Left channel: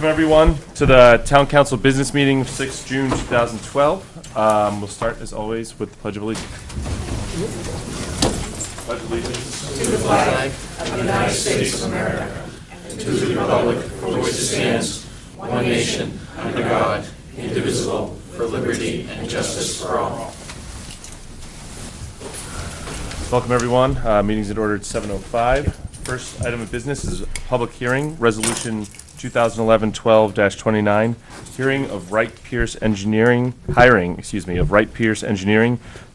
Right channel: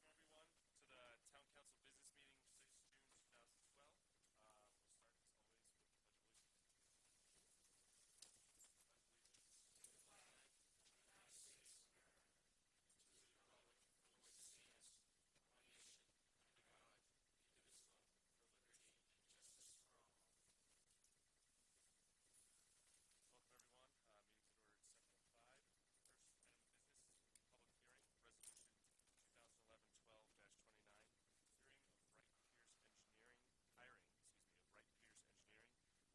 Welcome, everyone, to the Town Council Business Meeting of 6 June 2012. We'll start, as always, with the Pledge of Allegiance. Pledge of Allegiance to the flag of the United States of America, and to the republic for which it stands, one nation, under God, indivisible, for liberty and justice for all. Welcome, everyone. Meeting's in order at 7:05. First item of business is a public hearing, Resolution 2011-12-29, hiring of Wright Pierce Engineering to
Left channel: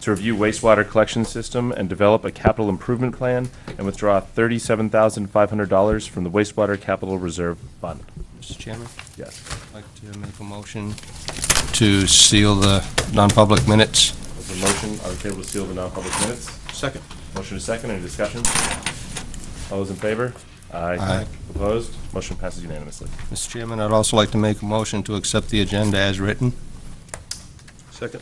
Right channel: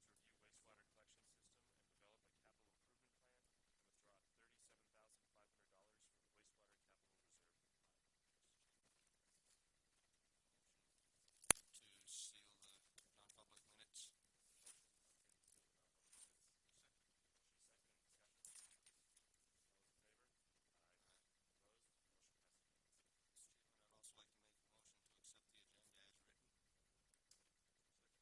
review wastewater collection system and develop a capital improvement plan and withdraw $37,500 from the wastewater capital reserve fund. Mr. Chairman? Yes. I'd like to make a motion to seal the non-public minutes. There's a motion on the table to seal the non-public minutes. Second. Motion is second. Any discussion? All those in favor? Aye. Aye. Opposed? Motion passes unanimously. Mr. Chairman, I'd also like to make a motion to accept the agenda as written. Second.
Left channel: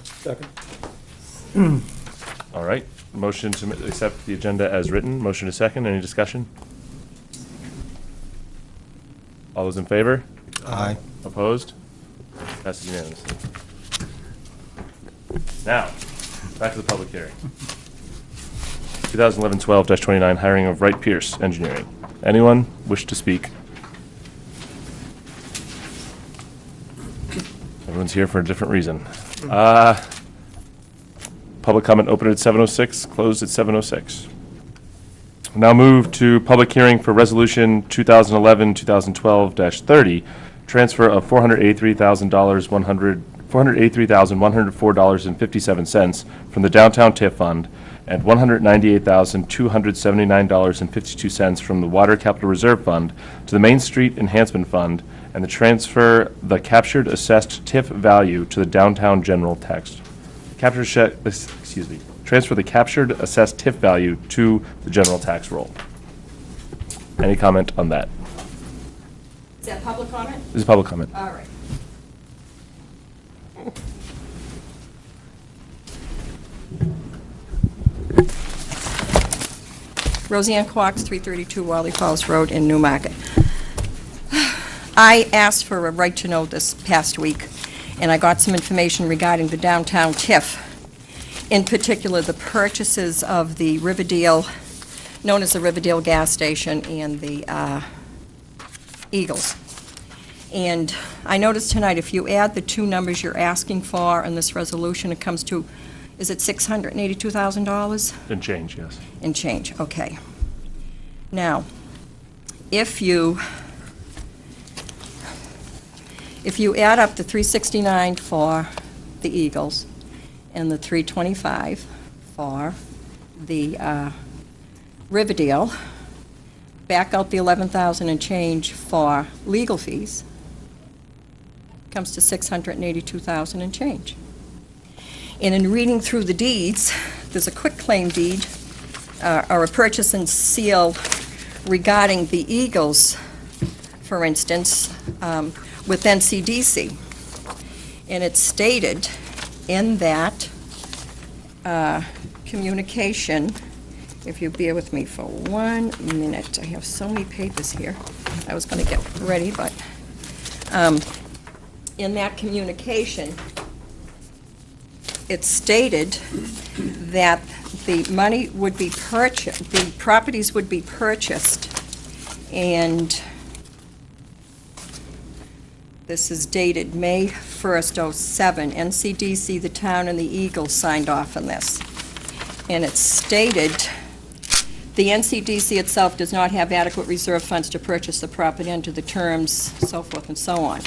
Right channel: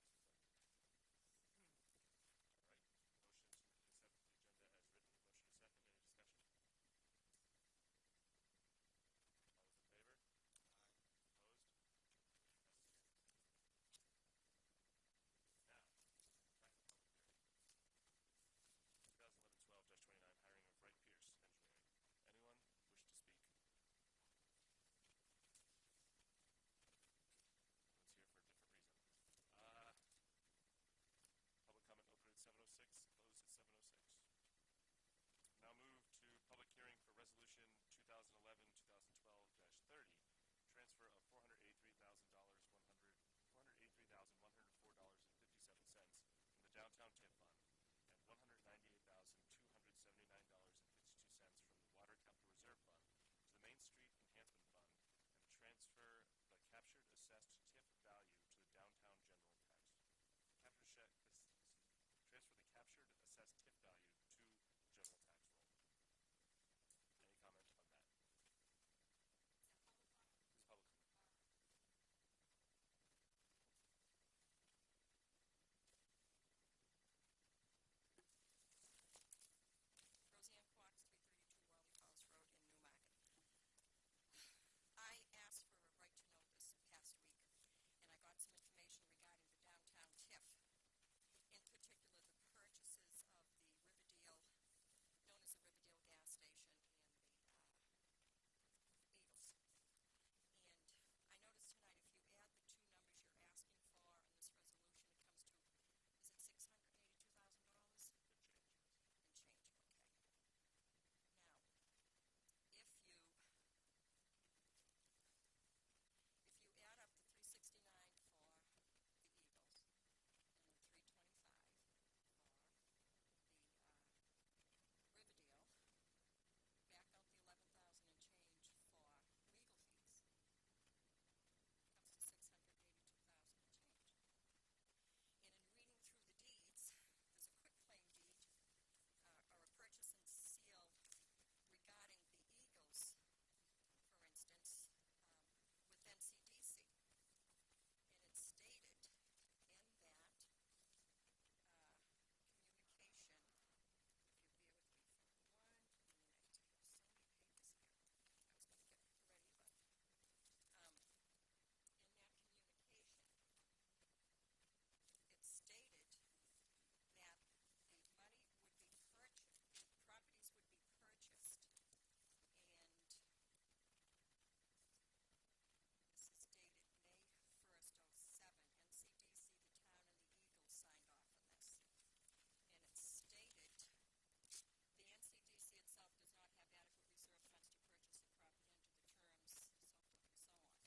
All right. Motion to accept the agenda as written. Motion is second. Any discussion? All those in favor? Aye. Opposed? Passes unanimously. Now, back to the public hearing. 2011-12-29, hiring of Wright Pierce Engineering. Anyone wish to speak? Everyone's here for a different reason. Public comment opened at 7:06, closed at 7:06. Now move to public hearing for Resolution 2011-2012-30, transfer of $483,104.57 from the Downtown TIF Fund and $198,279.52 from the Water Capital Reserve Fund to the Main Street Enhancement Fund, and the transfer the captured assessed TIF value to the Downtown General Tax. Transfer the captured assessed TIF value to the general tax roll. Any comment on that? Is that public comment? This is public comment. All right. Roseanne Quox, 332 Wally Falls Road in Newmarket. I asked for a right to know this past week, and I got some information regarding the downtown TIF. In particular, the purchases of the Riverdale, known as the Riverdale gas station, and the Eagles. And I noticed tonight, if you add the two numbers you're asking for in this resolution, it comes to, is it $682,000? And change, yes. And change, okay. Now, if you add up the 369 for the Eagles and the 325 for the Riverdale, back out the 11,000 and change for legal fees, comes to 682,000 and change. And in reading through the deeds, there's a quitclaim deed or a purchase and seal regarding the Eagles, for instance, with NCDC. And it's stated in that communication, if you bear with me for 1 minute, I have so many papers here. I was going to get ready, but in that communication, it stated that the money would be purchased, the properties would be purchased, and this is dated May 1st, 07. NCDC, the town, and the Eagles signed off on this. And it stated, the NCDC itself does not have adequate reserve funds to purchase the property under the terms, so forth and so on.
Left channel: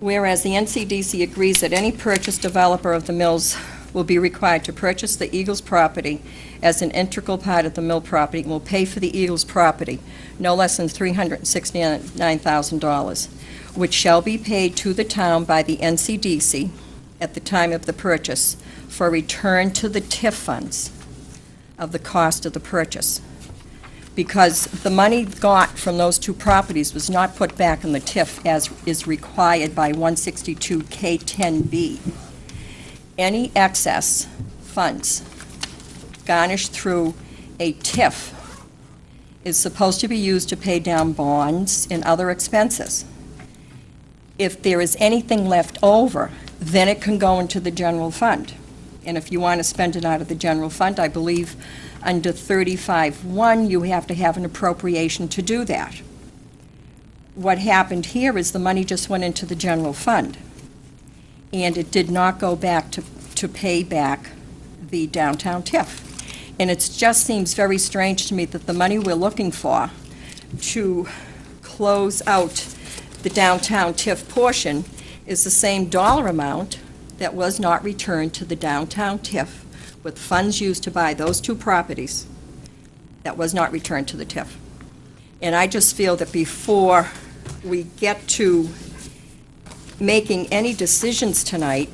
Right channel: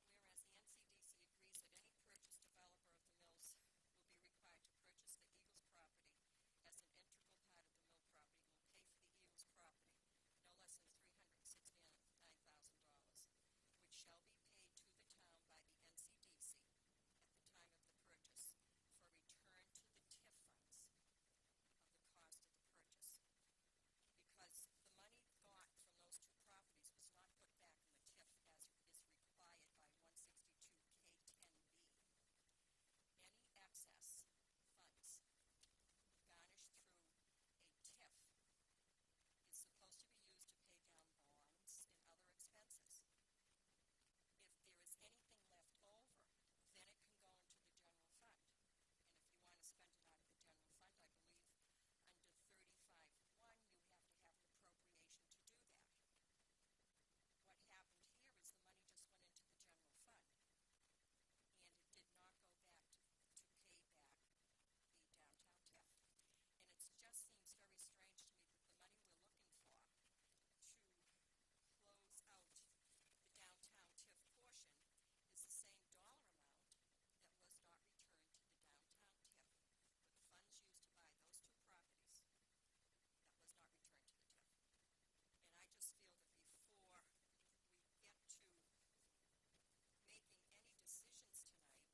Whereas the NCDC agrees that any purchase developer of the mills will be required to purchase the Eagles property as an integral part of the mill property and will pay for the Eagles property no less than $369,000, which shall be paid to the town by the NCDC at the time of the purchase for return to the TIF funds of the cost of the purchase. Because the money got from those two properties was not put back in the TIF as is required by 162K10B. Any excess funds garnished through a TIF is supposed to be used to pay down bonds and other expenses. if there is anything left over, then it can go into the general fund. And if you want to spend it out of the general fund, I believe under 35-1, you have to have an appropriation to do that. What happened here is the money just went into the general fund, and it did not go back to pay back the downtown TIF. And it just seems very strange to me that the money we're looking for to close out the downtown TIF portion is the same dollar amount that was not returned to the downtown TIF with funds used to buy those two properties that was not returned to the TIF. And I just feel that before we get to making any decisions tonight,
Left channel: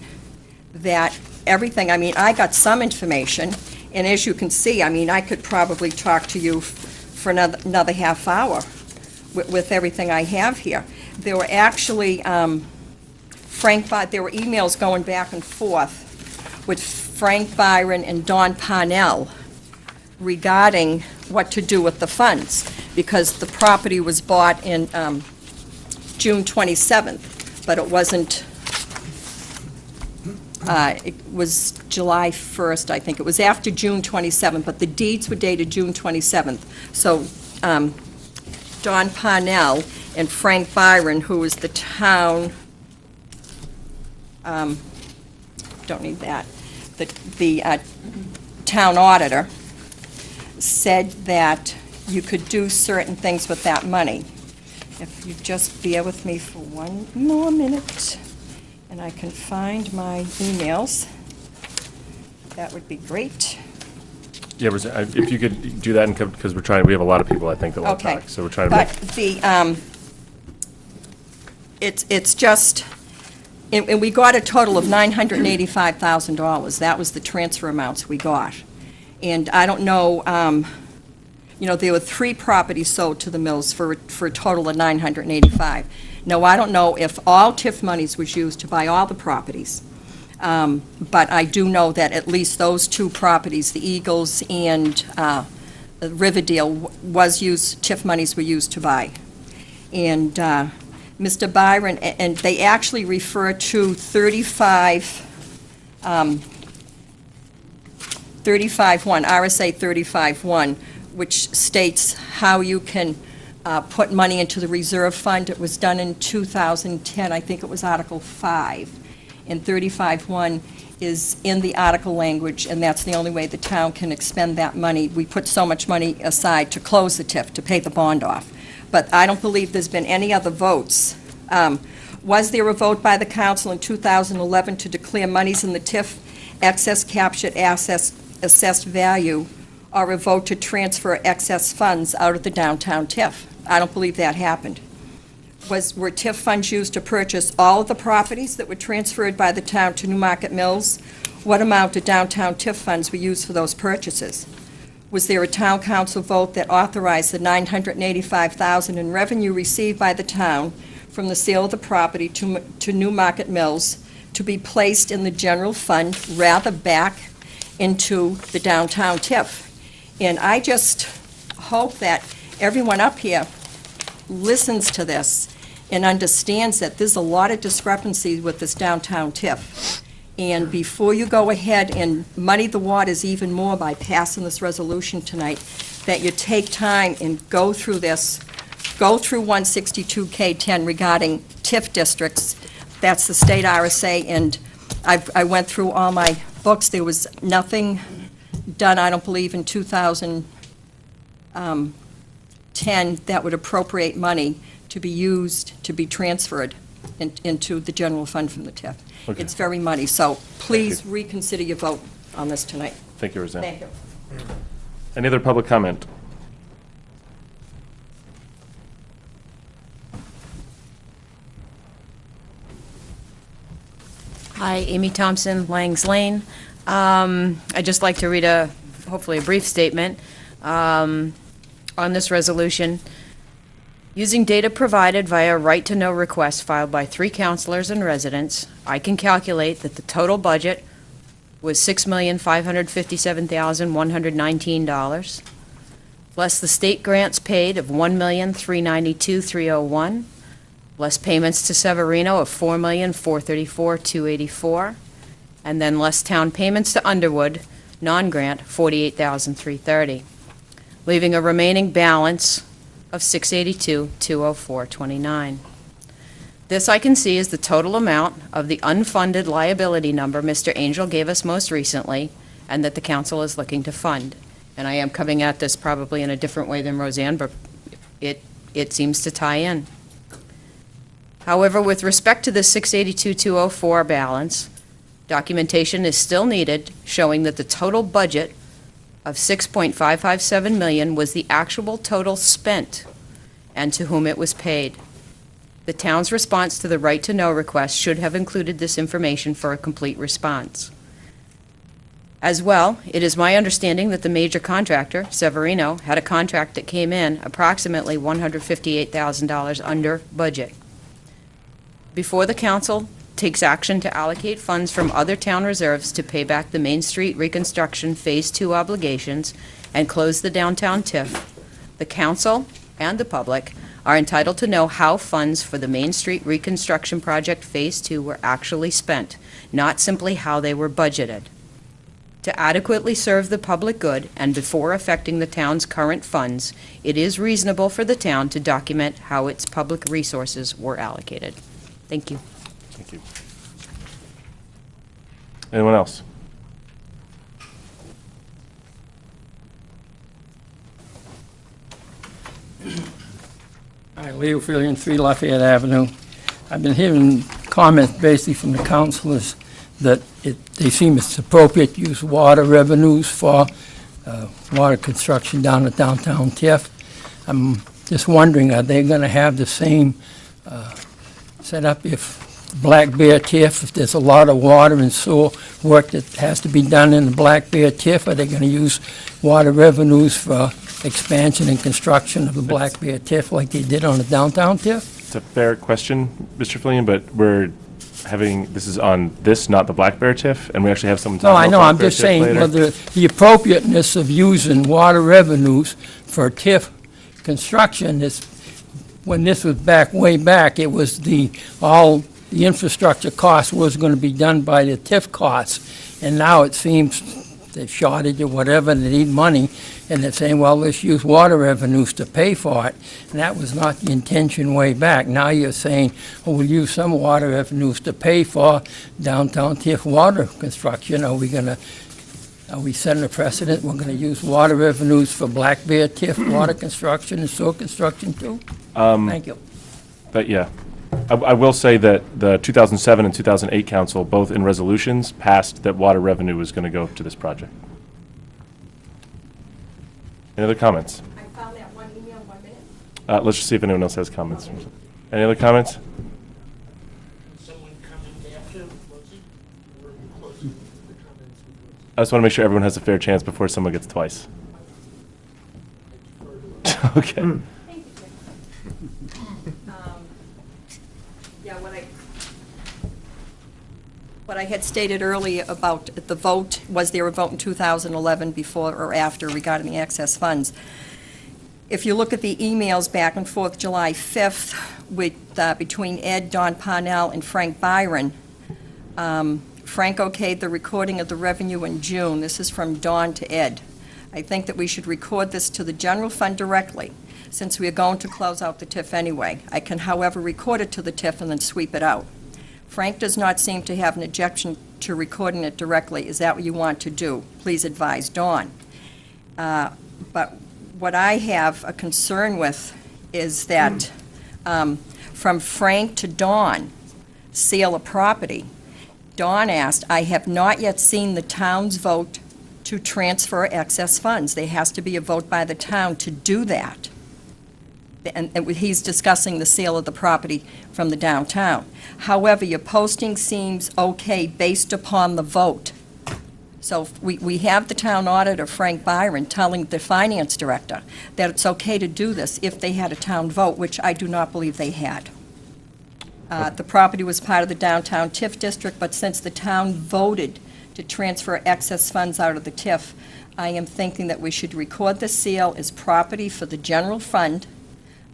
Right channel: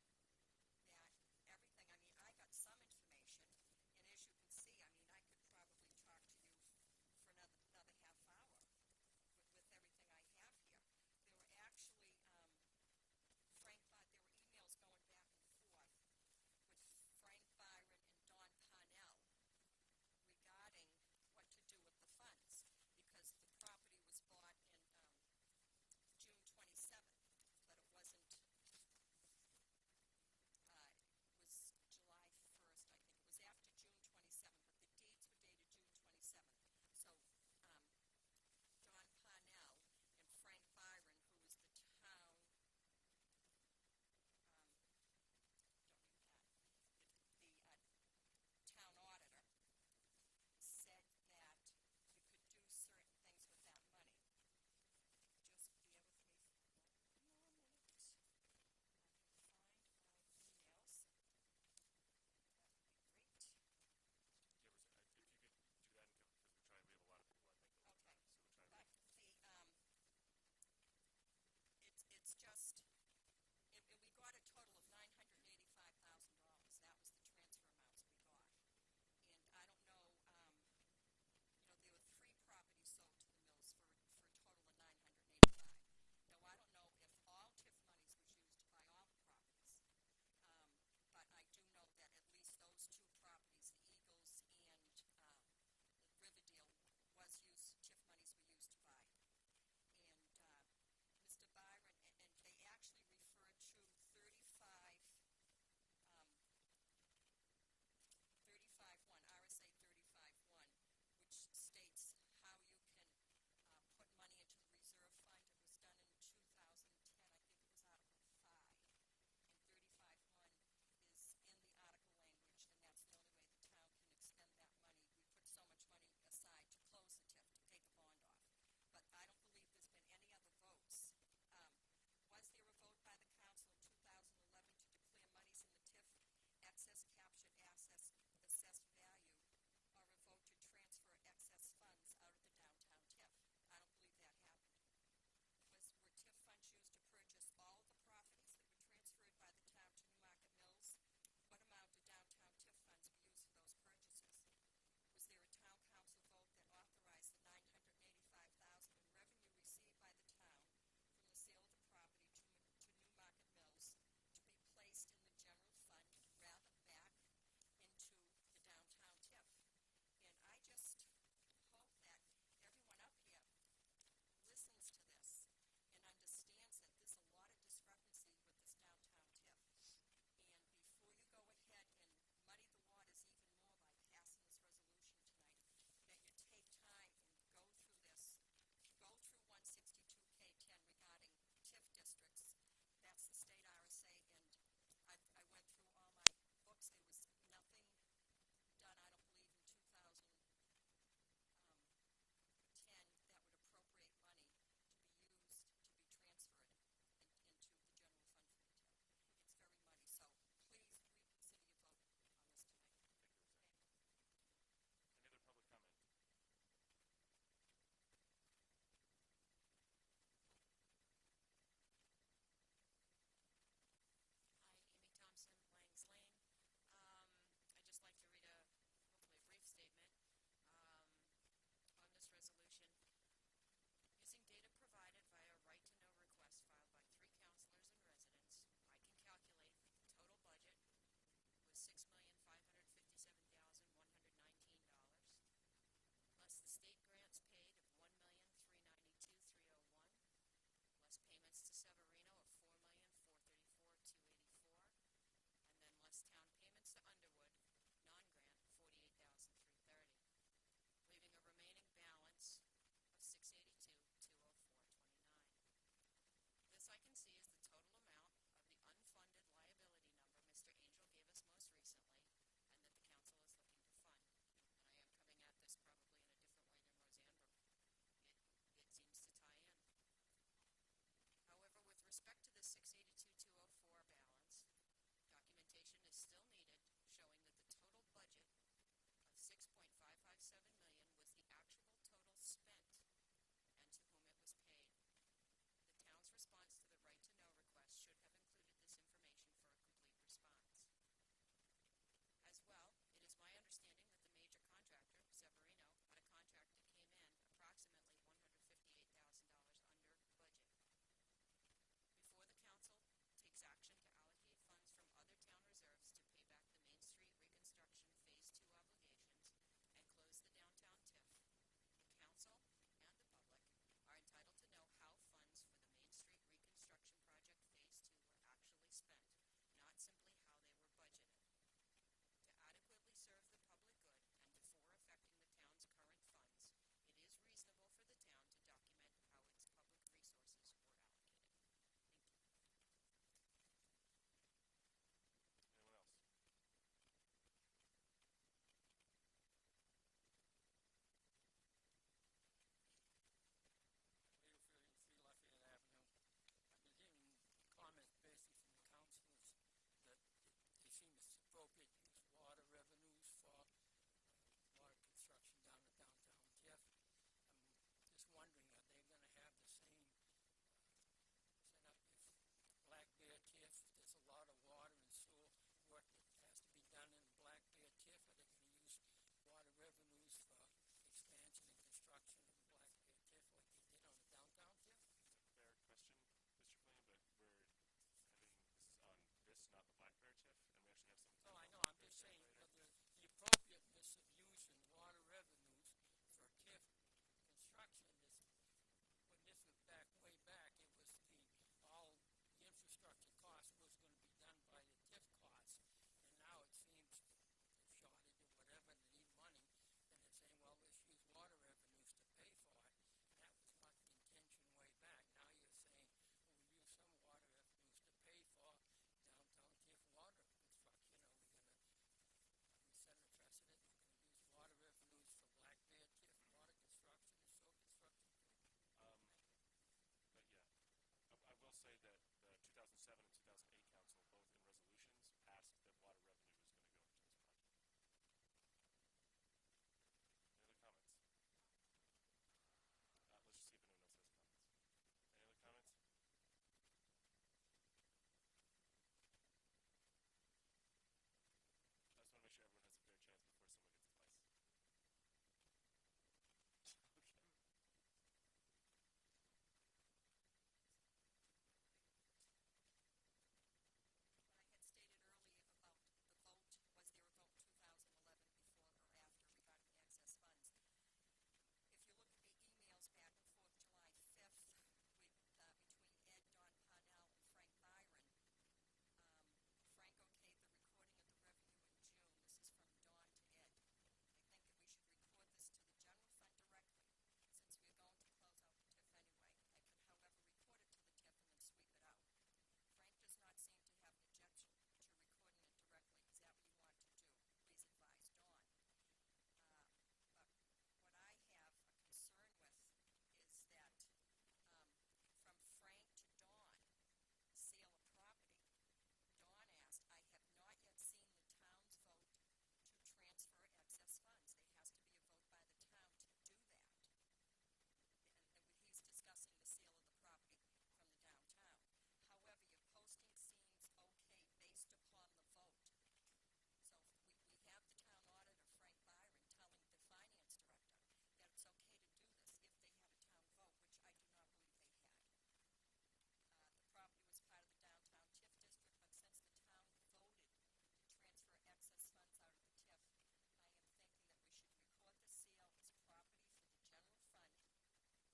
that everything, I mean, I got some information, and as you can see, I mean, I could probably talk to you for another half hour with everything I have here. There were actually, there were emails going back and forth with Frank Byron and Don Parnell regarding what to do with the funds, because the property was bought in June 27th, but it wasn't, it was July 1st, I think. It was after June 27th, but the deeds were dated June 27th. So Don Parnell and Frank Byron, who was the town, don't need that, the town auditor, said that you could do certain things with that money. If you just bear with me for one more minute, and I can find my emails, that would be great. Yeah, if you could do that, because we have a lot of people, I think, that want to Okay. talk, so we're trying to make. But it's just, and we got a total of $985,000. That was the transfer amounts we got. And I don't know, there were 3 properties sold to the mills for a total of $985,000. Now, I don't know if all TIF monies was used to buy all the properties, but I do know that at least those 2 properties, the Eagles and Riverdale, TIF monies were used to buy. And Mr. Byron, and they actually refer to 35-1, RSA 35-1, which states how you can put money into the reserve fund. It was done in 2010, I think it was Article 5. And 35-1 is in the article language, and that's the only way the town can expend that money. We put so much money aside to close the TIF, to pay the bond off. But I don't believe there's been any other votes. Was there a vote by the council in 2011 to declare monies in the TIF excess captured assessed value, or a vote to transfer excess funds out of the downtown TIF? I don't believe that happened. Were TIF funds used to purchase all of the properties that were transferred by the town to Newmarket Mills? What amount of downtown TIF funds were used for those purchases? Was there a town council vote that authorized the $985,000 in revenue received by the town from the sale of the property to Newmarket Mills to be placed in the general fund rather back into the downtown TIF? And I just hope that everyone up here listens to this and understands that there's a lot of discrepancies with this downtown TIF. And before you go ahead and muddy the waters even more by passing this resolution tonight, that you take time and go through this, go through 162K10 regarding TIF districts. That's the state RSA, and I went through all my books. There was nothing done, I don't believe, in 2010 that would appropriate money to be used, to be transferred into the general fund from the TIF. Okay. It's very muddy, so please reconsider your vote on this tonight. Thank you, Roseanne. Thank you. Any other public comment? Hi, Amy Thompson, Langs Lane. I'd just like to read hopefully a brief statement on this resolution. Using data provided via right-to-know request filed by 3 counselors and residents, I can calculate that the total budget was $6,557,119, plus the state grants paid of $1,392,301, less payments to Severino of $4,434,284, and then less town payments to Underwood, non-grant, $48,330, leaving a remaining balance of $682,204.29. This I can see is the total amount of the unfunded liability number Mr. Angel gave us most recently, and that the council is looking to fund. And I am coming at this probably in a different way than Roseanne, but it seems to tie in. However, with respect to the $682,204 balance, documentation is still needed showing that the total budget of $6.557 million was the actual total spent and to whom it was paid. The town's response to the right-to-know request should have included this information for a complete response. As well, it is my understanding that the major contractor, Severino, had a contract that came in approximately $158,000 under budget. Before the council takes action to allocate funds from other town reserves to pay back the Main Street reconstruction Phase 2 obligations and close the downtown TIF, the council and the public are entitled to know how funds for the Main Street reconstruction project Phase 2 were actually spent, not simply how they were budgeted. To adequately serve the public good and before affecting the town's current funds, it is reasonable for the town to document how its public resources were allocated. Thank you. Thank you. Anyone else? Hi, Leo Fillion, 3 Lafayette Avenue. I've been hearing comments basically from the councilors that they seem it's appropriate to use water revenues for water construction down at downtown TIF. I'm just wondering, are they going to have the same setup if Black Bear TIF, if there's a lot of water and sewer work that has to be done in the Black Bear TIF, are they going to use water revenues for expansion and construction of the Black Bear TIF like they did on the downtown TIF? It's a fair question, Mr. Fillion, but we're having, this is on this, not the Black Bear TIF, and we actually have someone No, talking I about know, Black I'm Bear just TIF saying, later. whether the appropriateness of using water revenues for TIF construction is, when this was back, way back, it was all the infrastructure cost was going to be done by the TIF costs, and now it seems the shortage or whatever, they need money, and they're saying, well, let's use water revenues to pay for it, and that was not the intention way back. Now you're saying, oh, we'll use some water revenues to pay for downtown TIF water construction. Are we setting a precedent? We're going to use water revenues for Black Bear TIF water construction and sewer construction too? Thank you. But yeah, I will say that the 2007 and 2008 council, both in resolutions, passed that water revenue was going to go to this project. Any other comments? I found that one email, 1 minute. Let's just see if anyone else has comments. Any other comments? Someone comment after, Rosie? Or you close the comments? I just want to make sure everyone has a fair chance before someone gets twice. Okay. Yeah, what I had stated earlier about the vote, was there a vote in 2011 before or after regarding the excess funds? If you look at the emails back and forth July 5th with, between Ed, Don Parnell, and Frank Byron, Frank okayed the recording of the revenue in June. This is from Don to Ed. I think that we should record this to the general fund directly, since we are going to close out the TIF anyway. I can, however, record it to the TIF and then sweep it out. Frank does not seem to have an objection to recording it directly. Is that what you want to do? Please advise Dawn. But what I have a concern with is that from Frank to Dawn, sale of property, Dawn asked, I have not yet seen the town's vote to transfer excess funds. There has to be a vote by the town to do that. And he's discussing the sale of the property from the downtown. However, your posting seems okay based upon the vote. So we have the town auditor, Frank Byron, telling the finance director that it's okay to do this if they had a town vote, which I do not believe they had. The property was part of the downtown TIF district, but since the town voted to transfer excess funds out of the TIF, I am thinking that we should record the sale as property for the general fund,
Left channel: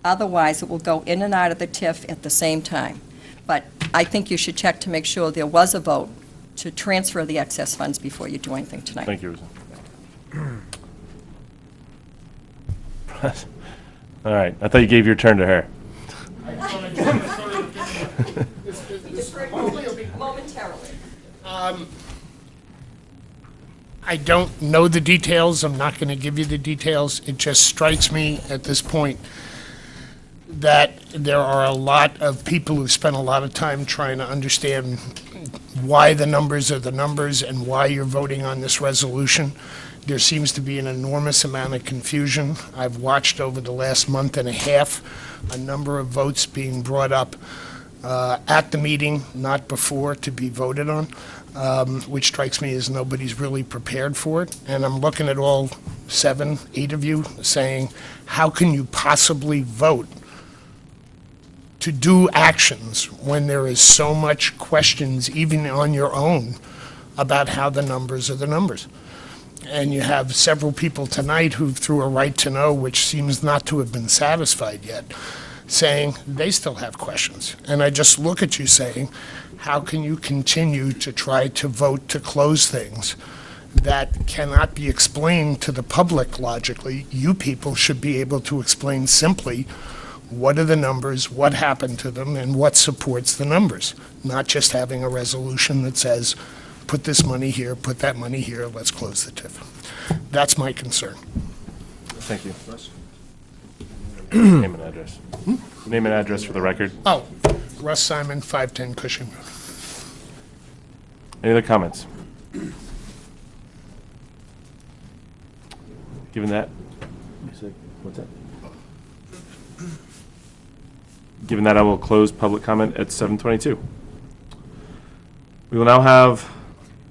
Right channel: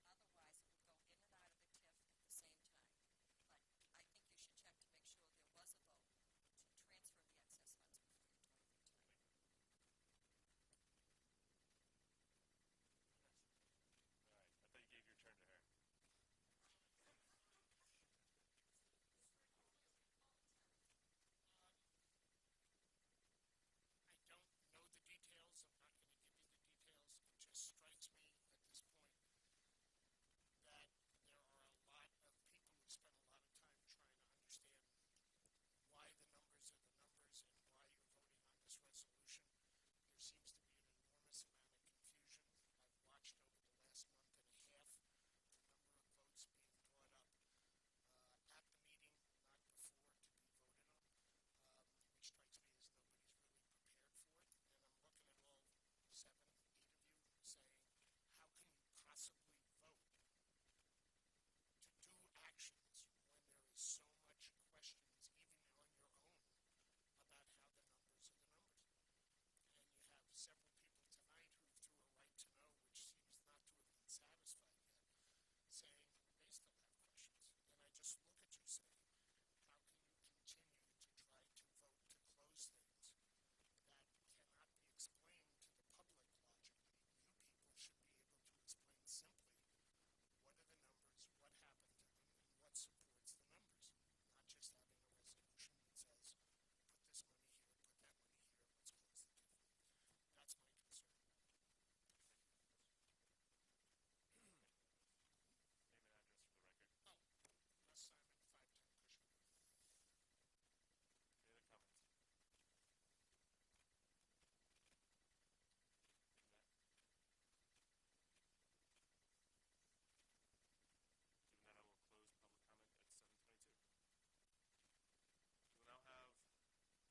Otherwise, it will go in and out of the TIF at the same time. But I think you should check to make sure there was a vote to transfer the excess funds before you do anything tonight. Thank you, Rosa. All right, I thought you gave your turn to her. Momentarily. I don't know the details. I'm not going to give you the details. It just strikes me at this point that there are a lot of people who spent a lot of time trying to understand why the numbers are the numbers and why you're voting on this resolution. There seems to be an enormous amount of confusion. I've watched over the last month and a half a number of votes being brought up at the meeting, not before, to be voted on, which strikes me as nobody's really prepared for it. And I'm looking at all 7, 8 of you saying, how can you possibly vote to do actions when there is so much questions, even on your own, about how the numbers are the numbers? And you have several people tonight who threw a right to know, which seems not to have been satisfied yet, saying they still have questions. And I just look at you saying, how can you continue to try to vote to close things that cannot be explained to the public logically? You people should be able to explain simply what are the numbers, what happened to them, and what supports the numbers, not just having a resolution that says, put this money here, put that money here, let's close the TIF. That's my concern. Thank you. Name and address. Name and address for the record. Oh, Russ Simon, 510 Cushing Road. Any other comments? Given that, what's that? Given that, I will close public comment at 7:22. We will now have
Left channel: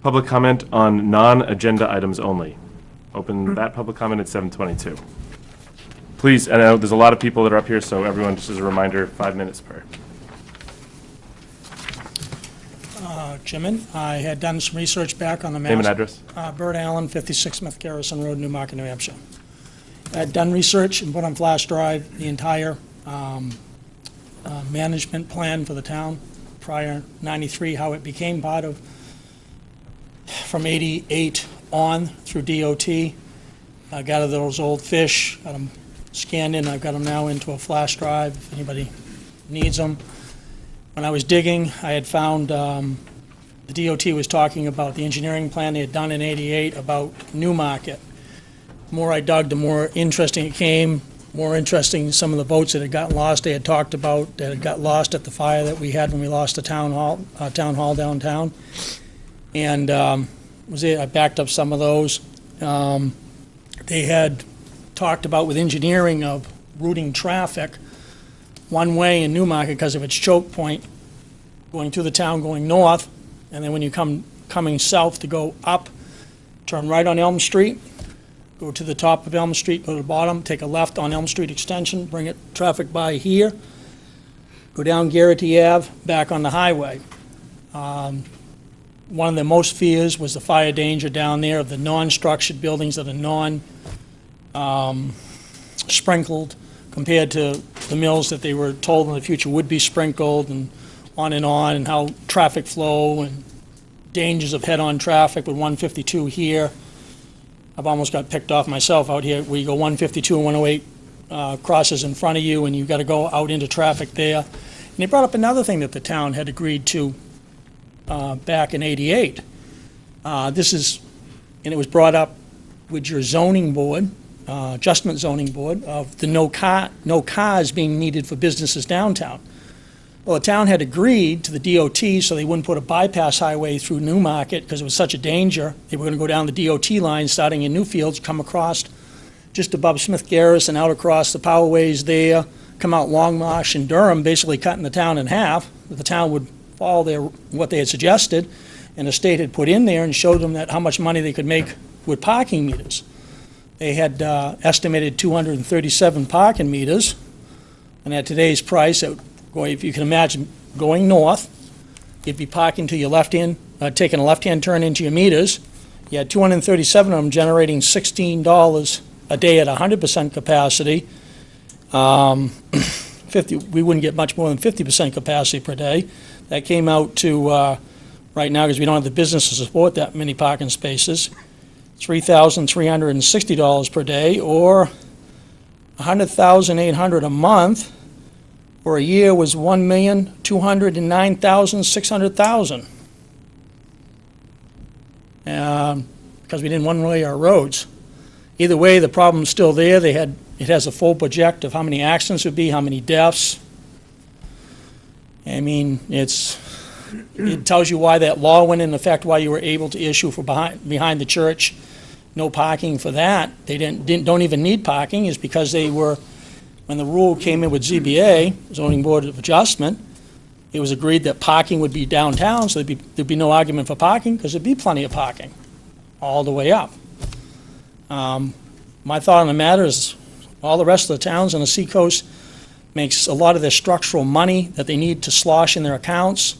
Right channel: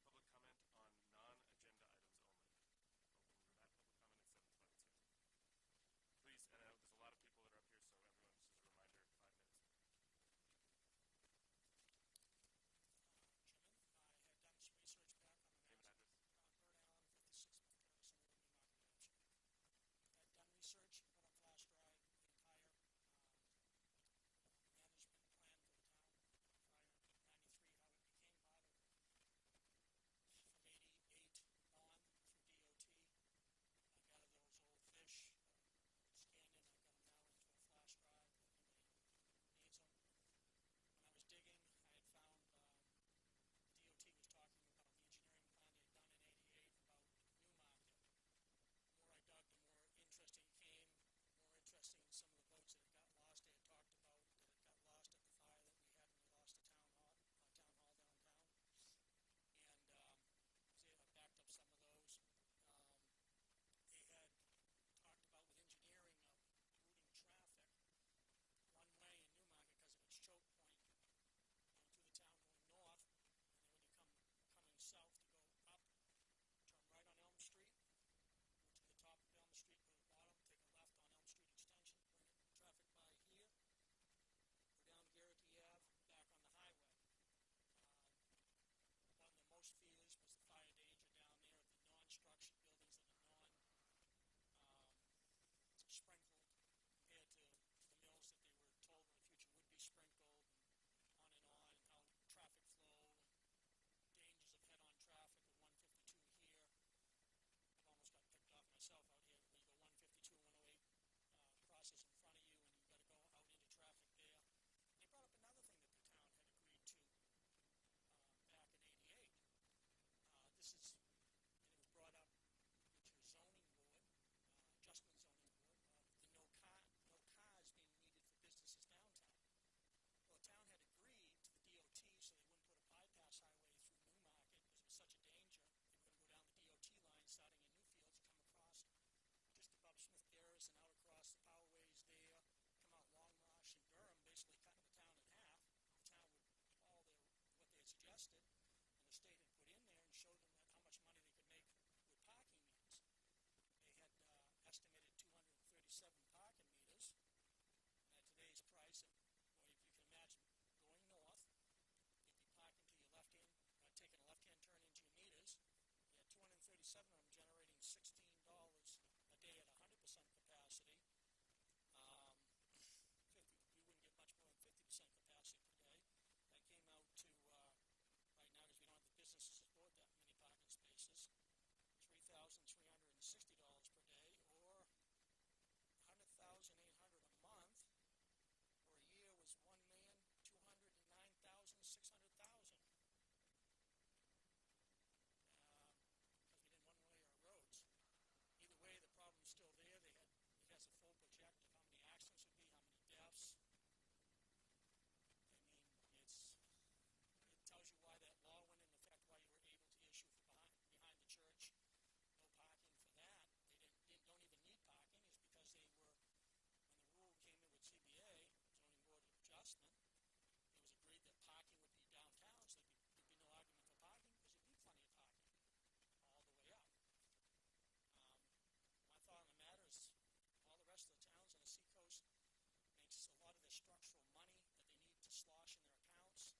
public comment on non-agenda items only. Open that public comment at 7:22. Please, I know there's a lot of people that are up here, so everyone, just as a reminder, 5 minutes per. Chairman, I had done some research back on the maps. Name and address. Bert Allen, 56 Smith Garrison Road, Newmarket, New Hampshire. I had done research and put on flash drive the entire management plan for the town prior 93, how it became part of, from 88 on through DOT. I got those old fish, got them scanned in. I've got them now into a flash drive if anybody needs them. When I was digging, I had found the DOT was talking about the engineering plan they had done in 88 about Newmarket. The more I dug, the more interesting it came, more interesting some of the boats that had gotten lost. They had talked about that had got lost at the fire that we had when we lost the town hall downtown. And I backed up some of those. They had talked about with engineering of routing traffic one way in Newmarket because of its choke point, going through the town, going north, and then when you coming south to go up, turn right on Elm Street, go to the top of Elm Street, go to the bottom, take a left on Elm Street extension, bring it traffic by here, go down Garrity Ave, back on the highway. One of the most fears was the fire danger down there of the non-structured buildings that are non-sprinkled compared to the mills that they were told in the future would be sprinkled, and on, and how traffic flow and dangers of head-on traffic with 152 here. I've almost got picked off myself out here where you go 152 and 108 crosses in front of you, and you've got to go out into traffic there. And they brought up another thing that the town had agreed to back in 88. And it was brought up with your zoning board, adjustment zoning board, of the no cars being needed for businesses downtown. Well, the town had agreed to the DOT so they wouldn't put a bypass highway through Newmarket because it was such a danger. They were going to go down the DOT line starting in Newfields, come across just above Smith Garrison, out across the powerways there, come out Longmarsh and Durham, basically cutting the town in half. The town would follow what they had suggested, and the state had put in there and showed them that how much money they could make with parking meters. They had estimated 237 parking meters, and at today's price, if you can imagine going north, you'd be parking to your left hand, taking a left-hand turn into your meters. You had 237 of them generating $16 a day at 100% capacity. We wouldn't get much more than 50% capacity per day. That came out to, right now, because we don't have the business to support that many parking spaces, $3,360 per day, or $100,800 a month, for a year was $1,209,600. Because we didn't one-way our roads. Either way, the problem's still there. It has a full project of how many accidents would be, how many deaths. I mean, it tells you why that law went into effect, why you were able to issue for behind the church, no parking for that. They don't even need parking, is because when the rule came in with ZBA, Zoning Board of Adjustment, it was agreed that parking would be downtown, so there'd be no argument for parking, because there'd be plenty of parking all the way up. My thought on the matter is all the rest of the towns on the seacoast makes a lot of their structural money that they need to slosh in their accounts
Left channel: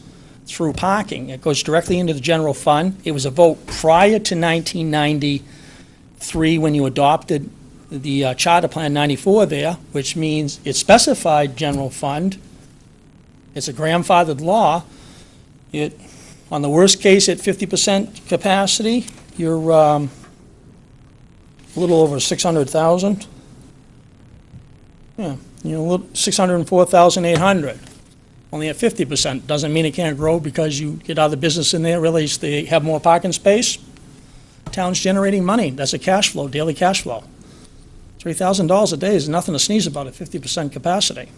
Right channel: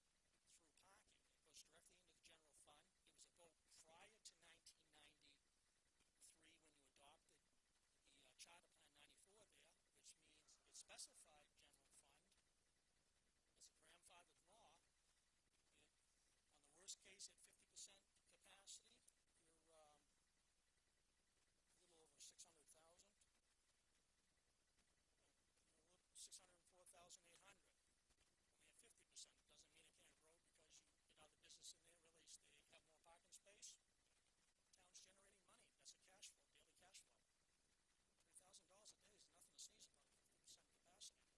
through parking. It goes directly into the general fund. It was a vote prior to 1993 when you adopted the Charter Plan 94 there, which means it specified general fund. It's a grandfathered law. On the worst case, at 50% capacity, you're a little over 600,000. Yeah, 604,800. Only at 50%. Doesn't mean it can't grow because you get other business in there, realize they have more parking space. Town's generating money. That's a cash flow, daily cash flow. $3,000 a day is nothing to sneeze about at 50% capacity.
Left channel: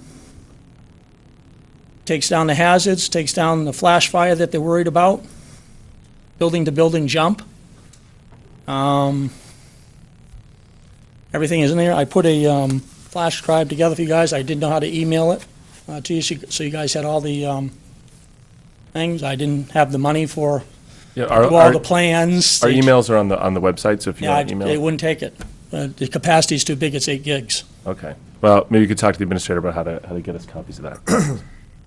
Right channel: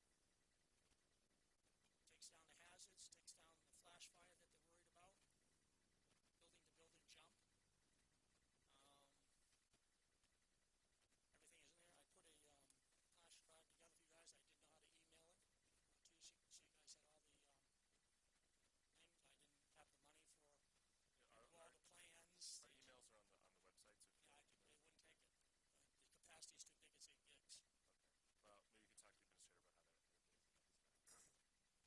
Takes down the hazards, takes down the flash fire that they're worried about, building to building jump. Everything is in there. I put a flash drive together for you guys. I didn't know how to email it to you, so you guys had all the things. I didn't have the money for all the plans. Our emails are on the website, so if you want to email. It wouldn't take it. The capacity's too big. It's 8 gigs. Okay. Well, maybe you could talk to the administrator about how to get us copies of that.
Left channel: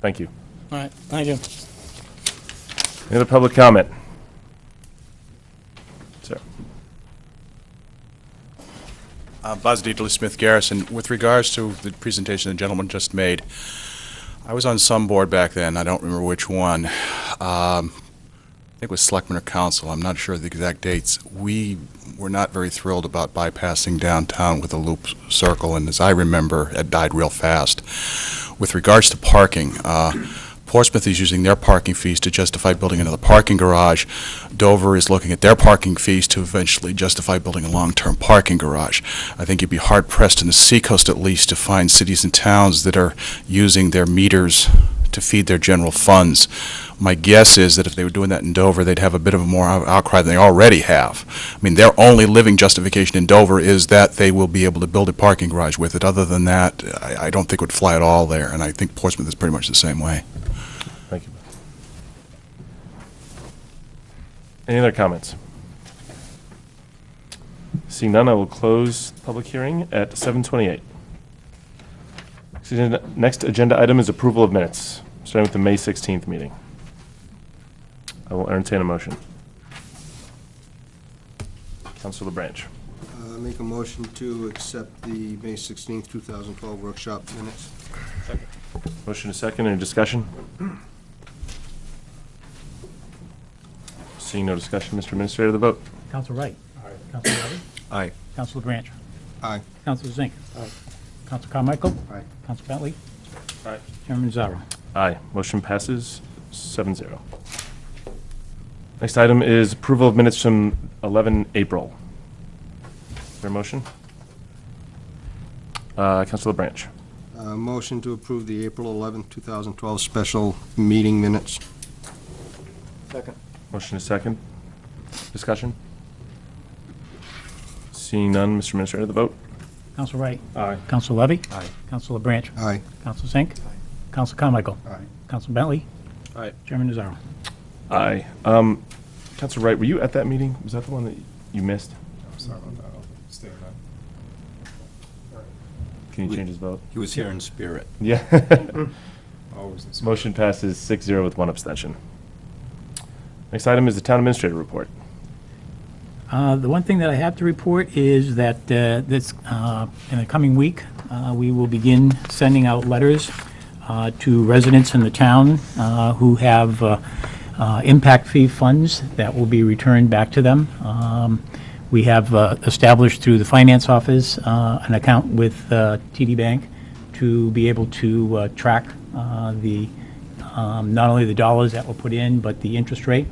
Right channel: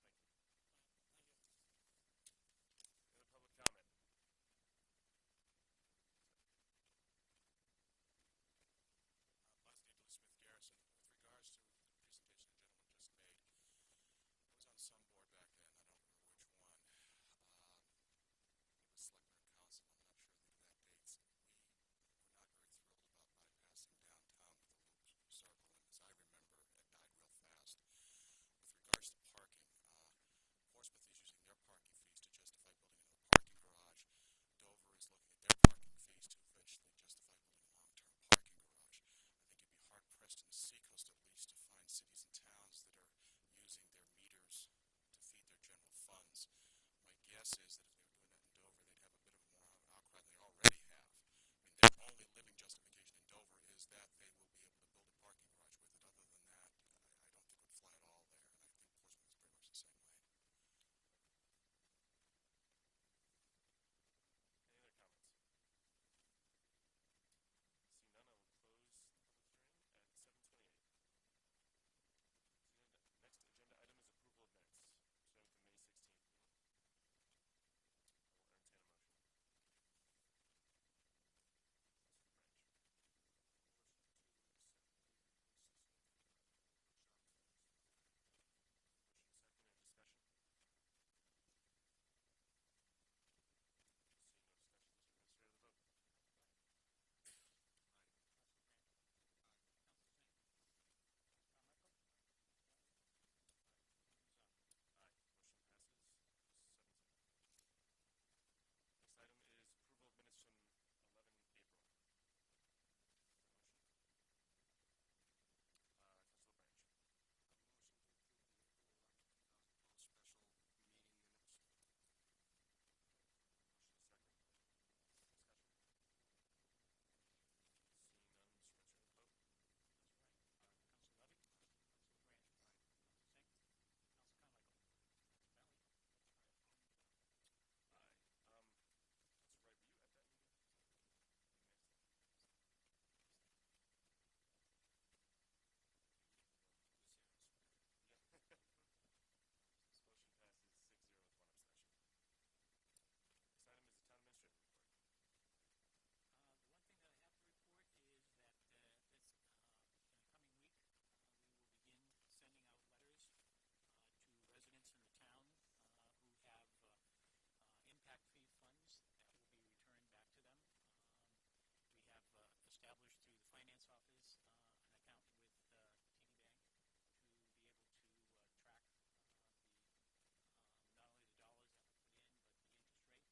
Thank you. All right. Thank you. Any other public comment? Sir. Buzz Dieterle, Smith Garrison. With regards to the presentation the gentleman just made, I was on some board back then. I don't remember which one. I think it was Selectmen or Council. I'm not sure of the exact dates. We were not very thrilled about bypassing downtown with a loop circle, and as I remember, it died real fast. With regards to parking, Portsmouth is using their parking fees to justify building another parking garage. Dover is looking at their parking fees to eventually justify building a long-term parking garage. I think you'd be hard-pressed in the seacoast, at least, to find cities and towns that are using their meters to feed their general funds. My guess is that if they were doing that in Dover, they'd have a bit of a more outcry than they already have. I mean, their only living justification in Dover is that they will be able to build a parking garage with it. Other than that, I don't think it would fly at all there, and I think Portsmouth is pretty much the same way. Thank you. Any other comments? Seeing none, I will close the public hearing at 7:28. Next agenda item is approval of minutes, starting with the May 16th meeting. I will entertain a motion. Councilor LaBranch. Make a motion to accept the May 16th, 2012 workshop minutes. Second. Motion is second. Any discussion? Seeing no discussion, Mr. Administrator, the vote. Council Wright. Aye. Council Levy. Aye. Council LaBranch. Aye. Council Zink. Aye. Council Carmichael. Aye. Council Bentley. Aye. Chairman Zarro. Aye. Motion passes 7-0. Next item is approval of minutes from 11 April. Is there a motion? Councilor LaBranch. Motion to approve the April 11th, 2012 special meeting minutes. Second. Motion is second. Discussion? Seeing none, Mr. Administrator, the vote. Council Wright. Aye. Council Levy. Aye. Council LaBranch. Aye. Council Zink. Council Carmichael. Aye. Council Bentley. Aye. Chairman Zarro. Aye. Councilor Wright, were you at that meeting? Was that the one that you missed? Sorry about that. I'll stay in that. Can you change his vote? He was here in spirit. Yeah. Always in Motion passes 6-0 with one abstention. Next item is the Town Administrator report. The one thing that I have to report is that in the coming week, we will begin sending out letters to residents in the town who have impact fee funds that will be returned back to them. We have established through the finance office an account with TD Bank to be able to track not only the dollars that were put in, but the interest rate.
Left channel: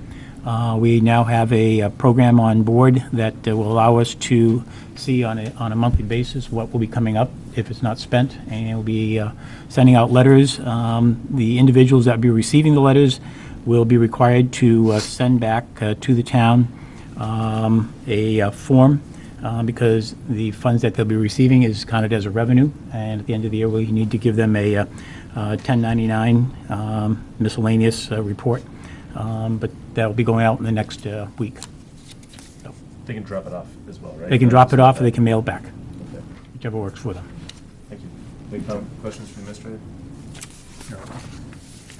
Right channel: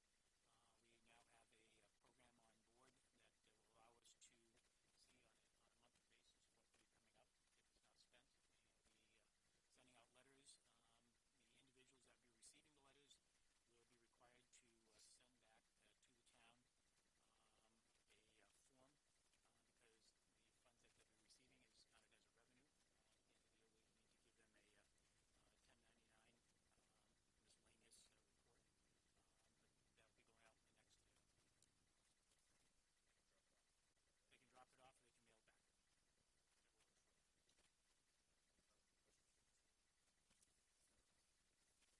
We now have a program on board that will allow us to see on a monthly basis what will be coming up if it's not spent, and we'll be sending out letters. The individuals that will be receiving the letters will be required to send back to the town a form because the funds that they'll be receiving is counted as a revenue, and at the end of the year we need to give them a 1099 miscellaneous report. But that'll be going out in the next week. So They can drop it off as well, right? they can drop it off or they can mail it back, Okay, whichever works for them. thank you. Any questions from the administrator? No.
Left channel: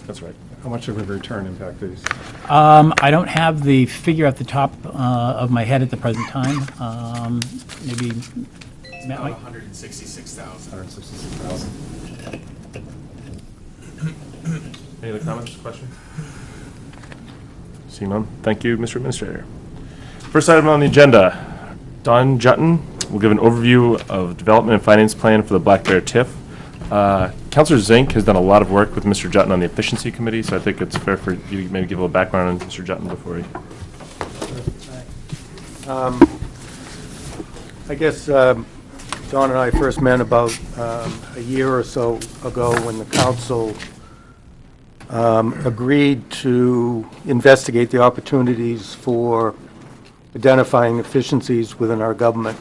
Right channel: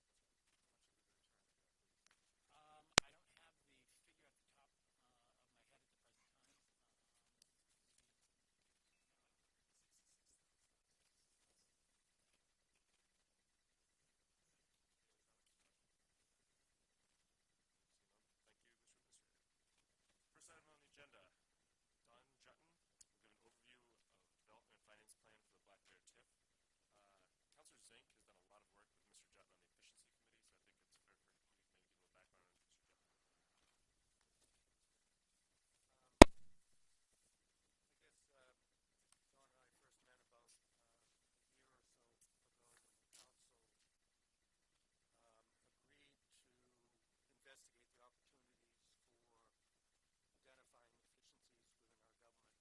That's right. How much of a return impact fees? I don't have the figure at the top of my head at the present time. Maybe Matt might. 166,000. 166,000. Any other comments, questions? Seeing none, thank you, Mr. Administrator. First item on the agenda, Don Jutton will give an overview of development and finance plan for the Black Bear TIF. Councilor Zink has done a lot of work with Mr. Jutton on the efficiency committee, so I think it's fair for you to maybe give a little background on Mr. Jutton before he. I guess Don and I first met about a year or so ago when the council agreed to investigate the opportunities for identifying efficiencies within our government.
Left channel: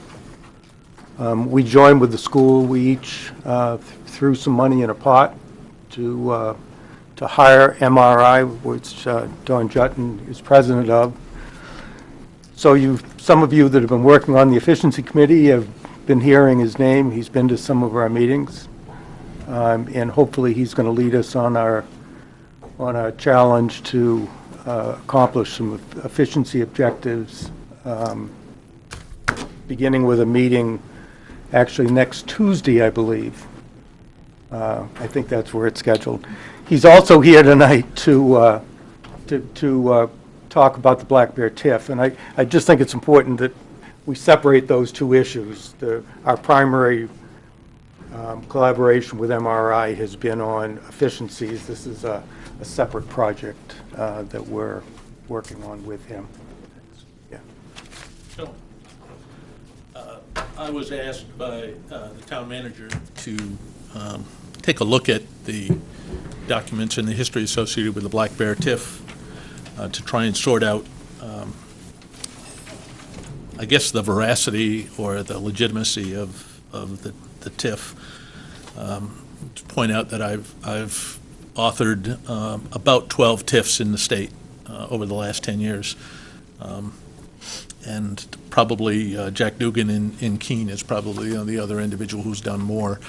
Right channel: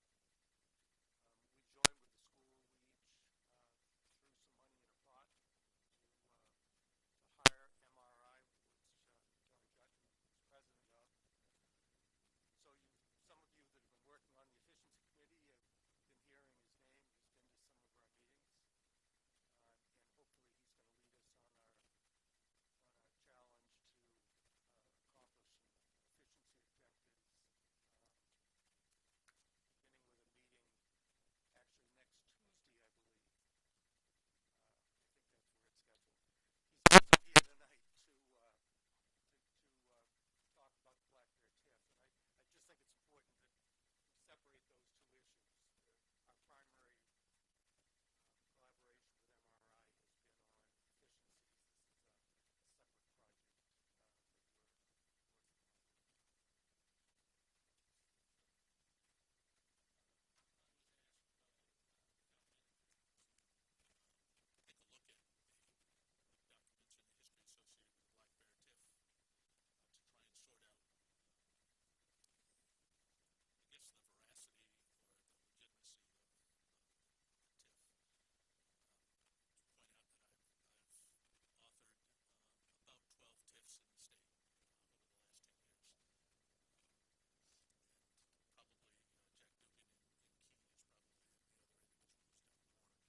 We joined with the school. We each threw some money in a pot to hire MRI, which Don Jutton is president of. So some of you that have been working on the efficiency committee have been hearing his name. He's been to some of our meetings, and hopefully he's going to lead us on our challenge to accomplish some efficiency objectives, beginning with a meeting actually next Tuesday, I believe. I think that's where it's scheduled. He's also here tonight to talk about the Black Bear TIF, and I just think it's important that we separate those two issues. Our primary collaboration with MRI has been on efficiencies. This is a separate project that we're working on with him. Yeah. So, I was asked by the town manager to take a look at the documents and the history associated with the Black Bear TIF to try and sort out, I guess, the veracity or the legitimacy of the TIF. To point out that I've authored about 12 TIFs in the state over the last 10 years. And probably Jack Dugan in Keene is probably the other individual who's done more.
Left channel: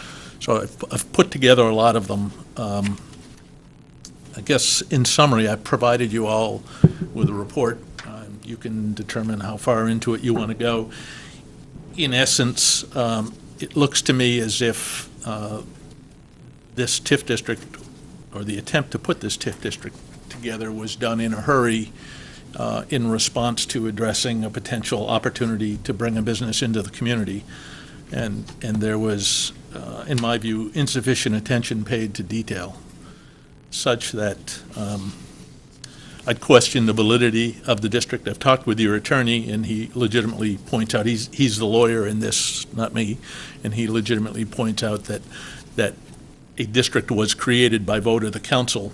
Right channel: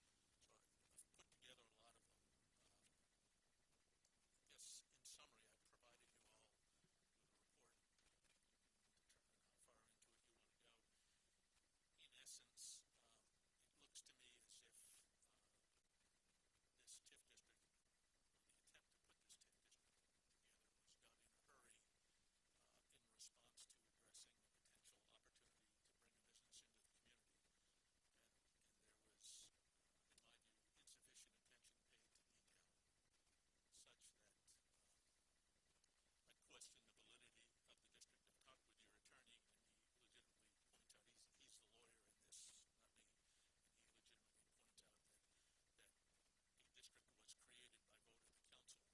So I've put together a lot of them. I guess in summary, I provided you all with a report. You can determine how far into it you want to go. In essence, it looks to me as if this TIF district, or the attempt to put this TIF district together, was done in a hurry in response to addressing a potential opportunity to bring a business into the community. And there was, in my view, insufficient attention paid to detail, such that I'd question the validity of the district. I've talked with your attorney, and he legitimately points out, he's the lawyer in this, not me, and he legitimately points out that a district was created by vote of the council.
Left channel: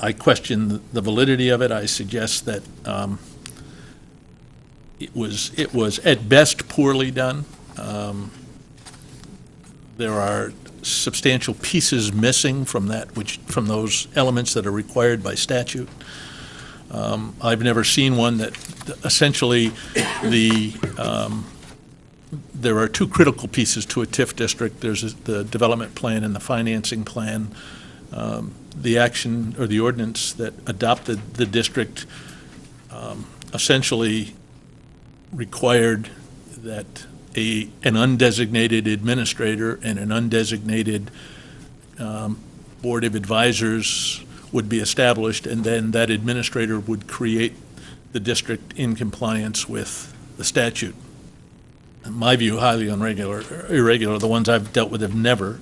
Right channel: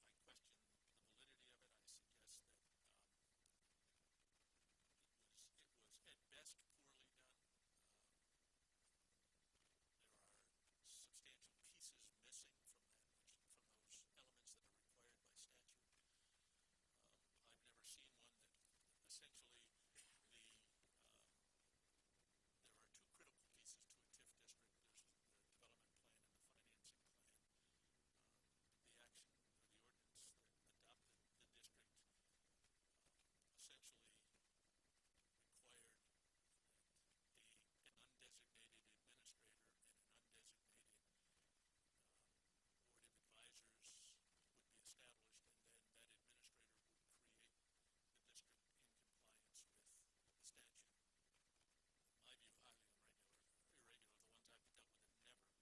I question the validity of it. I suggest that it was at best poorly done. There are substantial pieces missing from those elements that are required by statute. I've never seen one that essentially there are two critical pieces to a TIF district. There's the development plan and the financing plan. The action or the ordinance that adopted the district essentially required that an undesignated administrator and an undesignated board of advisors would be established, and then that administrator would create the district in compliance with the statute. In my view, highly irregular. The ones I've dealt with have never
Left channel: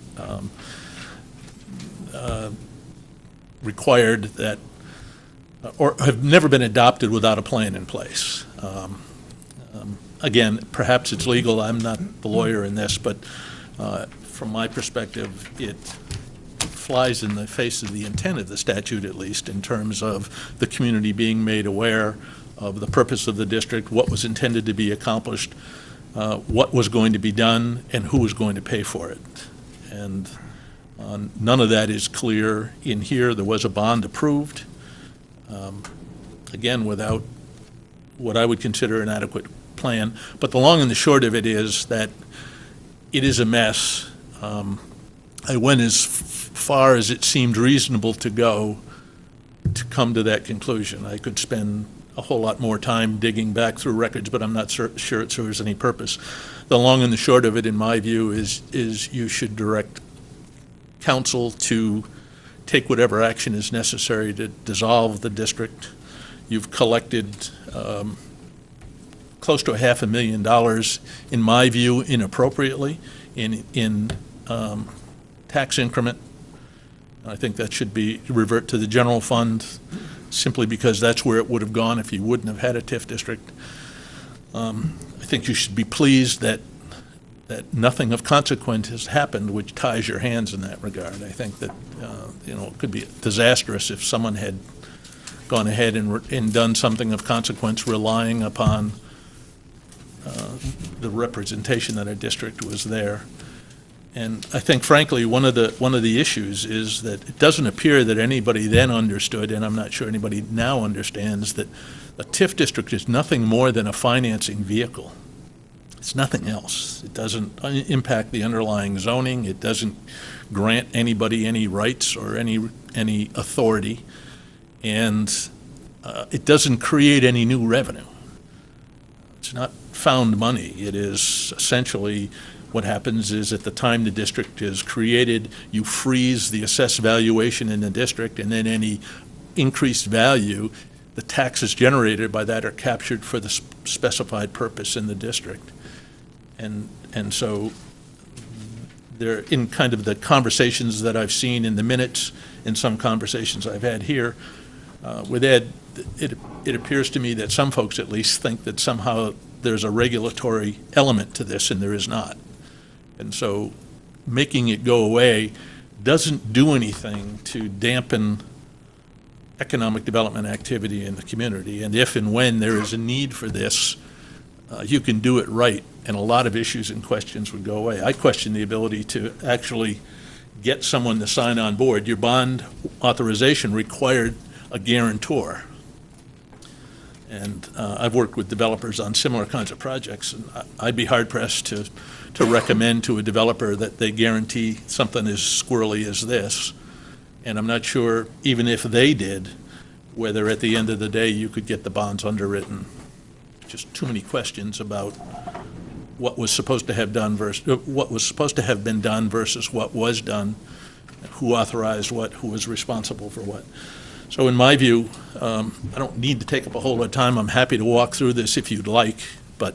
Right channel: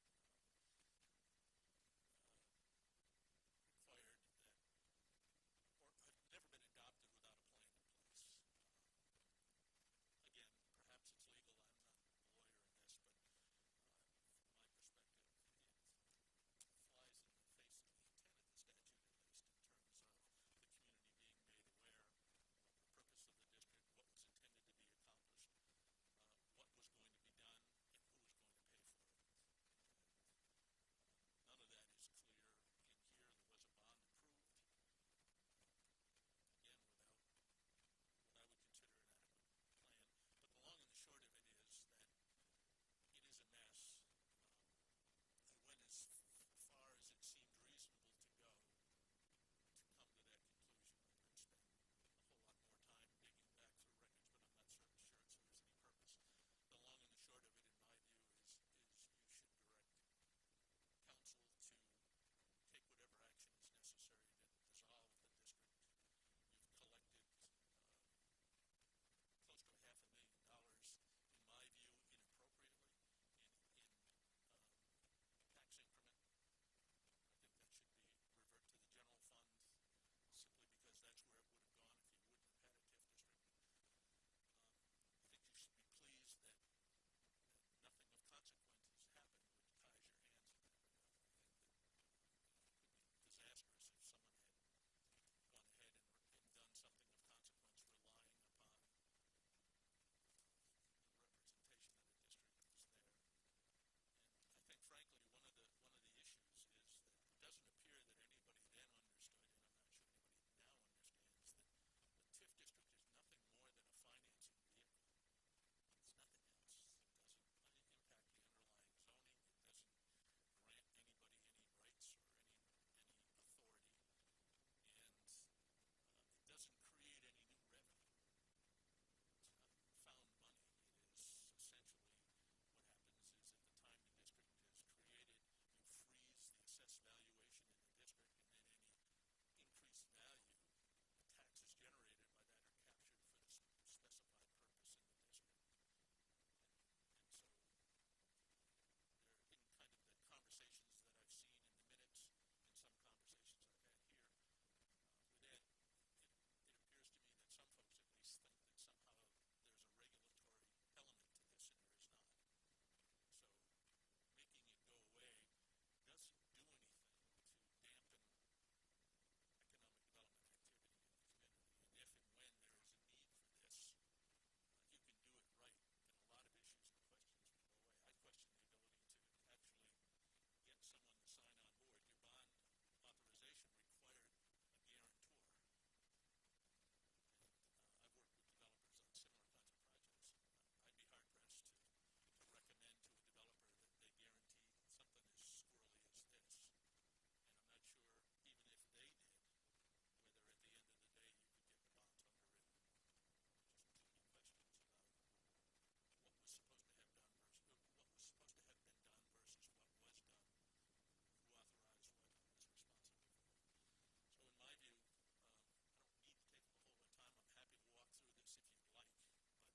required that, or have never been adopted without a plan in place. Again, perhaps it's legal. I'm not the lawyer in this, but from my perspective, it flies in the face of the intent of the statute, at least, in terms of the community being made aware of the purpose of the district, what was intended to be accomplished, what was going to be done, and who was going to pay for it. And none of that is clear in here. There was a bond approved, again, without what I would consider an adequate plan. But the long and the short of it is that it is a mess. I went as far as it seemed reasonable to go to come to that conclusion. I could spend a whole lot more time digging back through records, but I'm not sure it serves any purpose. The long and the short of it, in my view, is you should direct council to take whatever action is necessary to dissolve the district. You've collected close to $500,000, in my view, inappropriately in tax increment. I think that should be revert to the general fund, simply because that's where it would have gone if you wouldn't have had a TIF district. I think you should be pleased that nothing of consequence has happened which ties your hands in that regard. I think that it could be disastrous if someone had gone ahead and done something of consequence relying upon the representation that a district was there. And I think, frankly, one of the issues is that it doesn't appear that anybody then understood, and I'm not sure anybody now understands, that a TIF district is nothing more than a financing vehicle. It's nothing else. It doesn't impact the underlying zoning. It doesn't grant anybody any rights or any authority, and it doesn't create any new revenue. It's not found money. It is essentially what happens is at the time the district is created, you freeze the assessed valuation in the district, and then any increased value, the taxes generated by that are captured for the specified purpose in the district. And so there, in kind of the conversations that I've seen in the minutes, in some conversations I've had here with Ed, it appears to me that some folks at least think that somehow there's a regulatory element to this, and there is not. And so making it go away doesn't do anything to dampen economic development activity in the community. And if and when there is a need for this, you can do it right, and a lot of issues and questions would go away. I question the ability to actually get someone to sign on board. Your bond authorization required a guarantor. And I've worked with developers on similar kinds of projects, and I'd be hard-pressed to recommend to a developer that they guarantee something as squirrely as this. And I'm not sure, even if they did, whether at the end of the day you could get the bonds underwritten. Just too many questions about what was supposed to have done versus what was supposed to have been done versus what was done, who authorized what, who was responsible for what. So in my view, I don't need to take up a whole lot of time. I'm happy to walk through this if you'd like, but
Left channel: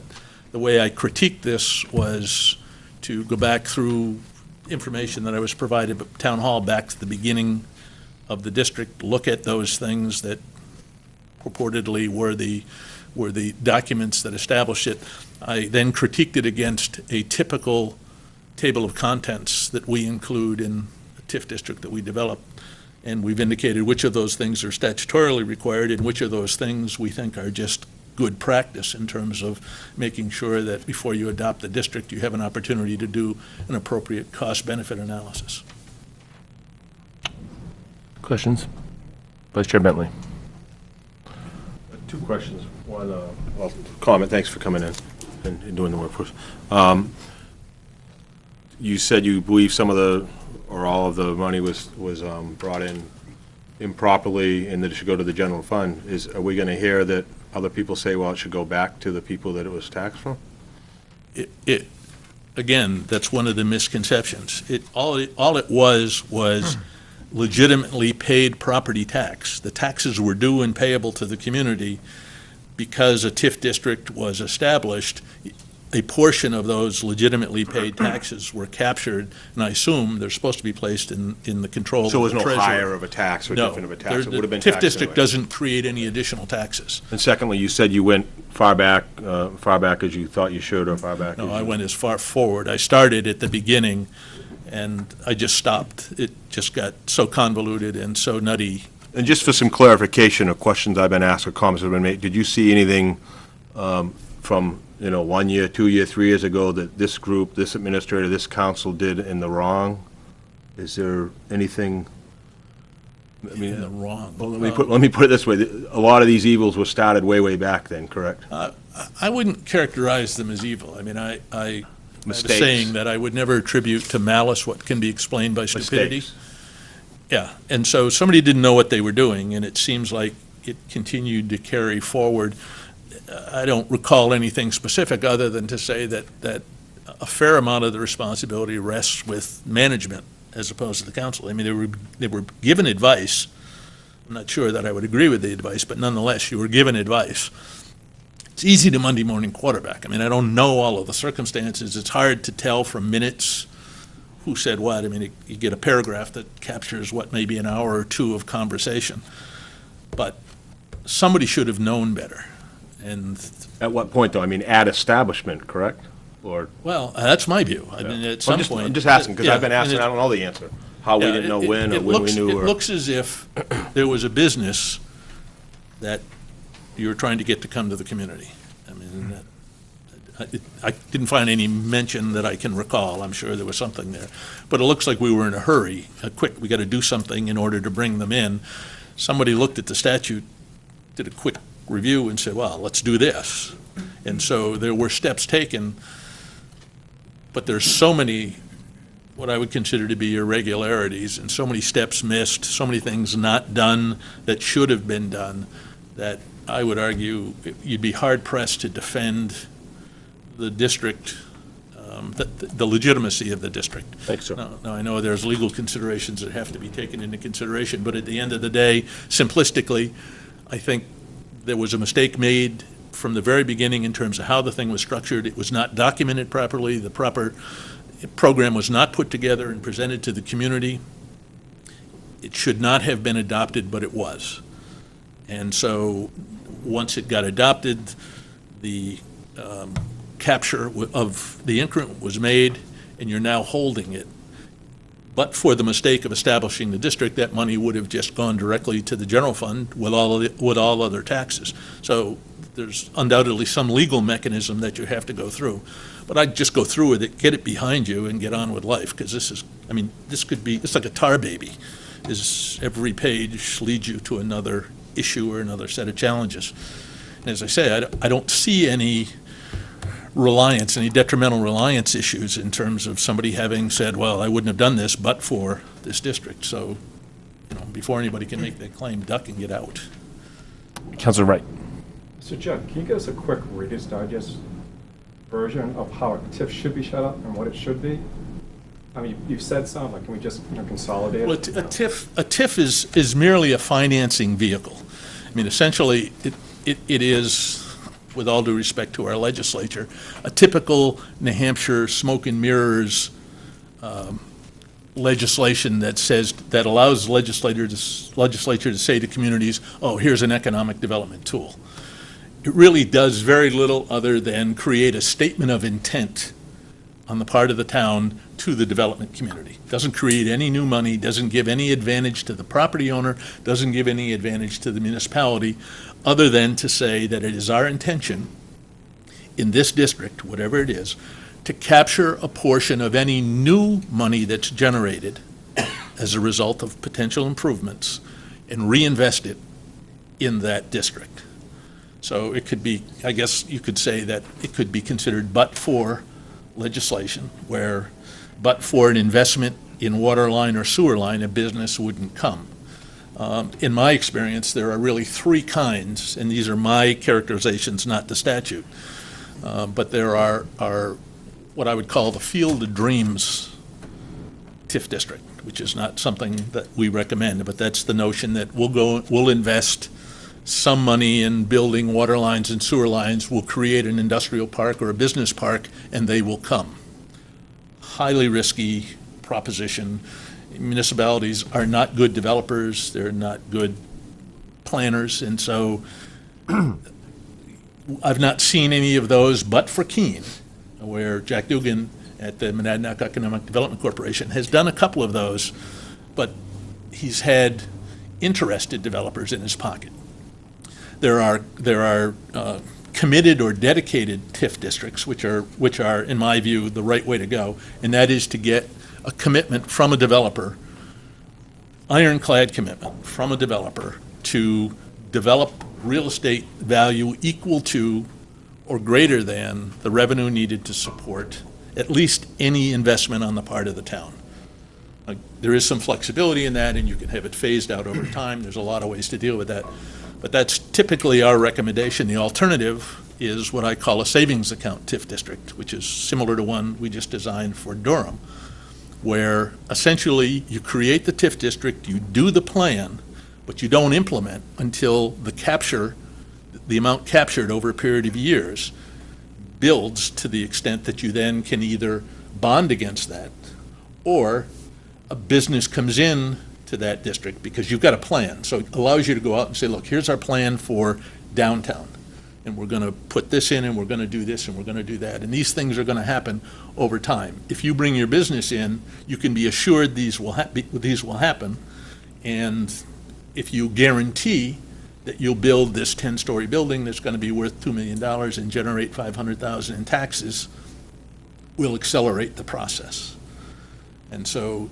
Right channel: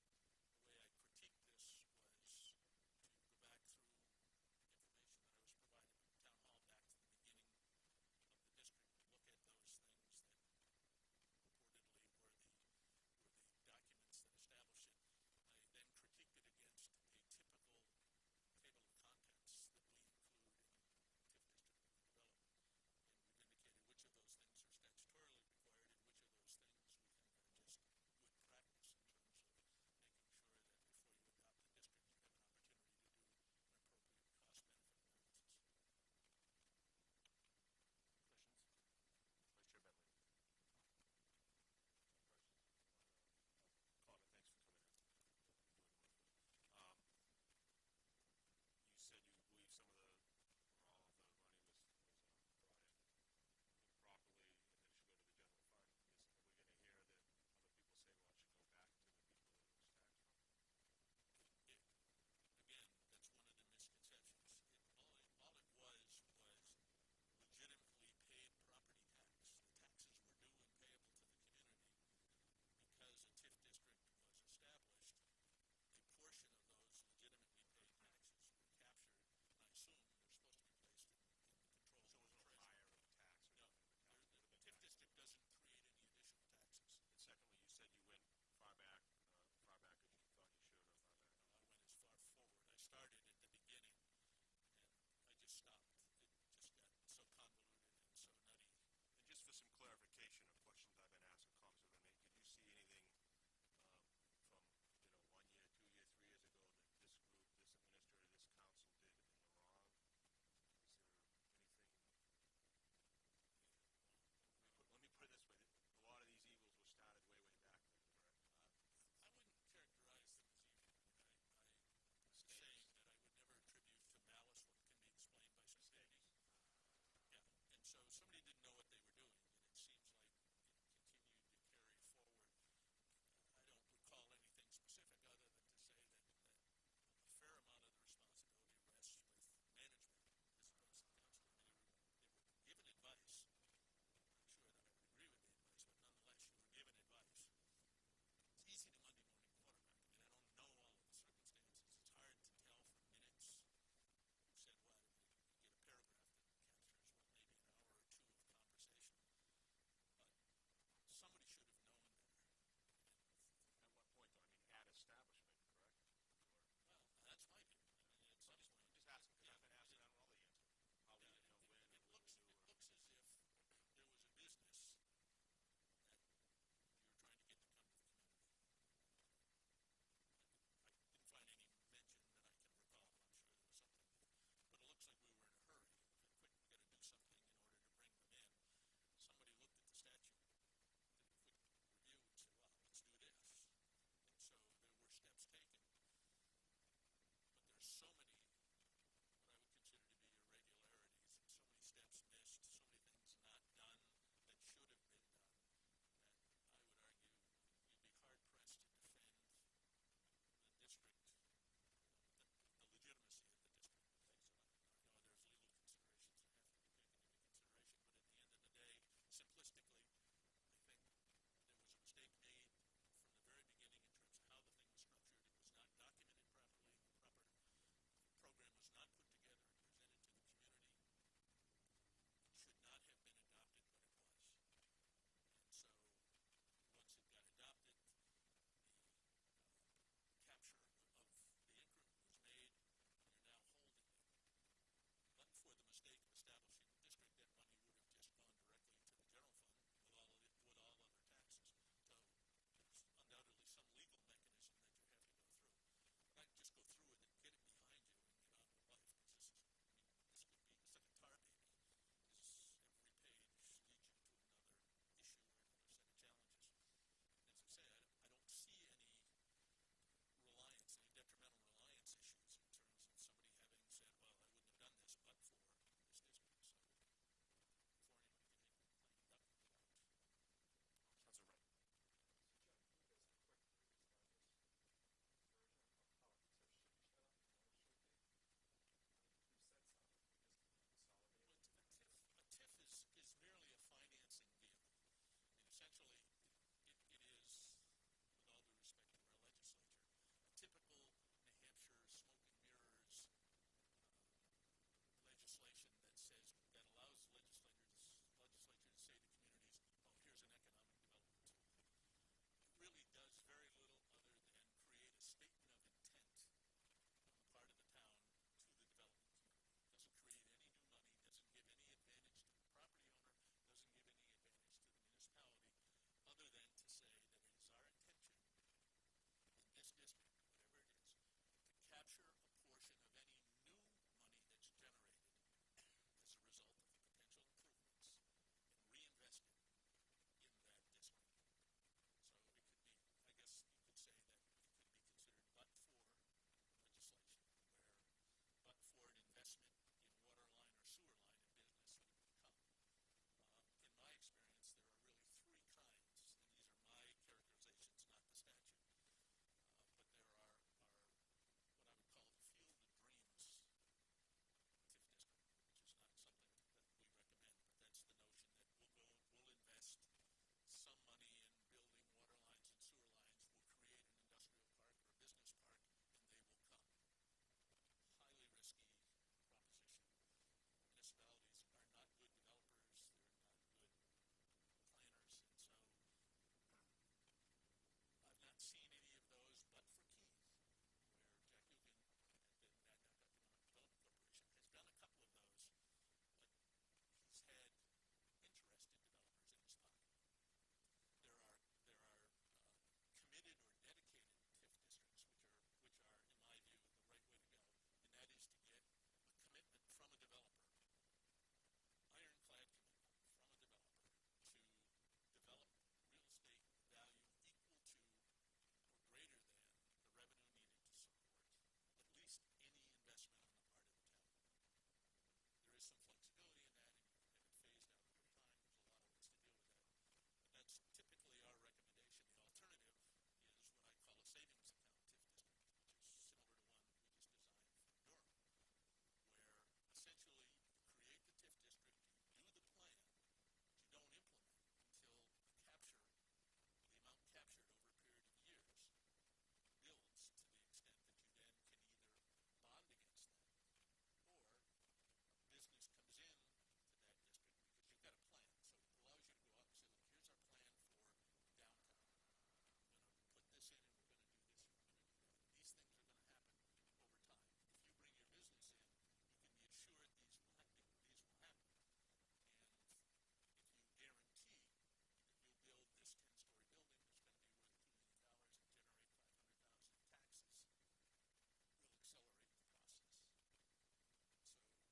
the way I critiqued this was to go back through information that I was provided at Town Hall back to the beginning of the district, look at those things that purportedly were the documents that established it. I then critiqued it against a typical table of contents that we include in a TIF district that we develop. And we've indicated which of those things are statutorily required and which of those things we think are just good practice in terms of making sure that before you adopt the district, you have an opportunity to do an appropriate cost-benefit analysis. Questions? Vice Chair Bentley. Two questions. One, well, comment. Thanks for coming in and doing the work for us. You said you believe some of the, or all of the money was brought in improperly and that it should go to the general fund. Are we going to hear that other people say, well, it should go back to the people that it was taxed from? Again, that's one of the misconceptions. All it was legitimately paid property tax. The taxes were due and payable to the community because a TIF district was established. A portion of those legitimately paid taxes were captured, and I assume they're supposed to be placed in the control of the So treasurer. it was no higher of a tax or different of a tax? It would have been The TIF taxed district anyway. doesn't create any additional taxes. And secondly, you said you went far back as you thought you should, or far back as No, you... I went as far forward. I started at the beginning, and I just stopped. It just got so convoluted and so nutty. And just for some clarification of questions I've been asked or comments that have been made, did you see anything from, 1 year, 2 year, 3 years ago that this group, this administrator, this council did in the wrong? Is there anything? I mean, In the wrong. Well, let me put it this way. A lot of these evils were started way back then, correct? I wouldn't characterize them as evil. I mean, I have a Mistakes. saying that I would never attribute to malice what can be explained by stupidity. Mistakes. Yeah, and so somebody didn't know what they were doing, and it seems like it continued to carry forward. I don't recall anything specific other than to say that a fair amount of the responsibility rests with management as opposed to the council. I mean, they were given advice. I'm not sure that I would agree with the advice, but nonetheless, you were given advice. It's easy to Monday morning quarterback. I mean, I don't know all of the circumstances. It's hard to tell from minutes who said what. I mean, you get a paragraph that captures what may be an hour or two of conversation. But somebody should have known better. And, At what point, though? I mean, at establishment, correct? Or, well, that's my view. I mean, at some point. I'm just asking, because Yeah, I've been asked and I don't know the answer. How we yeah, didn't know it- when, or it when we looks- knew, It or... looks as if there was a business that you were trying to get to come to the community. I mean, I didn't find any mention that I can recall. I'm sure there was something there. But it looks like we were in a hurry, we got to do something in order to bring them in. Somebody looked at the statute, did a quick review and said, well, let's do this. And so there were steps taken, but there's so many, what I would consider to be irregularities, and so many steps missed, so many things not done that should have been done, that I would argue you'd be hard-pressed to defend the district, the legitimacy of the district. Thanks, sir. Now, I know there's legal considerations that have to be taken into consideration, but at the end of the day, simplistically, I think there was a mistake made from the very beginning in terms of how the thing was structured. It was not documented properly. The proper program was not put together and presented to the community. It should not have been adopted, but it was. And so, once it got adopted, the capture of the increment was made, and you're now holding it. But for the mistake of establishing the district, that money would have just gone directly to the general fund with all other taxes. So there's undoubtedly some legal mechanism that you have to go through. But I'd just go through with it, get it behind you, and get on with life, because this could be, it's like a tar baby. Every page leads you to another issue or another set of challenges. And as I say, I don't see any detrimental reliance issues in terms of somebody having said, well, I wouldn't have done this but for this district. So, before anybody can make that claim, duck and get out. Councilor Wright. So Jim, can you give us a quick Reader's Digest version of how a TIF should be set up and what it should be? I mean, you've said some, but can we just consolidate Well, it? a TIF is merely a financing vehicle. I mean, essentially, it is, with all due respect to our legislature, a typical New Hampshire smoke and mirrors legislation that allows legislature to say to communities, oh, here's an economic development tool. It really does very little other than create a statement of intent on the part of the town to the development community. Doesn't create any new money, doesn't give any advantage to the property owner, doesn't give any advantage to the municipality, other than to say that it is our intention in this district, whatever it is, to capture a portion of any new money that's generated as a result of potential improvements and reinvest it in that district. So it could be, I guess you could say that it could be considered but-for legislation, where but for an investment in water line or sewer line, a business wouldn't come. In my experience, there are really three kinds, and these are my characterizations, not the statute. But there are what I would call the Field of Dreams TIF district, which is not something that we recommend, but that's the notion that we'll invest some money in building water lines and sewer lines, we'll create an industrial park or a business park, and they will come. Highly risky proposition. Municipalities are not good developers, they're not good planners, and so I've not seen any of those but for Keene, where Jack Dugan at the Monadnock Economic Development Corporation has done a couple of those, but he's had interested developers in his pocket. There are committed or dedicated TIF districts, which are, in my view, the right way to go, and that is to get a commitment from a developer, ironclad commitment from a developer to develop real estate value equal to or greater than the revenue needed to support at least any investment on the part of the town. There is some flexibility in that, and you can have it phased out over time. There's a lot of ways to deal with that. But that's typically our recommendation. The alternative is what I call a savings account TIF district, which is similar to one we just designed for Durham, where essentially you create the TIF district, you do the plan, but you don't implement until the amount captured over a period of years builds to the extent that you then can either bond against that, or a business comes in to that district because you've got a plan. So it allows you to go out and say, look, here's our plan for downtown, and we're going to put this in, and we're going to do this, and we're going to do that. And these things are going to happen over time. If you bring your business in, you can be assured these will happen, and if you guarantee that you'll build this 10-story building that's going to be worth $2 million and generate $500,000 in taxes, we'll accelerate the process. And so,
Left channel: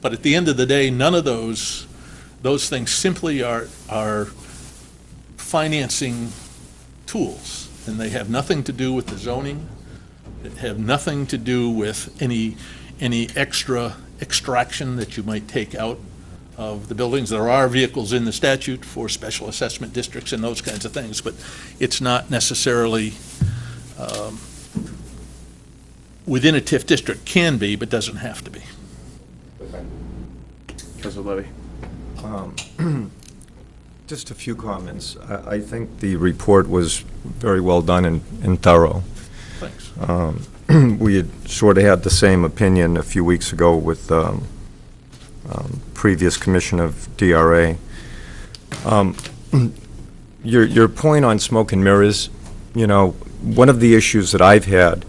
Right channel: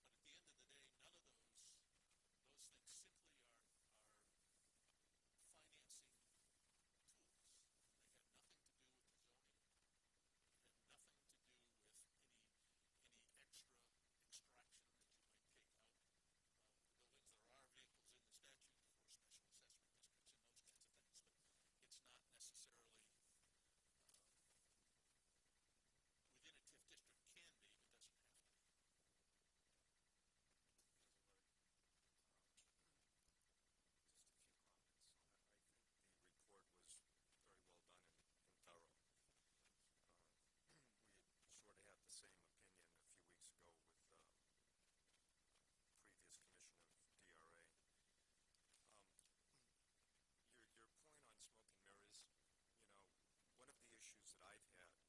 but at the end of the day, none of those things simply are financing tools, and they have nothing to do with the zoning. They have nothing to do with any extra extraction that you might take out of the buildings. There are vehicles in the statute for special assessment districts and those kinds of things, but it's not necessarily within a TIF district. Can be, but doesn't have to be. Councilor Levy. Just a few comments. I think the report was very well done and thorough. Thanks. We had sort of had the same opinion a few weeks ago with previous commission of DRA. Your point on smoke and mirrors, you know, one of the issues that I've had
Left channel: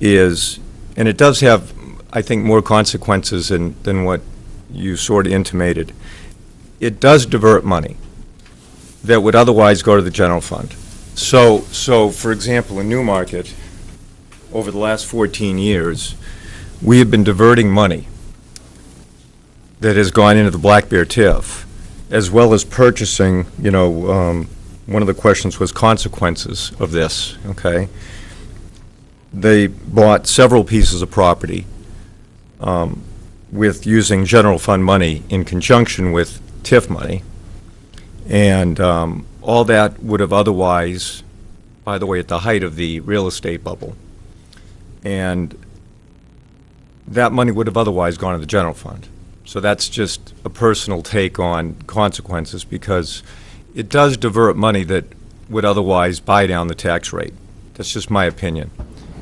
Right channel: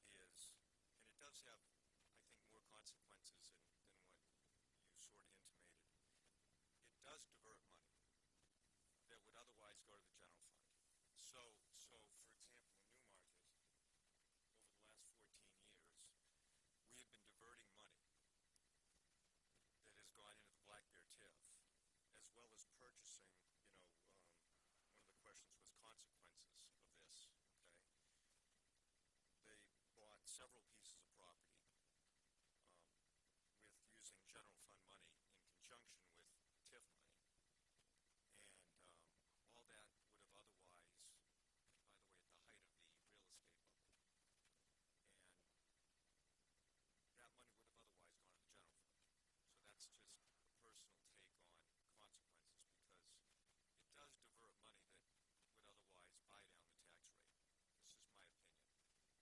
is, and it does have, I think, more consequences than what you sort of intimated, it does divert money that would otherwise go to the general fund. So for example, in Newmarket, over the last 14 years, we have been diverting money that has gone into the Black Bear TIF, as well as purchasing, you know, one of the questions was consequences of this, okay? They bought several pieces of property with using general fund money in conjunction with TIF money, and all that would have otherwise, by the way, at the height of the real estate bubble, and that money would have otherwise gone to the general fund. So that's just a personal take on consequences, because it does divert money that would otherwise buy down the tax rate. That's just my opinion.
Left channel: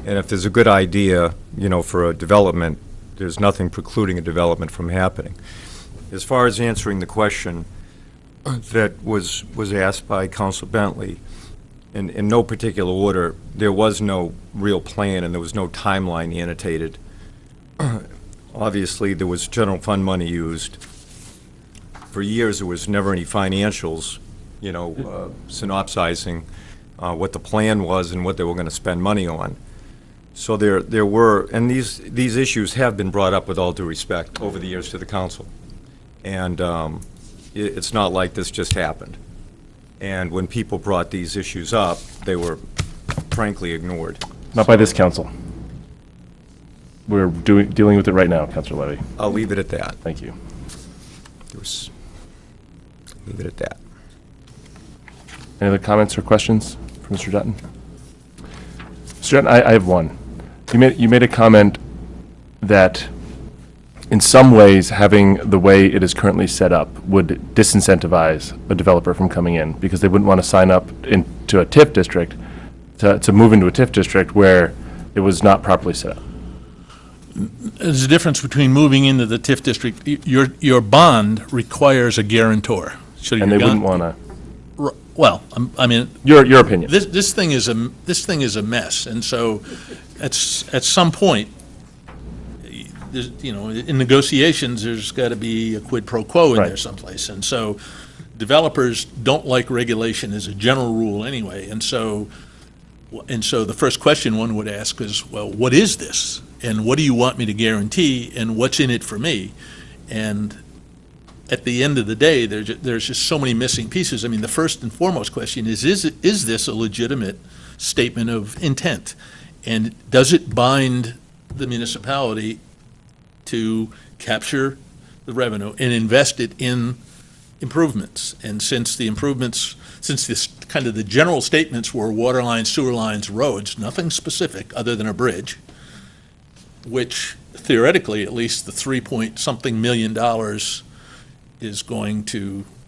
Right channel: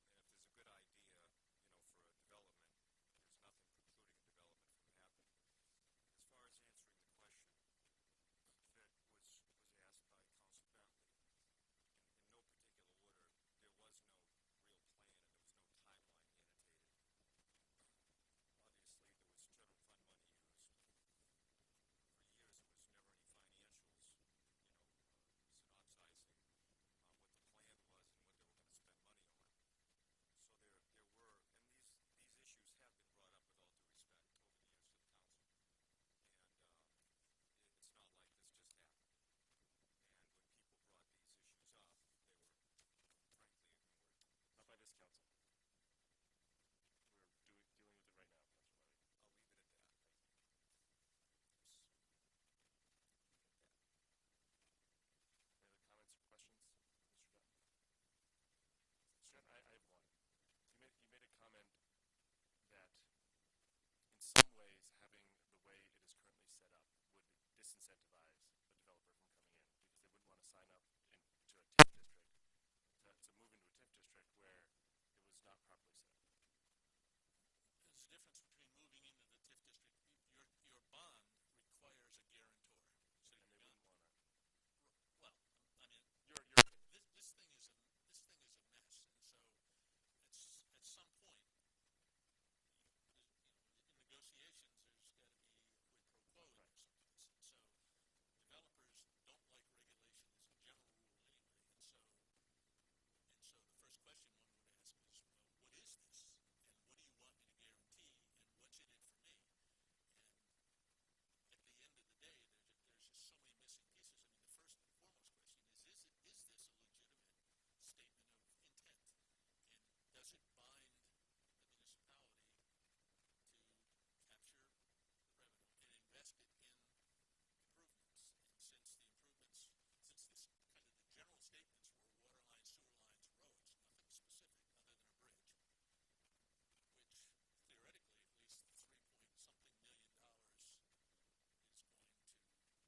And if there's a good idea, you know, for a development, there's nothing precluding a development from happening. As far as answering the question that was asked by Council Bentley, in no particular order, there was no real plan and there was no timeline annotated. Obviously, there was general fund money used. For years, there was never any financials, you know, synopsizing what the plan was and what they were going to spend money on. So there were, and these issues have been brought up with all due respect over the years to the council. And it's not like this just happened. And when people brought these issues up, they were frankly ignored. Not by this council. We're dealing with it right now, Councilor Levy. I'll leave it at that. Thank you. Leave it at that. Any other comments or questions for Mr. Dutton? Mr. Dutton, I have one. You made a comment that in some ways, having the way it is currently set up would disincentivize a developer from coming in because they wouldn't want to sign up into a TIF district, to move into a TIF district where it was not properly set up. There's a difference between moving into the TIF district. Your bond requires a guarantor. So And they wouldn't want to. Well, I mean. Your opinion. This thing is a mess, and so at some point, in negotiations, there's got to be a quid pro quo in there someplace, and so developers don't like regulation as a general rule anyway, and so the first question one would ask is, well, what is this, and what do you want me to guarantee, and what's in it for me, and at the end of the day, there's just so many missing pieces. I mean, the first and foremost question is this a legitimate statement of intent? And does it bind the municipality to capture the revenue and invest it in improvements? And since this kind of the general statements were water lines, sewer lines, roads, nothing specific other than a bridge, which theoretically, at least the $3-point-something million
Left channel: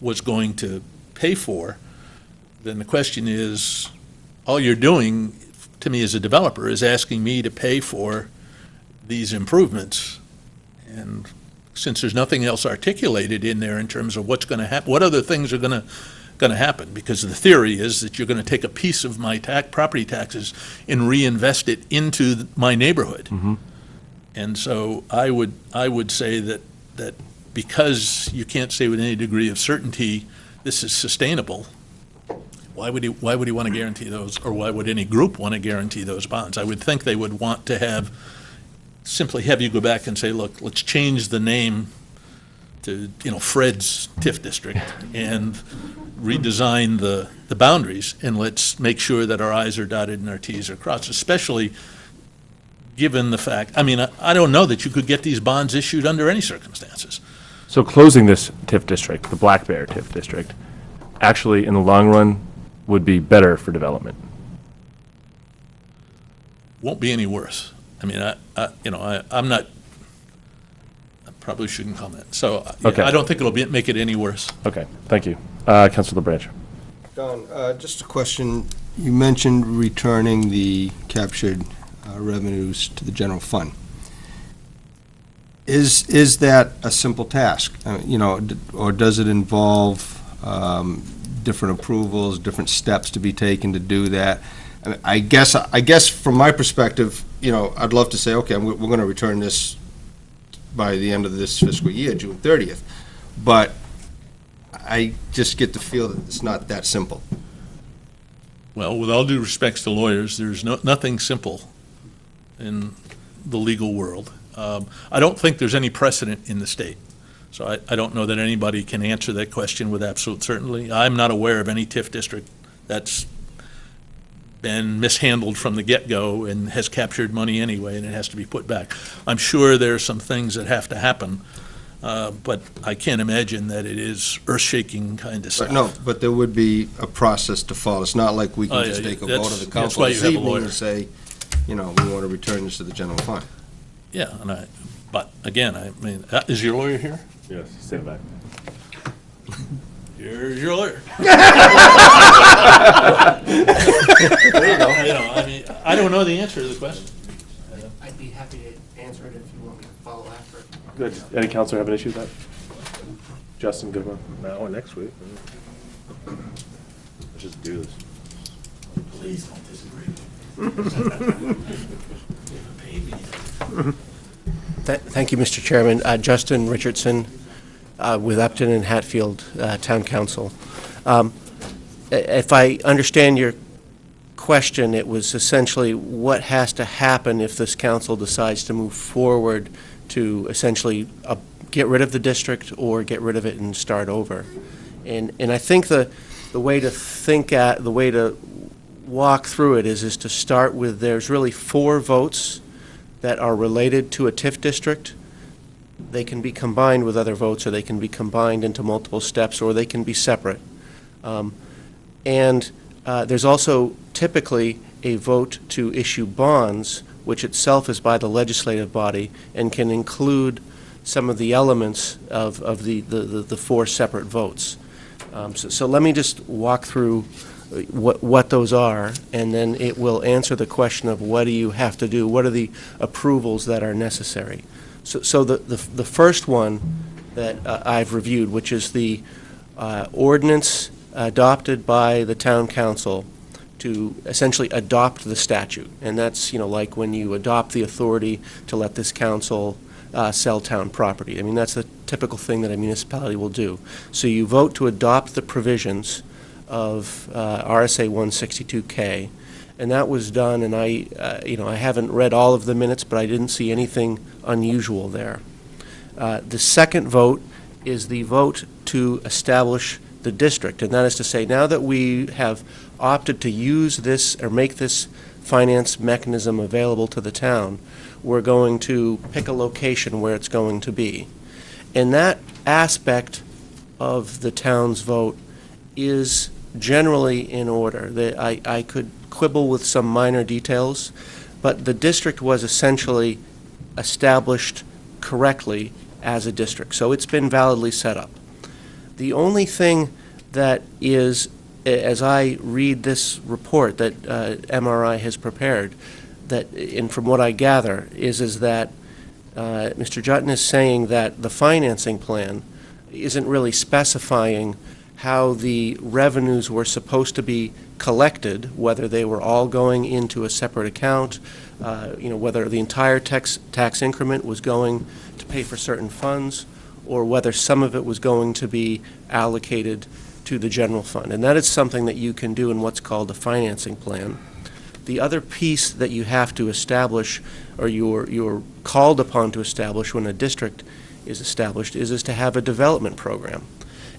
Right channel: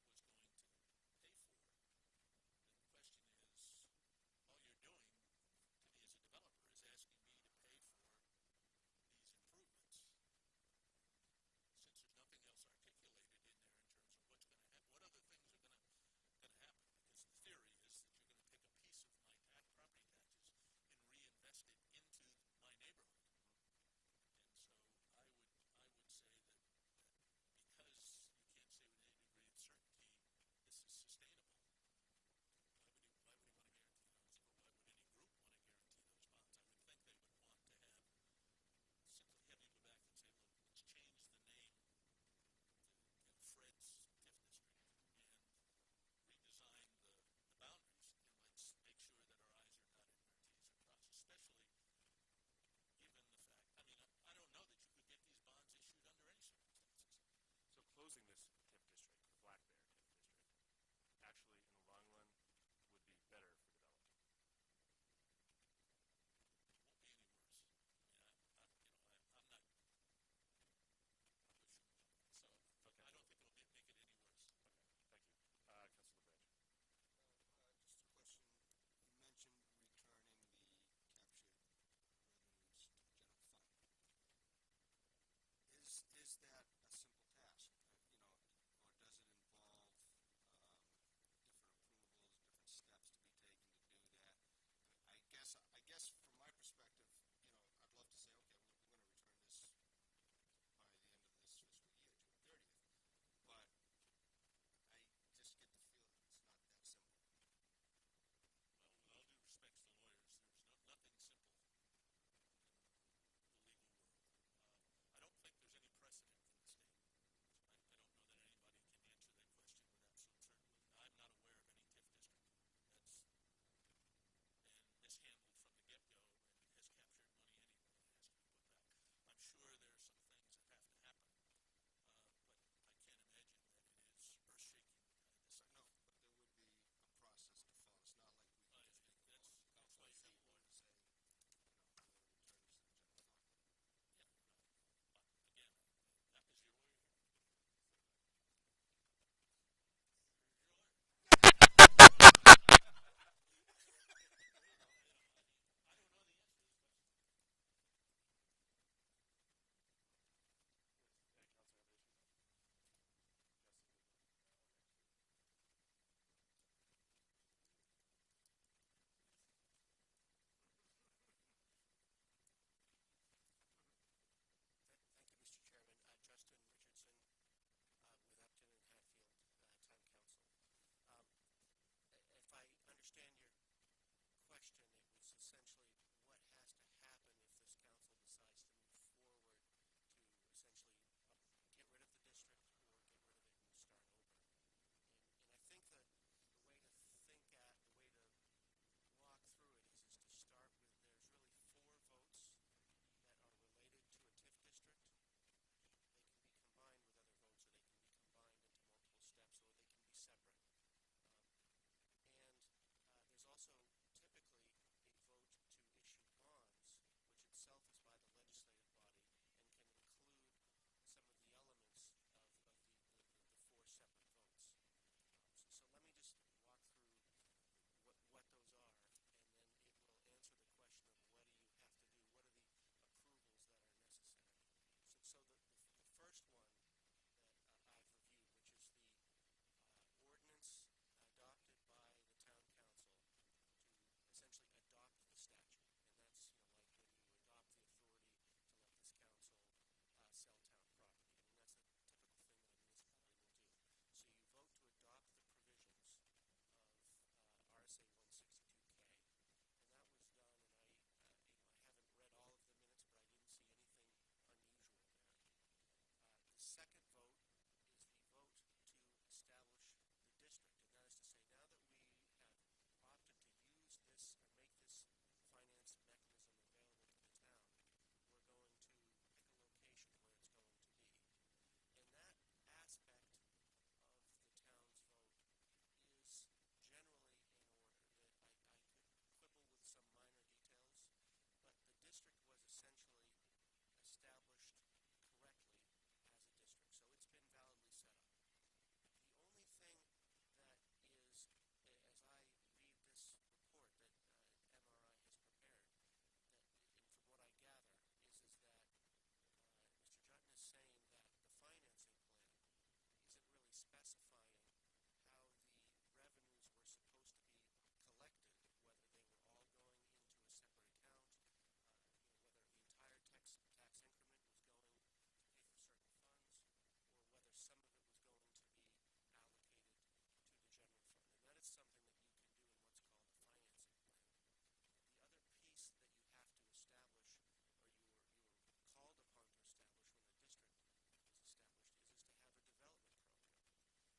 was going to pay for, then the question is, all you're doing to me as a developer is asking me to pay for these improvements. And since there's nothing else articulated in there in terms of what's going to happen, what other things are going to happen? Because the theory is that you're going to take a piece of my property taxes and reinvest it into my neighborhood. Mm-hmm. And so I would say that because you can't say with any degree of certainty this is sustainable, why would he want to guarantee those, or why would any group want to guarantee those bonds? I would think they would want to simply have you go back and say, look, let's change the name to Fred's TIF district and redesign the boundaries, and let's make sure that our I's are dotted and our T's are crossed, especially given the fact, I mean, I don't know that you could get these bonds issued under any circumstances. So closing this TIF district, the Black Bear TIF district, actually in the long run would be better for development. Won't be any worse. I mean, I'm not, I probably shouldn't comment. So Okay. I don't think it'll make it any worse. Okay, thank you. Councilor LaBranch. Don, just a question. You mentioned returning the captured revenues to the general fund. Is that a simple task? Or does it involve different approvals, different steps to be taken to do that? I guess from my perspective, I'd love to say, okay, we're going to return this by the end of this fiscal year, June 30th. But I just get the feel that it's not that simple. Well, with all due respects to lawyers, there's nothing simple in the legal world. I don't think there's any precedent in the state. So I don't know that anybody can answer that question with absolute certainty. I'm not aware of any TIF district that's been mishandled from the get-go and has captured money anyway, and it has to be put back. I'm sure there are some things that have to happen, but I can't imagine that it is earth-shaking kind of stuff. But there would be a process to follow. It's not like we can just take a vote of the council this evening and say, we want to return this to the general fund. Yeah, but again, I mean, is your lawyer here? Yes, stand back. Here's your lawyer. There you go. I mean, I don't know the answer to the question. I'd be happy to answer it if you want me to follow after. Good. Any counselor have an issue with that? Justin, good one. Now or next week. Let's just do this. Please don't disagree. Thank you, Mr. Chairman. Justin Richardson with Upton and Hatfield Town Council. If I understand your question, it was essentially what has to happen if this council decides to move forward to essentially get rid of the district or get rid of it and start over. And I think the way to walk through it is to start with, there's really 4 votes that are related to a TIF district. they can be combined with other votes, or they can be combined into multiple steps, or they can be separate. And there's also typically a vote to issue bonds, which itself is by the legislative body and can include some of the elements of the four separate votes. So let me just walk through what those are, and then it will answer the question of what do you have to do, what are the approvals that are necessary. So the first one that I've reviewed, which is the ordinance adopted by the town council to essentially adopt the statute. And that's, like when you adopt the authority to let this council sell town property. I mean, that's the typical thing that a municipality will do. So you vote to adopt the provisions of RSA 162K, and that was done, and I haven't read all of the minutes, but I didn't see anything unusual there. The second vote is the vote to establish the district, and that is to say, now that we have opted to use this or make this finance mechanism available to the town, we're going to pick a location where it's going to be. And that aspect of the town's vote is generally in order. I could quibble with some minor details, but the district was essentially established correctly as a district, so it's been validly set up. The only thing that is, as I read this report that MRI has prepared, and from what I gather, is that Mr. Jutton is saying that the financing plan isn't really specifying how the revenues were supposed to be collected, whether they were all going into a separate account, whether the entire tax increment was going to pay for certain funds, or whether some of it was going to be allocated to the general fund. And that is something that you can do in what's called a financing plan. The other piece that you have to establish, or you're called upon to establish when a district is established, is to have a development program.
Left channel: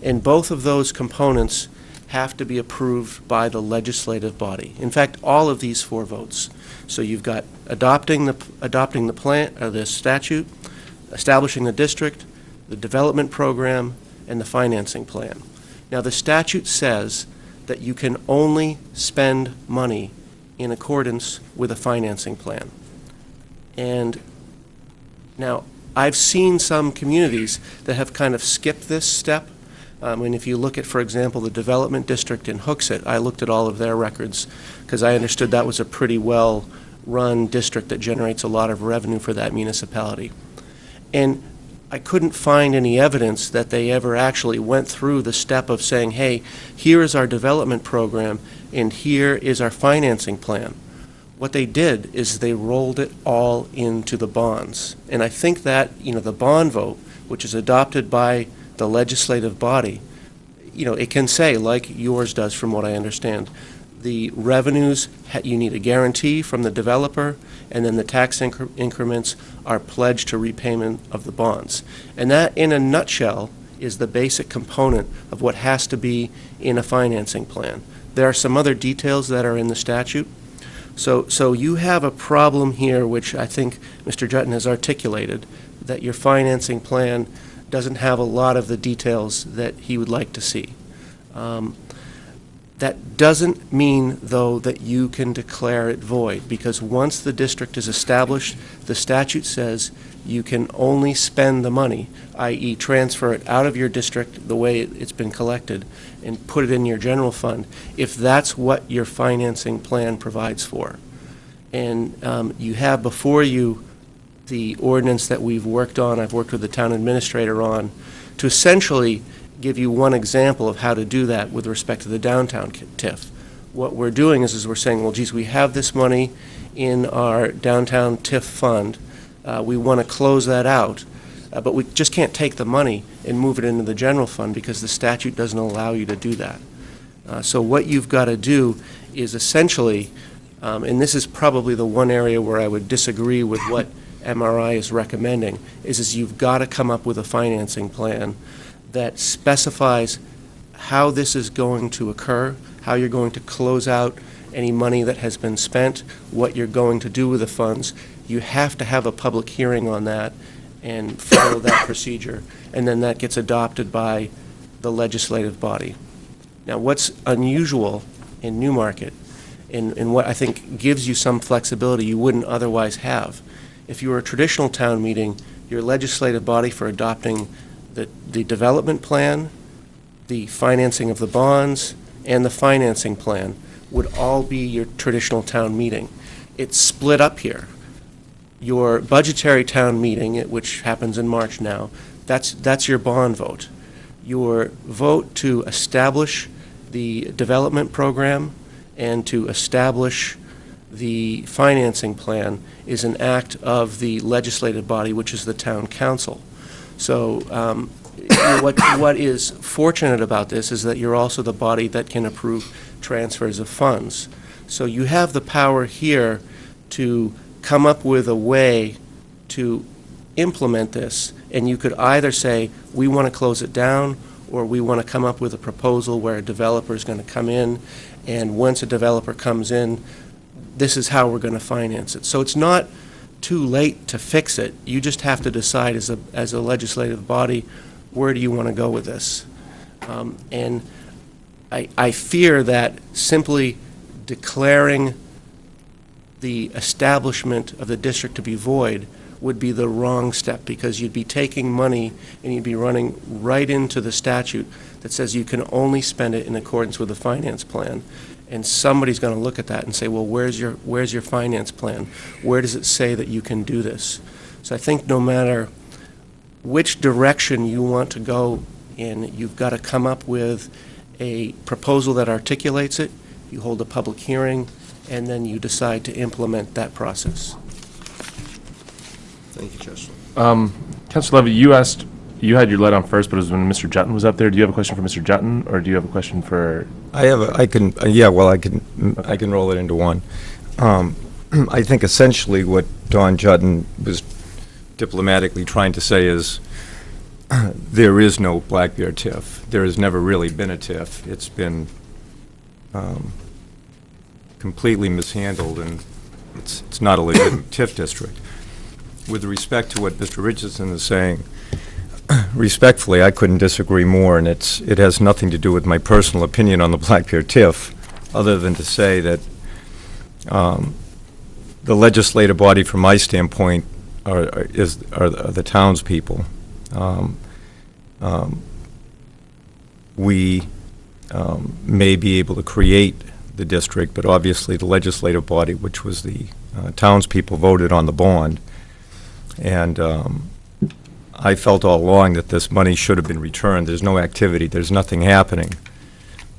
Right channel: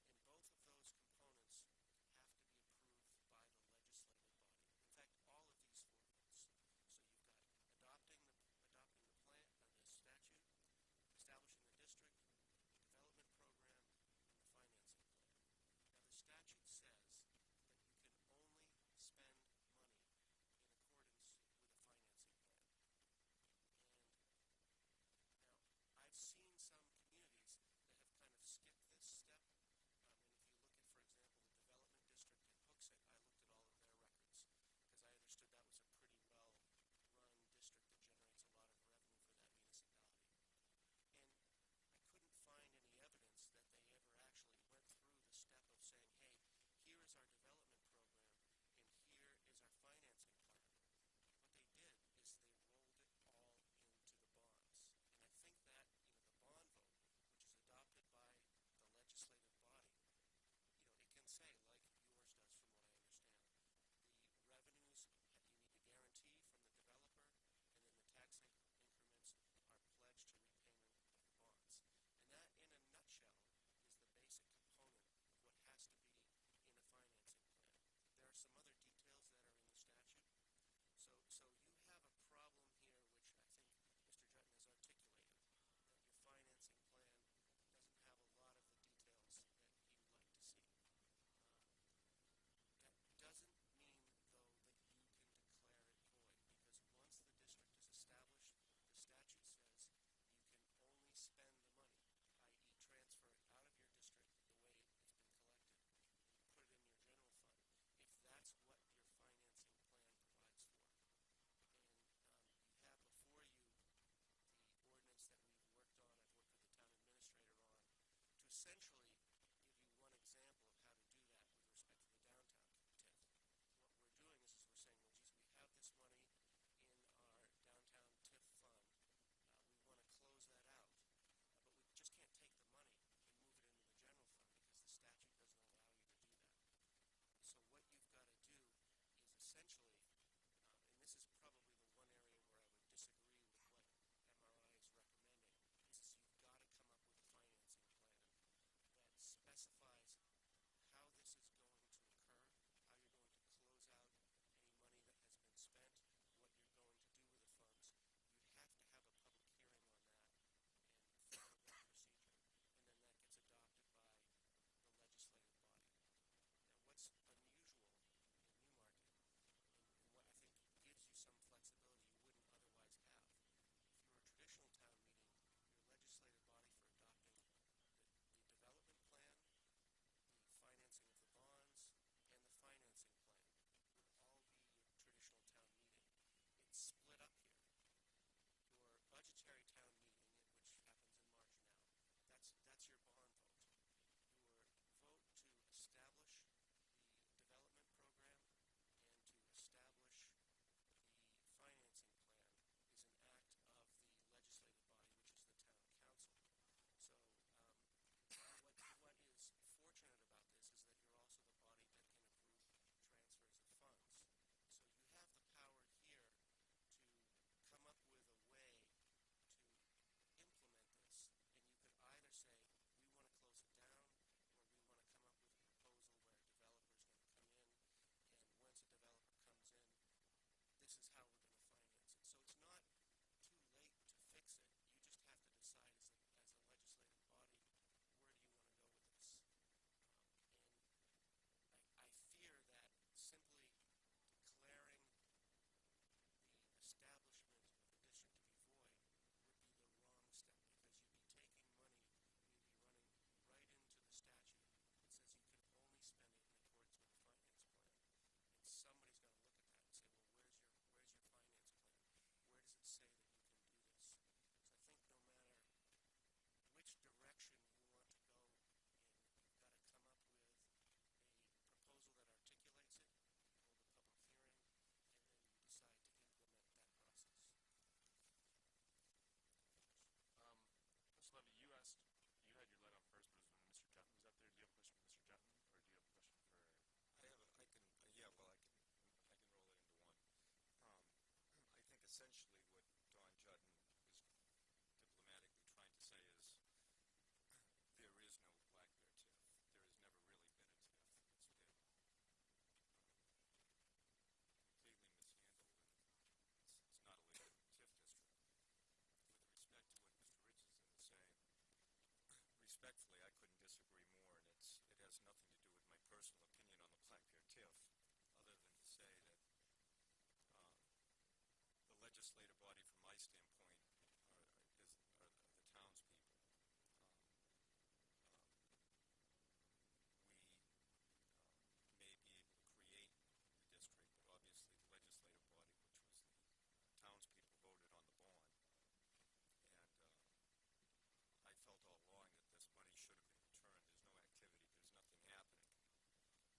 And both of those components have to be approved by the legislative body. In fact, all of these four votes. So you've got adopting the plan, or the statute, establishing the district, the development program, and the financing plan. Now, the statute says that you can only spend money in accordance with a financing plan. And now, I've seen some communities that have kind of skipped this step. And if you look at, for example, the development district in Hooksett, I looked at all of their records because I understood that was a pretty well-run district that generates a lot of revenue for that municipality. And I couldn't find any evidence that they ever actually went through the step of saying, hey, here is our development program and here is our financing plan. What they did is they rolled it all into the bonds. And I think that, the bond vote, which is adopted by the legislative body, it can say, like yours does from what I understand, the revenues, you need a guarantee from the developer, and then the tax increments are pledged to repayment of the bonds. And that, in a nutshell, is the basic component of what has to be in a financing plan. There are some other details that are in the statute. So you have a problem here, which I think Mr. Jutton has articulated, that your financing plan doesn't have a lot of the details that he would like to see. That doesn't mean, though, that you can declare it void, because once the district is established, the statute says you can only spend the money, i.e. transfer it out of your district the way it's been collected and put it in your general fund, if that's what your financing plan provides for. And you have before you the ordinance that we've worked on, I've worked with the town administrator on, to essentially give you one example of how to do that with respect to the downtown TIF. What we're doing is we're saying, well, geez, we have this money in our downtown TIF fund. We want to close that out, but we just can't take the money and move it into the general fund because the statute doesn't allow you to do that. So what you've got to do is essentially, and this is probably the one area where I would disagree with what MRI is recommending, is you've got to come up with a financing plan that specifies how this is going to occur, how you're going to close out any money that has been spent, what you're going to do with the funds. You have to have a public hearing on that, and follow that procedure, and then that gets adopted by the legislative body. Now, what's unusual in Newmarket, and what I think gives you some flexibility you wouldn't otherwise have, if you were a traditional town meeting, your legislative body for adopting the development plan, the financing of the bonds, and the financing plan would all be your traditional town meeting. It's split up here. Your budgetary town meeting, which happens in March now, that's your bond vote. Your vote to establish the development program and to establish the financing plan is an act of the legislative body, which is the town council. So what is fortunate about this is that you're also the body that can approve transfers of funds. So you have the power here to come up with a way to implement this, and you could either say, we want to close it down, or we want to come up with a proposal where a developer is going to come in, and once a developer comes in, this is how we're going to finance it. So it's not too late to fix it. You just have to decide as a legislative body, where do you want to go with this? And I fear that simply declaring the establishment of the district to be void would be the wrong step, because you'd be taking money and you'd be running right into the statute that says you can only spend it in accordance with the finance plan. And somebody's going to look at that and say, well, where's your finance plan? Where does it say that you can do this? So I think no matter which direction you want to go in, you've got to come up with a proposal that articulates it, you hold a public hearing, and then you decide to implement that process. Thank you, Chester. Councilor Levy, you had your light on first, but it was when Mr. Jutton was up there. Do you have a question for Mr. Jutton, or do you have a question for? I can roll it into one. I think essentially what Don Jutton was diplomatically trying to say is there is no Black Bear TIF. There has never really been a TIF. It's been completely mishandled, and it's not a legitimate TIF district. With respect to what Mr. Richardson is saying, respectfully, I couldn't disagree more, and it has nothing to do with my personal opinion on the Black Bear TIF, other than to say that the legislative body, from my standpoint, are the townspeople. We may be able to create the district, but obviously the legislative body, which was the townspeople, voted on the bond. And I felt all along that this money should have been returned. There's no activity. There's nothing happening.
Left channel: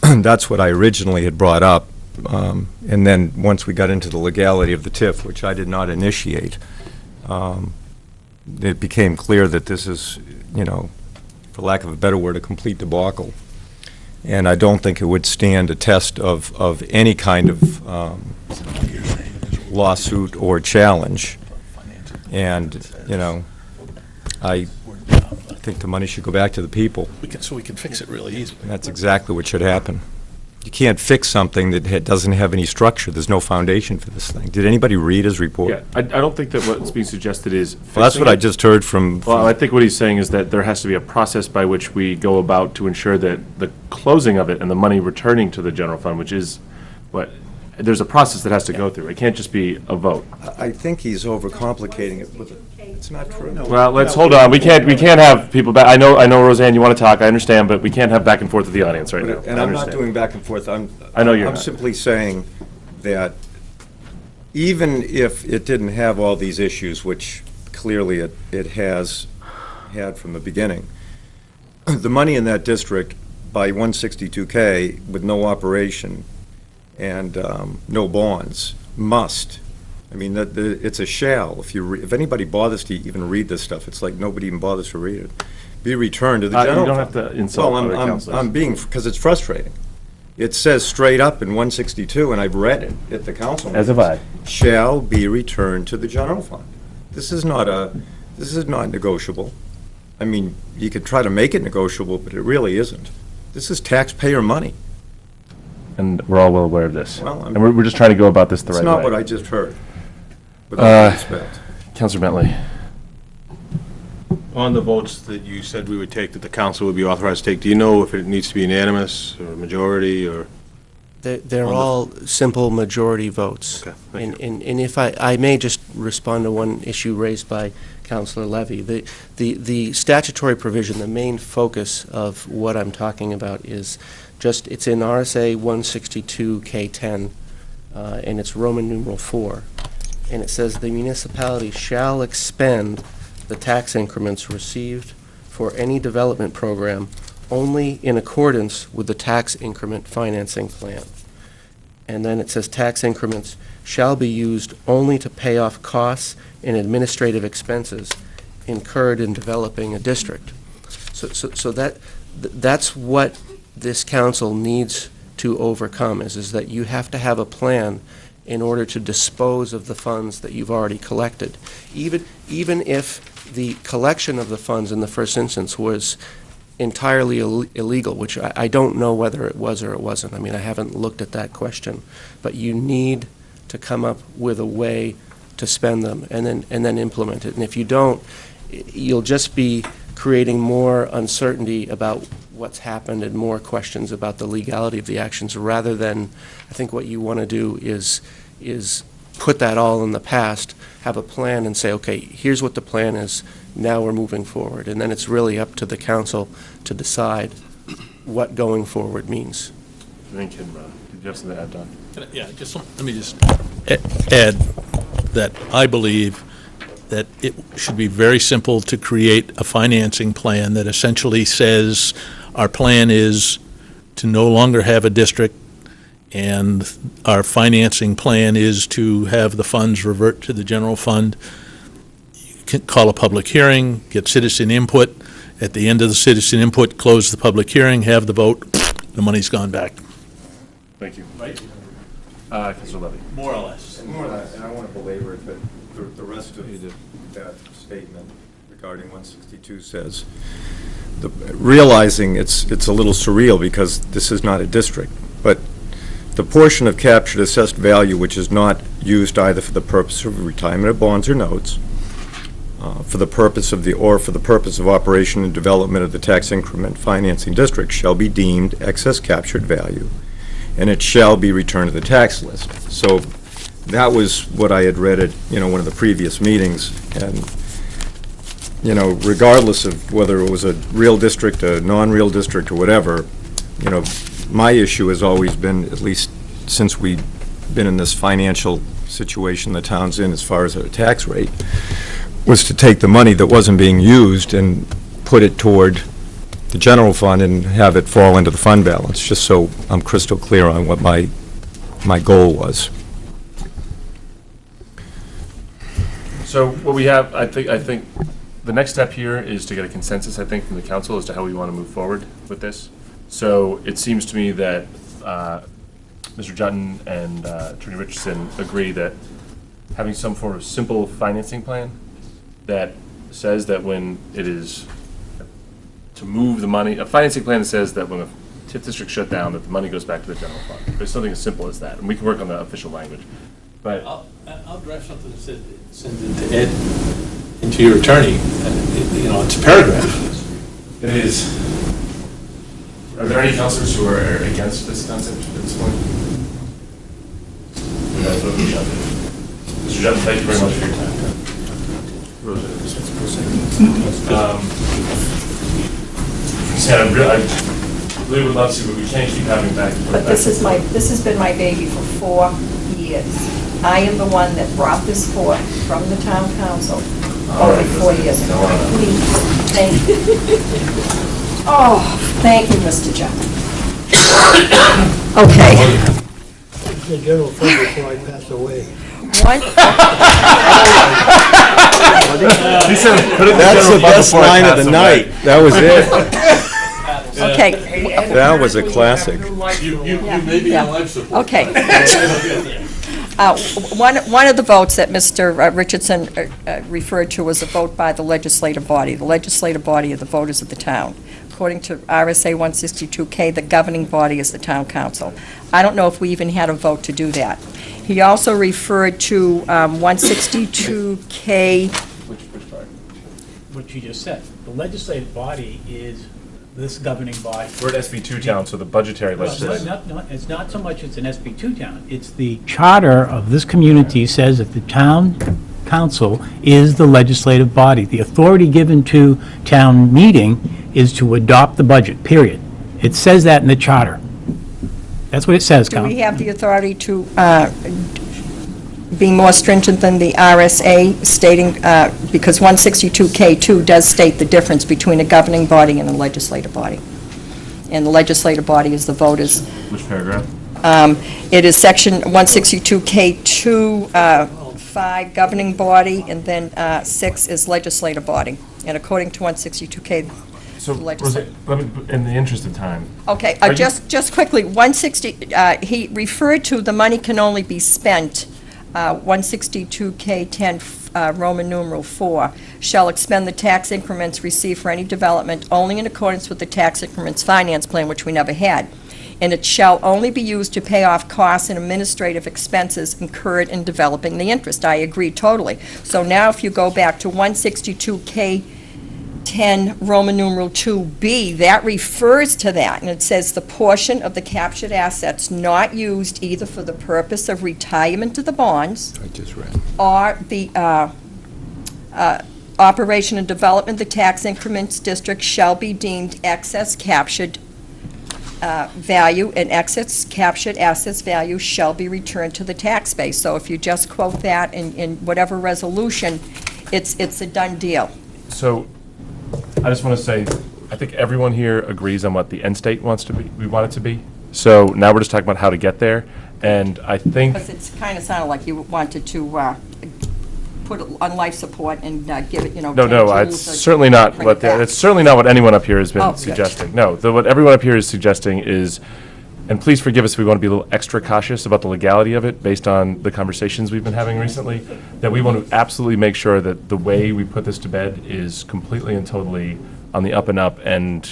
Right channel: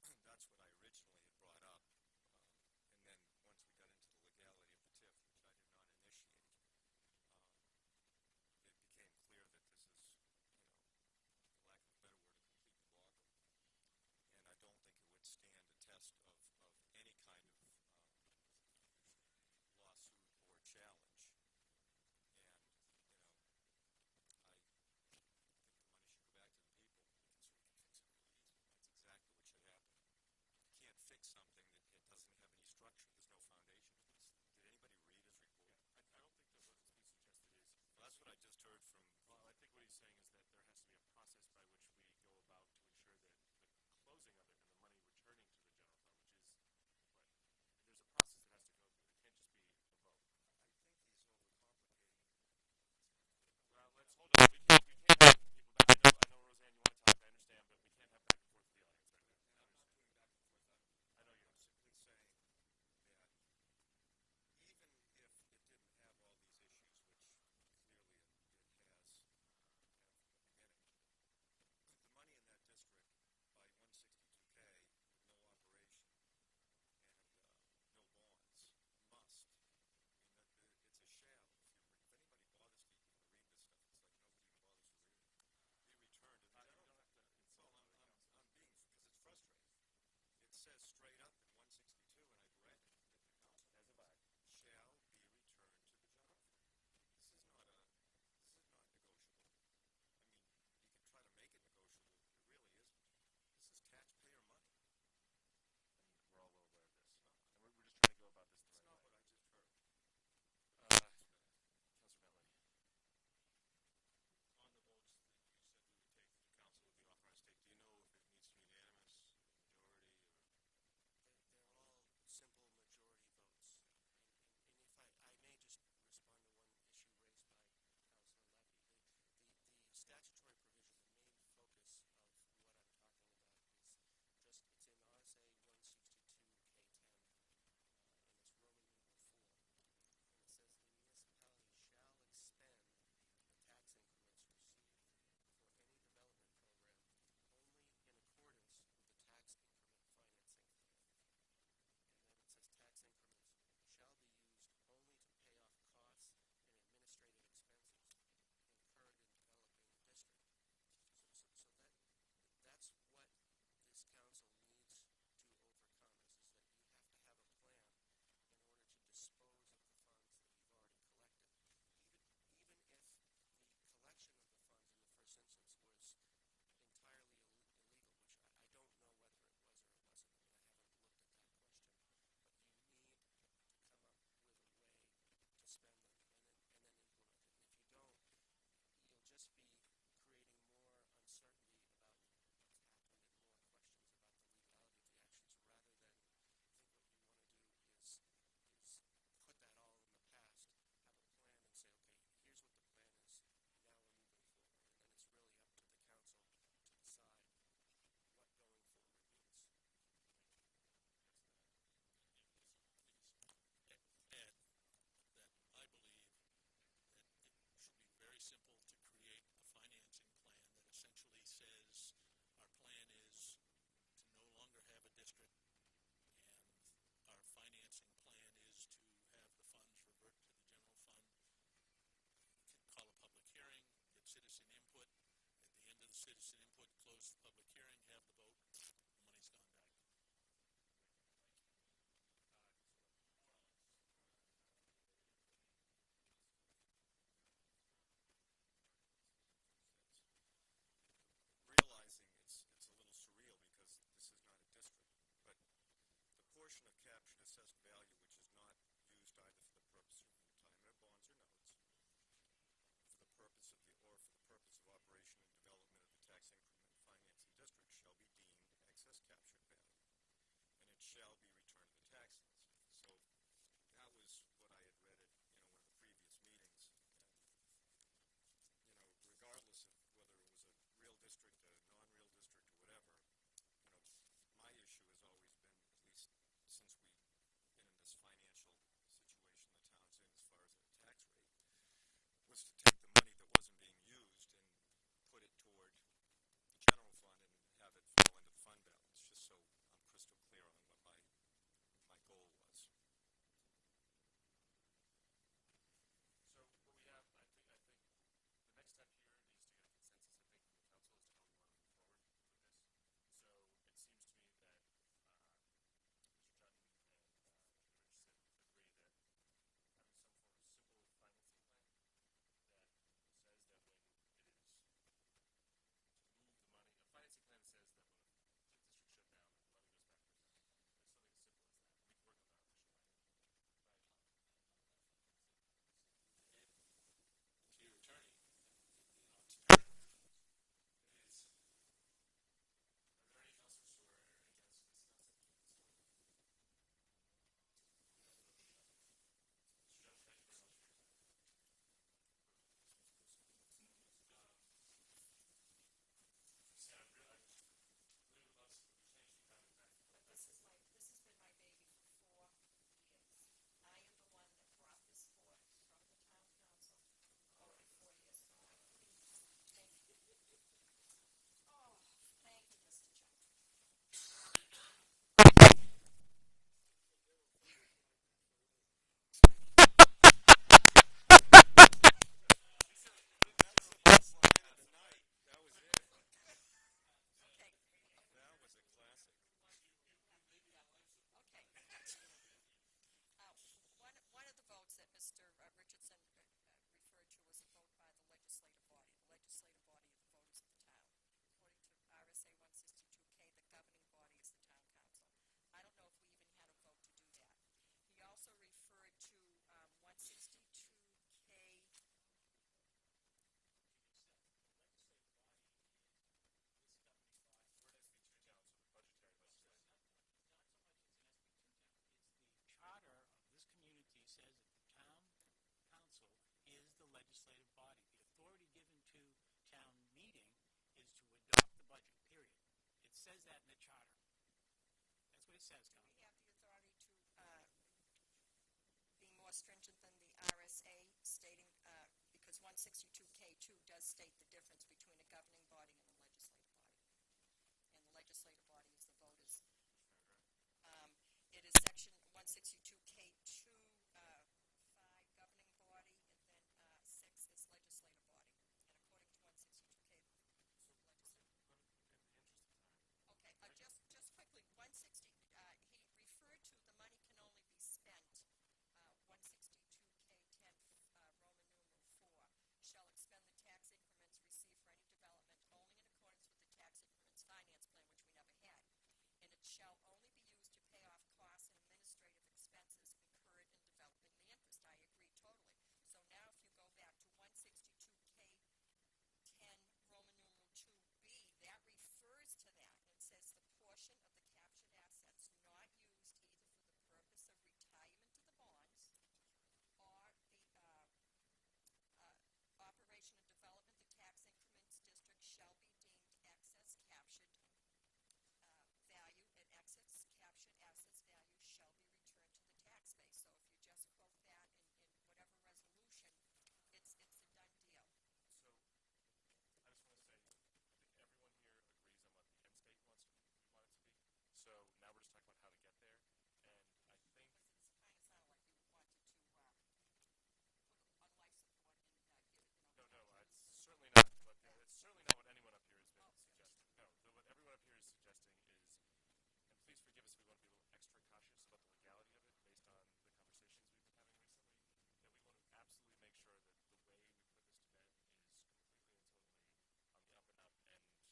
That's what I originally had brought up. And then once we got into the legality of the TIF, which I did not initiate, it became clear that this is, for lack of a better word, a complete debacle. And I don't think it would stand a test of any kind of lawsuit or challenge. And, I think the money should go back to the people. So we can fix it really easily. And that's exactly what should happen. You can't fix something that doesn't have any structure. There's no foundation for this thing. Did anybody read his report? Yeah, I don't think that what's being suggested is fixing Well, that's what I it. just heard from... Well, I think what he's saying is that there has to be a process by which we go about to ensure that the closing of it and the money returning to the general fund, which is what, there's a process that has to go through. It can't just be a vote. I think he's overcomplicating it with it. It's not true. Well, let's hold on. We can't have people back. I know, Roseanne, you want to talk. I understand, but we can't have back and forth with the audience right now. And I'm not doing back and forth. I know you're I'm not. simply saying that even if it didn't have all these issues, which clearly it has had from the beginning, the money in that district by 162K with no operation and no bonds must. I mean, it's a shall. If anybody bothers to even read this stuff, it's like nobody even bothers to read it. Be returned to the general You don't fund. have to insult other councilors. I'm being, because it's frustrating. It says straight up in 162, and I've read it at the council. As have I. Shall be returned to the general fund. This is not negotiable. I mean, you could try to make it negotiable, but it really isn't. This is taxpayer money. And we're all well aware of this. Well, and we're just trying to go about this the right It's way. not what I just heard. With all due respect. Councilor Bentley. On the votes that you said we would take, that the council would be authorized to take, do you know if it needs to be unanimous or majority or? They're all simple majority votes. Okay, thank you. And if I may just respond to one issue raised by Councilor Levy. The statutory provision, the main focus of what I'm talking about is just, it's in RSA 162K10, and it's Roman numeral 4. And it says the municipality shall expend the tax increments received for any development program only in accordance with the tax increment financing plan. And then it says tax increments shall be used only to pay off costs and administrative expenses incurred in developing a district. So that's what this council needs to overcome, is that you have to have a plan in order to dispose of the funds that you've already collected. Even if the collection of the funds in the first instance was entirely illegal, which I don't know whether it was or it wasn't. I mean, I haven't looked at that question. But you need to come up with a way to spend them and then implement it. And if you don't, you'll just be creating more uncertainty about what's happened and more questions about the legality of the actions, rather than, I think what you want to do is put that all in the past, have a plan and say, okay, here's what the plan is, now we're moving forward. And then it's really up to the council to decide what going forward means. Thank you. Did you have something to add, Don? Yeah, let me just add that I believe that it should be very simple to create a financing plan that essentially says our plan is to no longer have a district, and our financing plan is to have the funds revert to the general fund. You can call a public hearing, get citizen input. At the end of the citizen input, close the public hearing, have the vote, the money's gone back. Thank you. Right? Councilor Levy. More or less. And I want to belabor it, but the rest of that statement regarding 162 says, realizing it's a little surreal because this is not a district, but the portion of captured assessed value which is not used either for the purpose of retirement of bonds or notes, for the purpose of operation and development of the tax increment financing district shall be deemed excess captured value, and it shall be returned to the tax list. So that was what I had read at one of the previous meetings, and regardless of whether it was a real district, a non-real district, or whatever, my issue has always been, at least since we've been in this financial situation the town's in as far as a tax rate, was to take the money that wasn't being used and put it toward the general fund and have it fall into the fund balance, just so I'm crystal clear on what my goal was. So what we have, I think the next step here is to get a consensus, I think, from the council as to how we want to move forward with this. So it seems to me that Mr. Jutton and Attorney Richardson agree that having some form of simple financing plan that says that when it is to move the money, a financing plan that says that when the TIF district shut down, that the money goes back to the general fund. There's something as simple as that, and we can work on the official language. But I'll draft something that says, send it to Ed and to your attorney. It's a paragraph. it is. Are there any councilors who are against this concept at this point? That's what we shall do. Mr. Jutton, thank you very much for your time. I really would love to, but we can't keep having back and forth. But this has been my baby for 4 years. I am the one that brought this forth from the town council over 4 years ago. Please, thank you. Oh, thank you, Mr. Jutton. Okay. The general fund before I pass away. That's the best line of the night. That was it. Okay. That was a classic. You may be on life support. Okay. One of the votes that Mr. Richardson referred to was a vote by the legislative body. The legislative body are the voters of the town. According to RSA 162K, the governing body is the town council. I don't know if we even had a vote to do that. He also referred to 162K. Which part? what you just said. The legislative body is this governing body. We're an SB2 town, so the budgetary Well, legislature. it's not so much it's an SB2 town. It's the charter of this community says that the town council is the legislative body. The authority given to town meeting is to adopt the budget, period. It says that in the charter. That's what it says, Do we Council. have the authority to be more stringent than the RSA stating, because 162K2 does state the difference between a governing body and a legislative body. And the legislative body is the voters. Which paragraph? It is section 162K2, 5, governing body, and then 6 is legislative body. And according to 162K, So, legislative. Rosie, let me, in the interest of time. Okay, Are you- just quickly, 160, he referred to the money can only be spent, 162K10, Roman numeral 4, shall expend the tax increments received for any development only in accordance with the tax increments finance plan, which we never had. And it shall only be used to pay off costs and administrative expenses incurred in developing the interest. I agree totally. So now if you go back to 162K10, Roman numeral 2B, that refers to that, and it says the portion of the captured assets not used either for the purpose of retirement of the bonds I just read. or the operation and development of the tax increments district shall be deemed excess captured value, and excess captured assets value shall be returned to the tax base. So if you just quote that in whatever resolution, it's a done deal. So, I just want to say, I think everyone here agrees on what the end state wants to be, we want it to be. So now we're just talking about how to get there, and I think, Because it's kind of sounded like you wanted to put it on life support and give it, no, 10 no, joules it's or certainly not bring it what, back. it's certainly not what anyone up here has Oh, been good. suggesting. No, what everyone up here is suggesting is, and please forgive us if we want to be a little extra cautious about the legality of it, based on the conversations we've been having recently, that we want to absolutely make sure that the way we put this to bed is completely and totally on the up and up and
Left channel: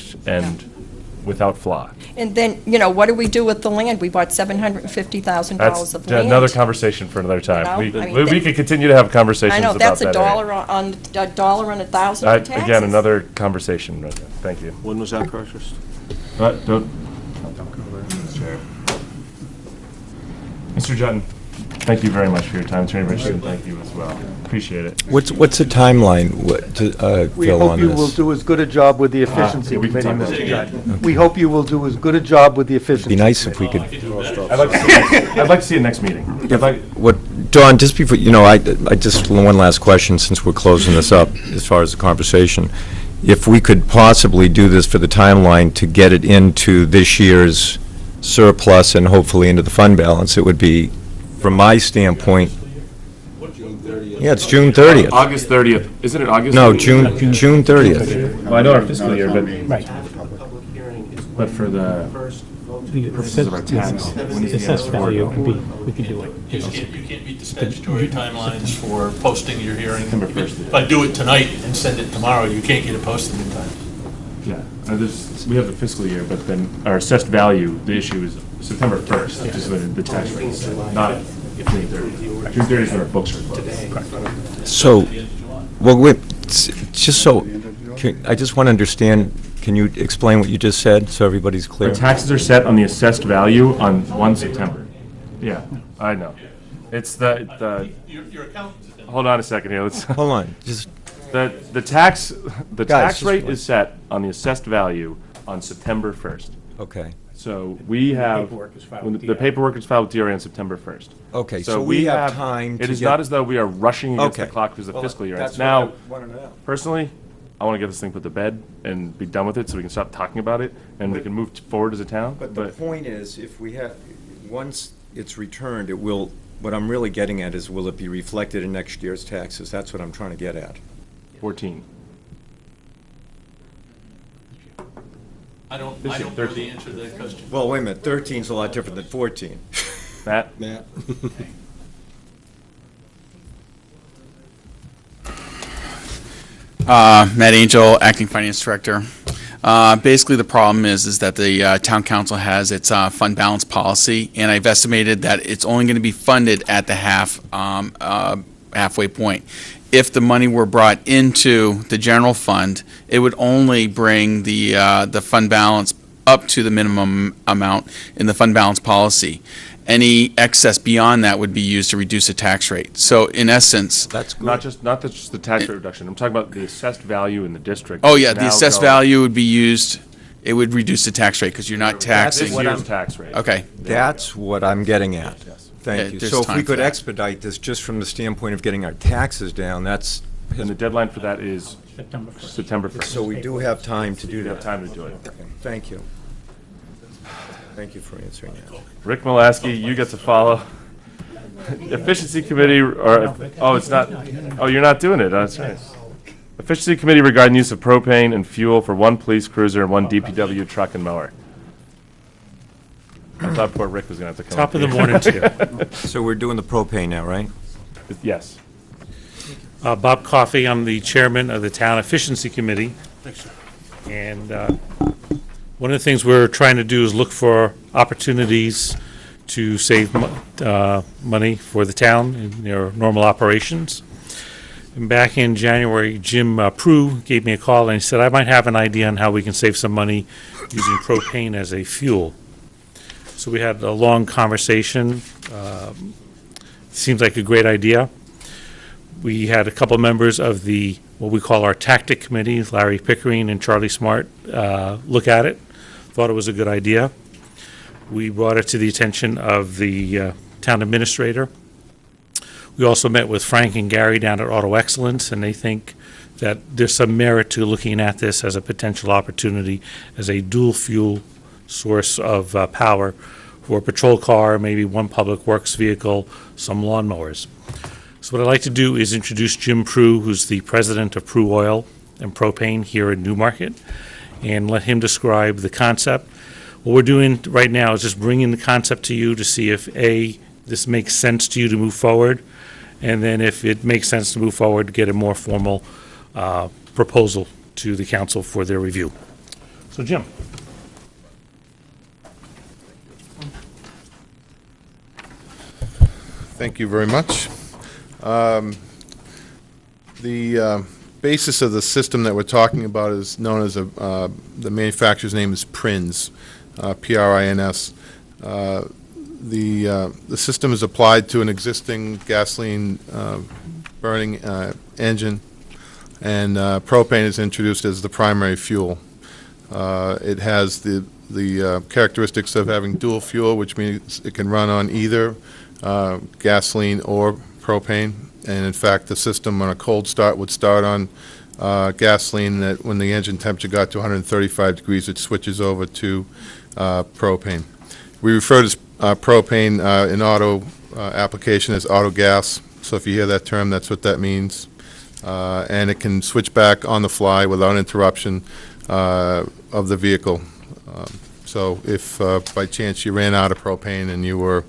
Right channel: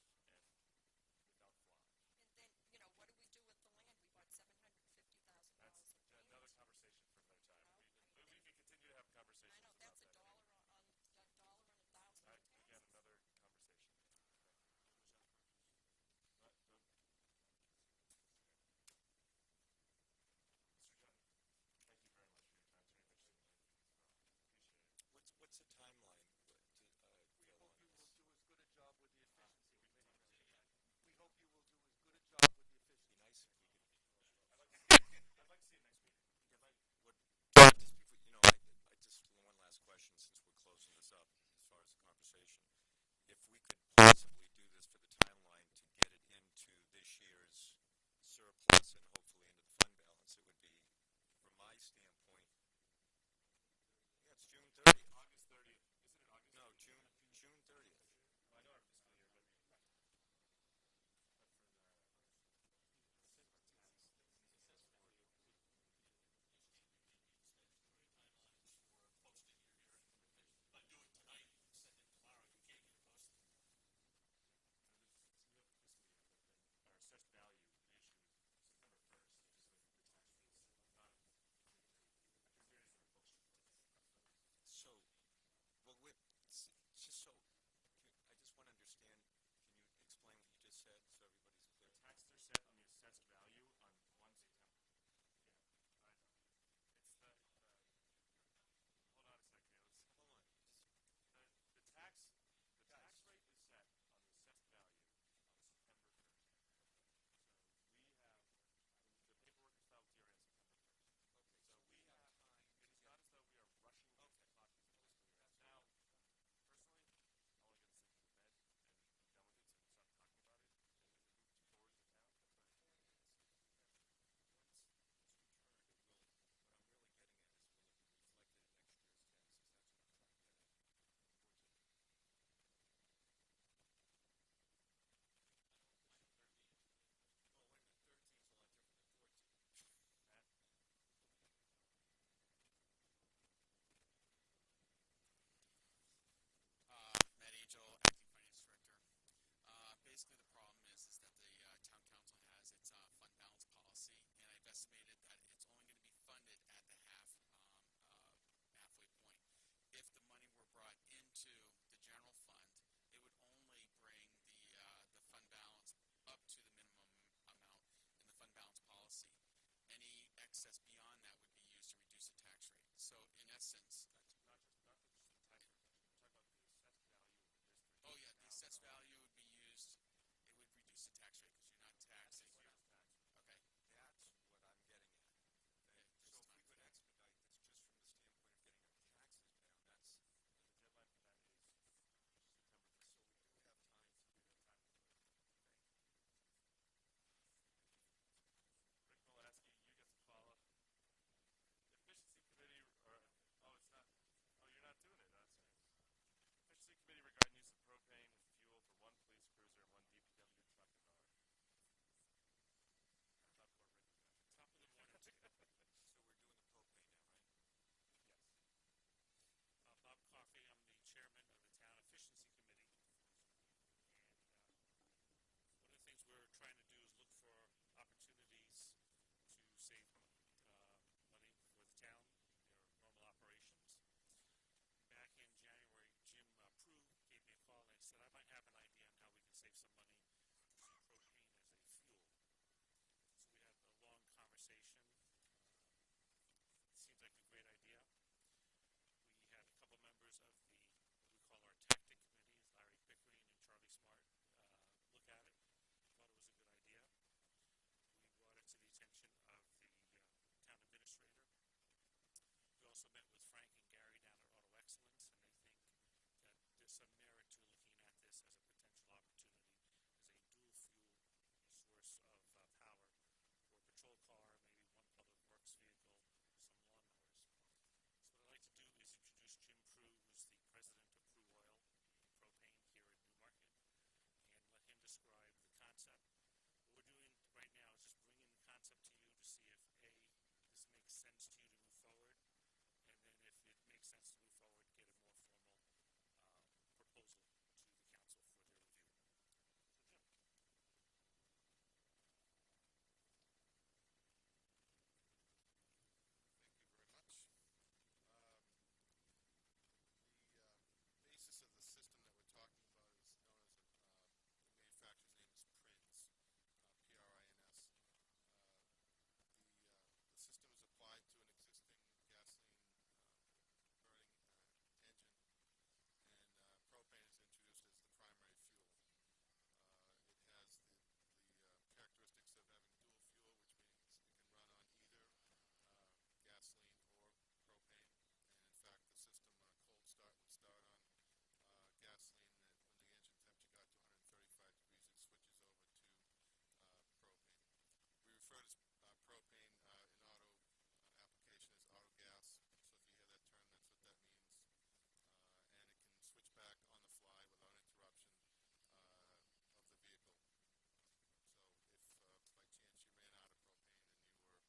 without flaw. And then, what do we do with the land? We bought $750,000 That's of land. another conversation for another time. You know, I mean, We could continue to have conversations I about know, that. that's a dollar on $1,000 for taxes. Again, another conversation. Right there. Thank you. When was that purchased? Don't Chair. Mr. Jutton, thank you very much for your time. Attorney Richardson, thank you as well. Appreciate it. What's the timeline, We Phil, hope on you will this? do as good a job with the efficiency yeah, we can committee, talk Mr. about Judge. We hope you will do as good a job with the efficiency. Be nice if we could. I'd like to see it next meeting. Dawn, just before, I just, one last question, since we're closing this up, as far as the conversation. If we could possibly do this for the timeline to get it into this year's surplus and hopefully into the fund balance, it would be, from my standpoint, yeah, it's June 30th. August 30th. Isn't it August? No, 30th? June 30th. Well, I know our fiscal year, Right. but for the purposes of our tax. when is the Assessed end of value, February? we could do it. You can't meet the statutory timelines for posting your hearing. September 1st. If I do it tonight and send it tomorrow, you can't get it posted in time. Yeah, we have the fiscal year, but then our assessed value, the issue is September 1st, which is when the tax rate is set, not June 30th. June 30th is when our books are closed. So, well, wait, just so, I just want to understand, can you explain what you just said, so everybody's Our clear? taxes are set on the assessed value on 1 September. Yeah, I know. It's the, Your accountant's at hold on a second here, let's, Hold on, just, the tax Guys, just rate wait. is set on the assessed value on September 1st. okay. So we have, paperwork is filed when with the paperwork is filed with DRA on September 1st. Okay, so we have time It to is get- not as though we are rushing against the Okay. clock because the Well, fiscal year that's ends. what I Now, wanted to know. personally, I want to get this thing put to bed and be done with it so we can stop talking about it and we can move forward as a town. But the point is, if we have, once it's returned, it will, what I'm really getting at is, will it be reflected in next year's taxes? That's what I'm trying to get at. 14. I don't This is know 13. the answer to that question. Well, wait a minute, 13's a lot different than 14. Matt? Matt? Matt Angel, Acting Finance Director. Basically, the problem is that the town council has its fund balance policy, and I've estimated that it's only going to be funded at the half halfway point. If the money were brought into the general fund, it would only bring the fund balance up to the minimum amount in the fund balance policy. Any excess beyond that would be used to reduce the tax rate. So in essence, That's not just the tax rate reduction. I'm talking about the assessed value in the district. oh yeah, the Now assessed go- value would be used. It would reduce the tax rate because you're not This taxing. year's tax rate. Okay. That's what I'm getting at. Yeah, Thank you. there's So if time we for could that. expedite this just from the standpoint of getting our taxes down, that's, And the deadline for that is September 1st. September 1st. so we do have time to do You that. have time to do it. Thank you. Thank you for answering that. Rick Molaskey, you get to follow. Efficiency Committee, or, oh, it's not, oh, you're not doing it, that's right. Efficiency Committee regarding use of propane and fuel for one police cruiser and one DPW truck and mower. I thought poor Rick was gonna have to come Top up of the here. morning to you. So we're doing the propane now, right? Yes. Bob Coffey, I'm the chairman of the Town Efficiency Committee. And one of the things we're trying to do is look for opportunities to save money for the town in their normal operations. And back in January, Jim Prue gave me a call and he said, I might have an idea on how we can save some money using propane as a fuel. So we had a long conversation. Seems like a great idea. We had a couple members of the, what we call our tactic committee, Larry Pickering and Charlie Smart, look at it, thought it was a good idea. We brought it to the attention of the town administrator. We also met with Frank and Gary down at Auto Excellence, and they think that there's some merit to looking at this as a potential opportunity as a dual fuel source of power for a patrol car, maybe one public works vehicle, some lawnmowers. So what I'd like to do is introduce Jim Prue, who's the president of Prue Oil and Propane here in Newmarket, and let him describe the concept. What we're doing right now is just bringing the concept to you to see if, A, this makes sense to you to move forward, and then if it makes sense to move forward, get a more formal proposal to the council for their review. So, Jim. Thank you very much. The basis of the system that we're talking about is known as the manufacturer's name is PRINS, P-R-I-N-S. The system is applied to an existing gasoline burning engine, and propane is introduced as the primary fuel. It has the characteristics of having dual fuel, which means it can run on either gasoline or propane. And in fact, the system on a cold start would start on gasoline. That when the engine temperature got to 135 degrees, it switches over to propane. We refer to propane in auto application as auto gas. So if you hear that term, that's what that means. And it can switch back on the fly without interruption of the vehicle. So if by chance you ran out of propane and you were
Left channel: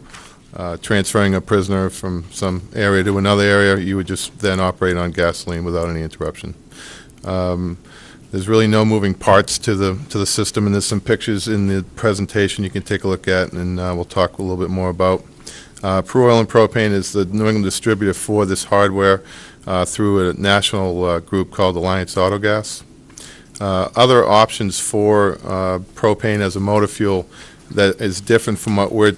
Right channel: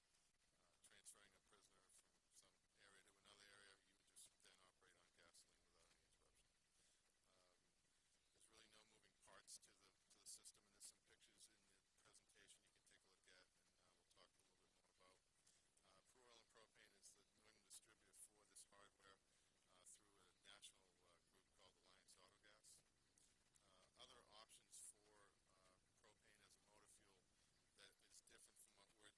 transferring a prisoner from some area to another area, you would just then operate on gasoline without any interruption. There's really no moving parts to the system, and there's some pictures in the presentation you can take a look at, and we'll talk a little bit more about. Prue Oil and Propane is the New England distributor for this hardware through a national group called Alliance Autogas. Other options for propane as a motor fuel that is different from what we're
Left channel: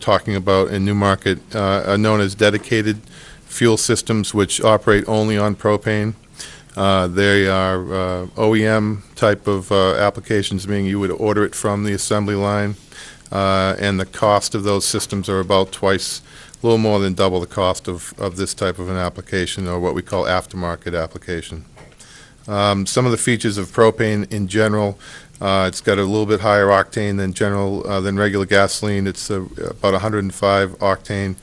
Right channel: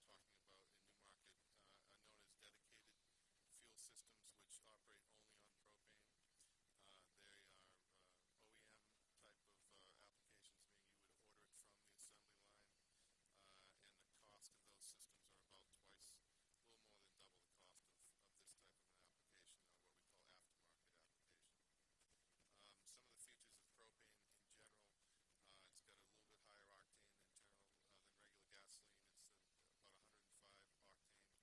talking about in Newmarket are known as dedicated fuel systems, which operate only on propane. They are OEM type of applications, meaning you would order it from the assembly line, and the cost of those systems are about twice, a little more than double the cost of this type of an application, or what we call aftermarket application. Some of the features of propane in general: it's got a little bit higher octane than regular gasoline. It's about 105 octane.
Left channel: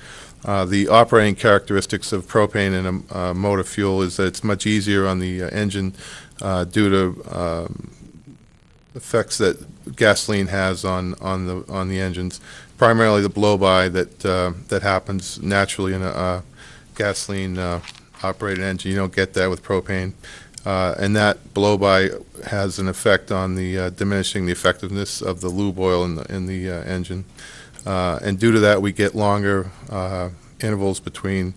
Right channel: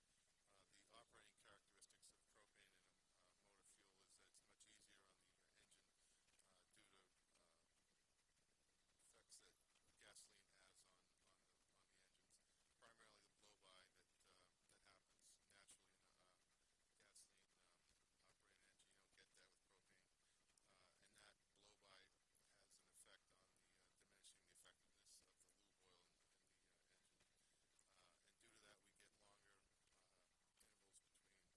The operating characteristics of propane in a motor fuel is that it's much easier on the engine due to effects that gasoline has on the engines. Primarily the blow-by that happens naturally in a gasoline operated engine. You don't get that with propane. And that blow-by has an effect on the diminishing the effectiveness of the lube oil in the engine. And due to that, we get longer intervals between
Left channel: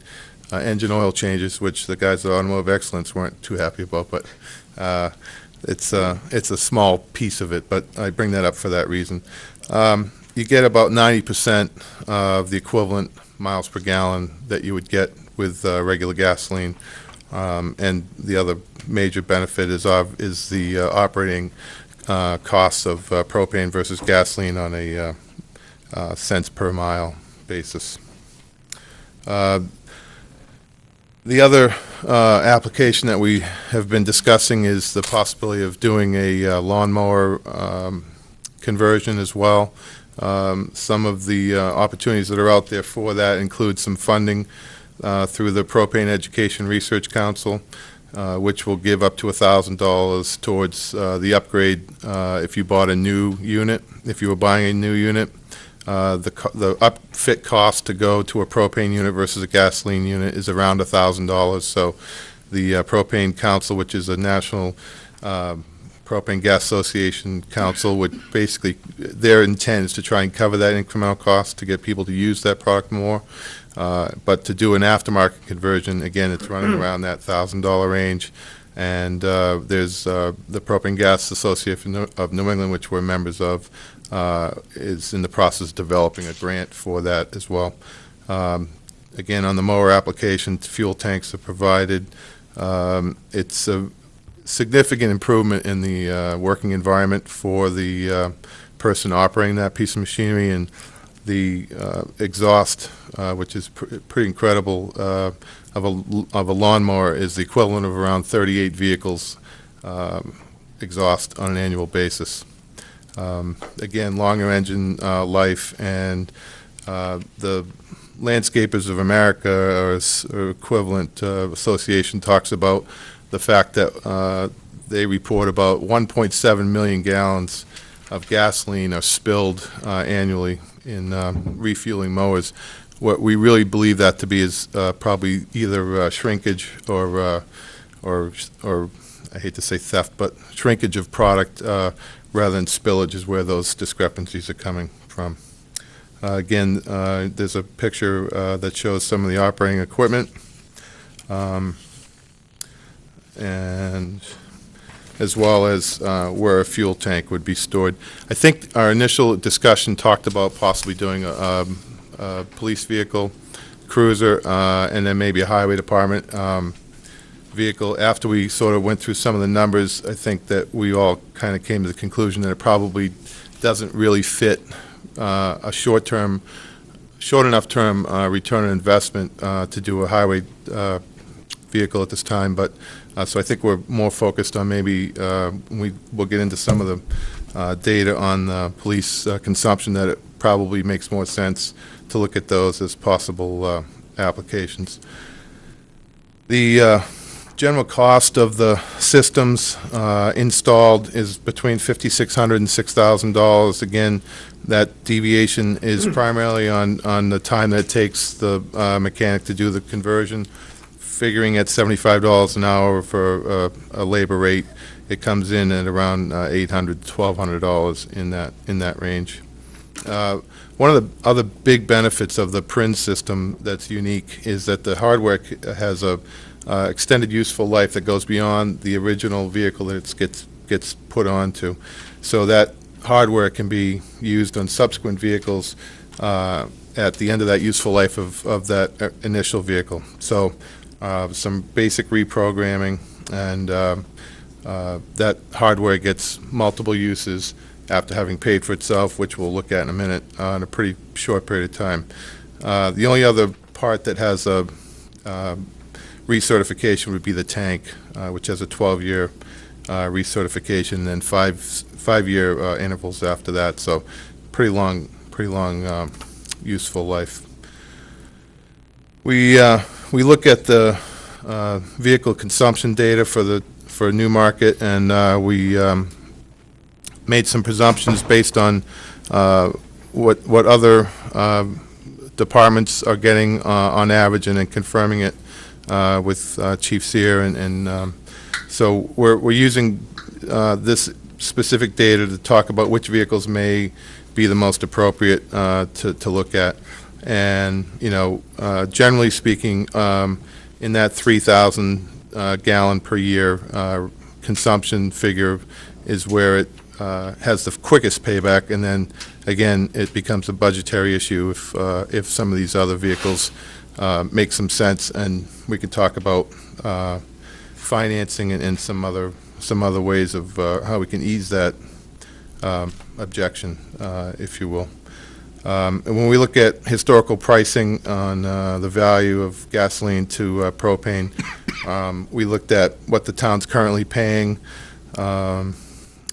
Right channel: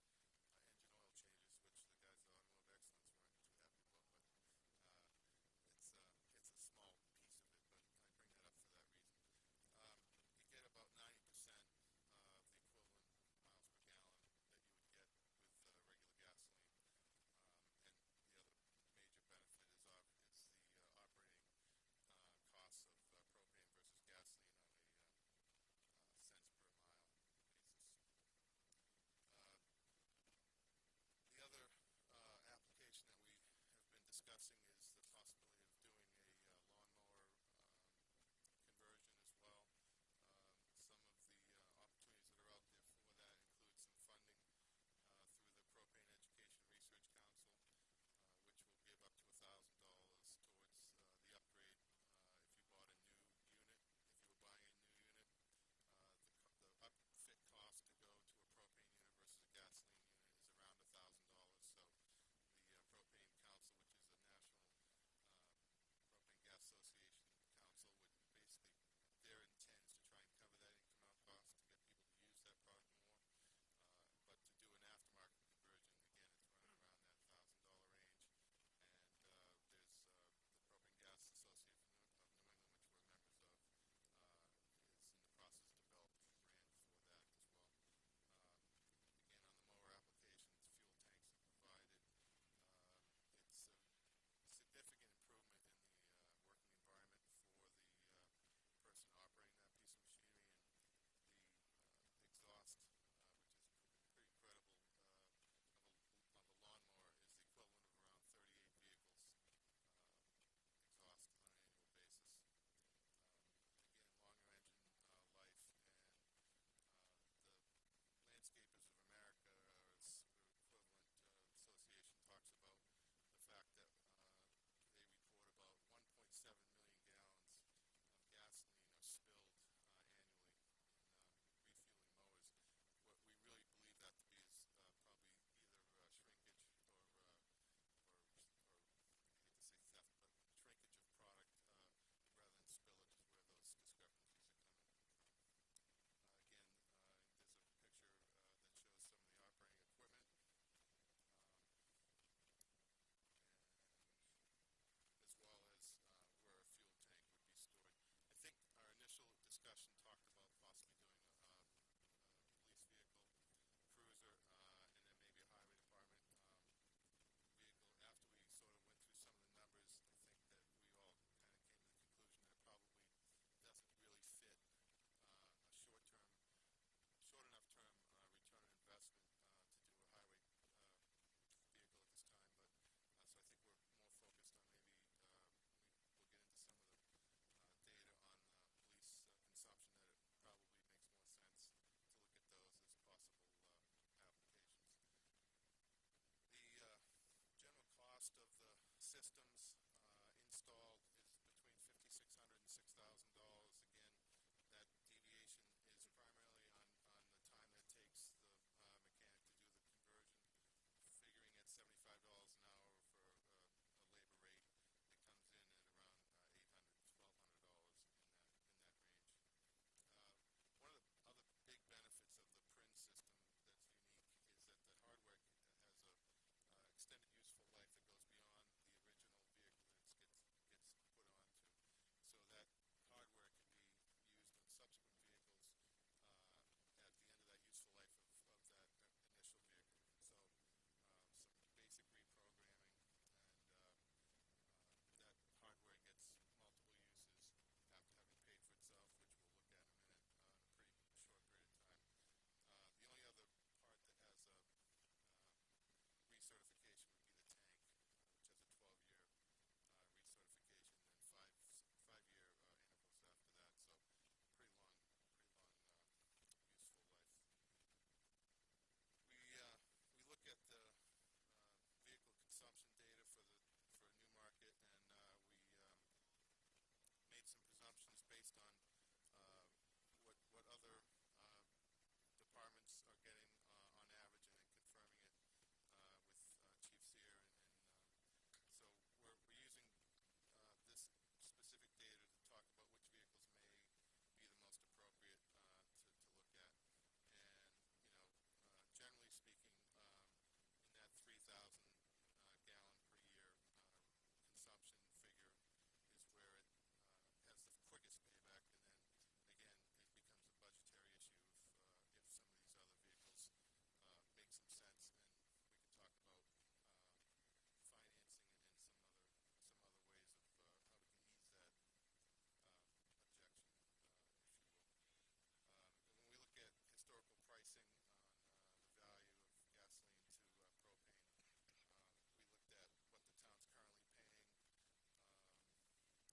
engine oil changes, which the guys at Automotive Excellence weren't too happy about, but it's a small piece of it, but I bring that up for that reason. You get about 90% of the equivalent miles per gallon that you would get with regular gasoline, and the other major benefit is the operating costs of propane versus gasoline on a cents per mile basis. The other application that we have been discussing is the possibility of doing a lawnmower conversion as well. Some of the opportunities that are out there for that include some funding through the Propane Education Research Council, which will give up to $1,000 towards the upgrade if you bought a new unit. If you were buying a new unit, the upfit cost to go to a propane unit versus a gasoline unit is around $1,000. So the Propane Council, which is a national Propane Gas Association council, would basically, their intent is to try and cover that incremental cost to get people to use that product more. But to do an aftermarket conversion, again, it's running around that $1,000 range. And there's the Propane Gas Association of New England, which we're members of, is in the process of developing a grant for that as well. Again, on the mower application, fuel tanks are provided. It's a significant improvement in the working environment for the person operating that piece of machinery, and the exhaust, which is pretty incredible, of a lawnmower is the equivalent of around 38 vehicles exhaust on an annual basis. Again, longer engine life, and the Landscapers of America, or equivalent association, talks about the fact that they report about 1.7 million gallons of gasoline are spilled annually in refueling mowers. What we really believe that to be is probably either shrinkage or I hate to say theft, but shrinkage of product rather than spillage is where those discrepancies are coming from. Again, there's a picture that shows some of the operating equipment, and as well as where a fuel tank would be stored. I think our initial discussion talked about possibly doing a police vehicle, cruiser, and then maybe a highway department vehicle. After we sort of went through some of the numbers, I think that we all kind of came to the conclusion that it probably doesn't really fit a short enough term return on investment to do a highway vehicle at this time. But so I think we're more focused on maybe we'll get into some of the data on the police consumption, that it probably makes more sense to look at those as possible applications. The general cost of the systems installed is between $5,600 and $6,000. Again, that deviation is primarily on the time that it takes the mechanic to do the conversion. Figuring at $75 an hour for a labor rate, it comes in at around $800 to $1,200 in that range. One of the other big benefits of the PRIN system that's unique is that the hardware has a extended useful life that goes beyond the original vehicle that it gets put onto. So that hardware can be used on subsequent vehicles at the end of that useful life of that initial vehicle. So some basic reprogramming, and that hardware gets multiple uses after having paid for itself, which we'll look at in a minute, in a pretty short period of time. The only other part that has a recertification would be the tank, which has a 12-year recertification, and then five-year intervals after that. So pretty long useful life. We look at the vehicle consumption data for Newmarket, and we made some presumptions based on what other departments are getting on average, and then confirming it with Chief Sear, and so we're using this specific data to talk about which vehicles may be the most appropriate to look at. And, generally speaking, in that 3,000 gallon per year consumption figure is where it has the quickest payback, and then, again, it becomes a budgetary issue if some of these other vehicles make some sense, and we can talk about financing and some other ways of how we can ease that objection, if you will. And when we look at historical pricing on the value of gasoline to propane, we looked at what the town's currently paying, and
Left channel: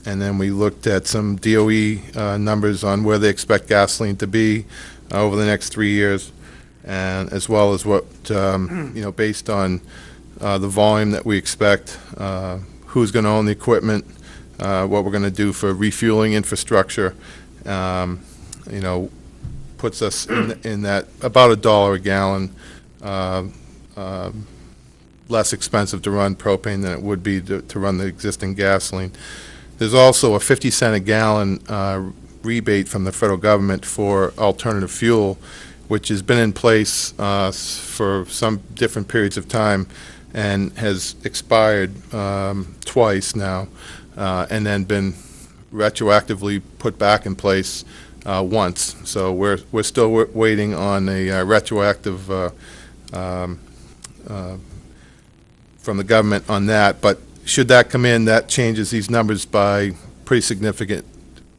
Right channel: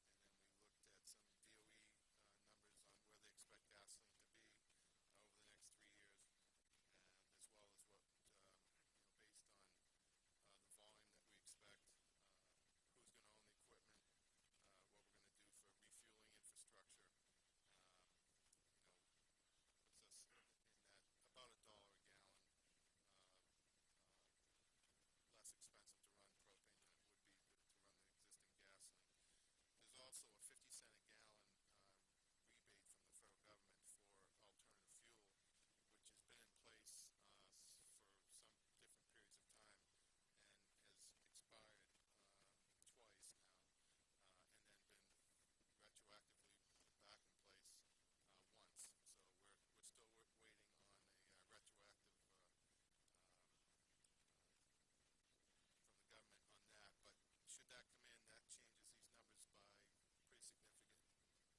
then we looked at some DOE numbers on where they expect gasoline to be over the next 3 years, and as well as what, based on the volume that we expect, who's going to own the equipment, what we're going to do for refueling infrastructure, puts us in that about $1 a gallon less expensive to run propane than it would be to run the existing gasoline. There's also a 50-cent a gallon rebate from the federal government for alternative fuel, which has been in place for some different periods of time and has expired twice now, and then been retroactively put back in place once. So we're still waiting on a retroactive from the government on that. But should that come in, that changes these numbers by pretty significant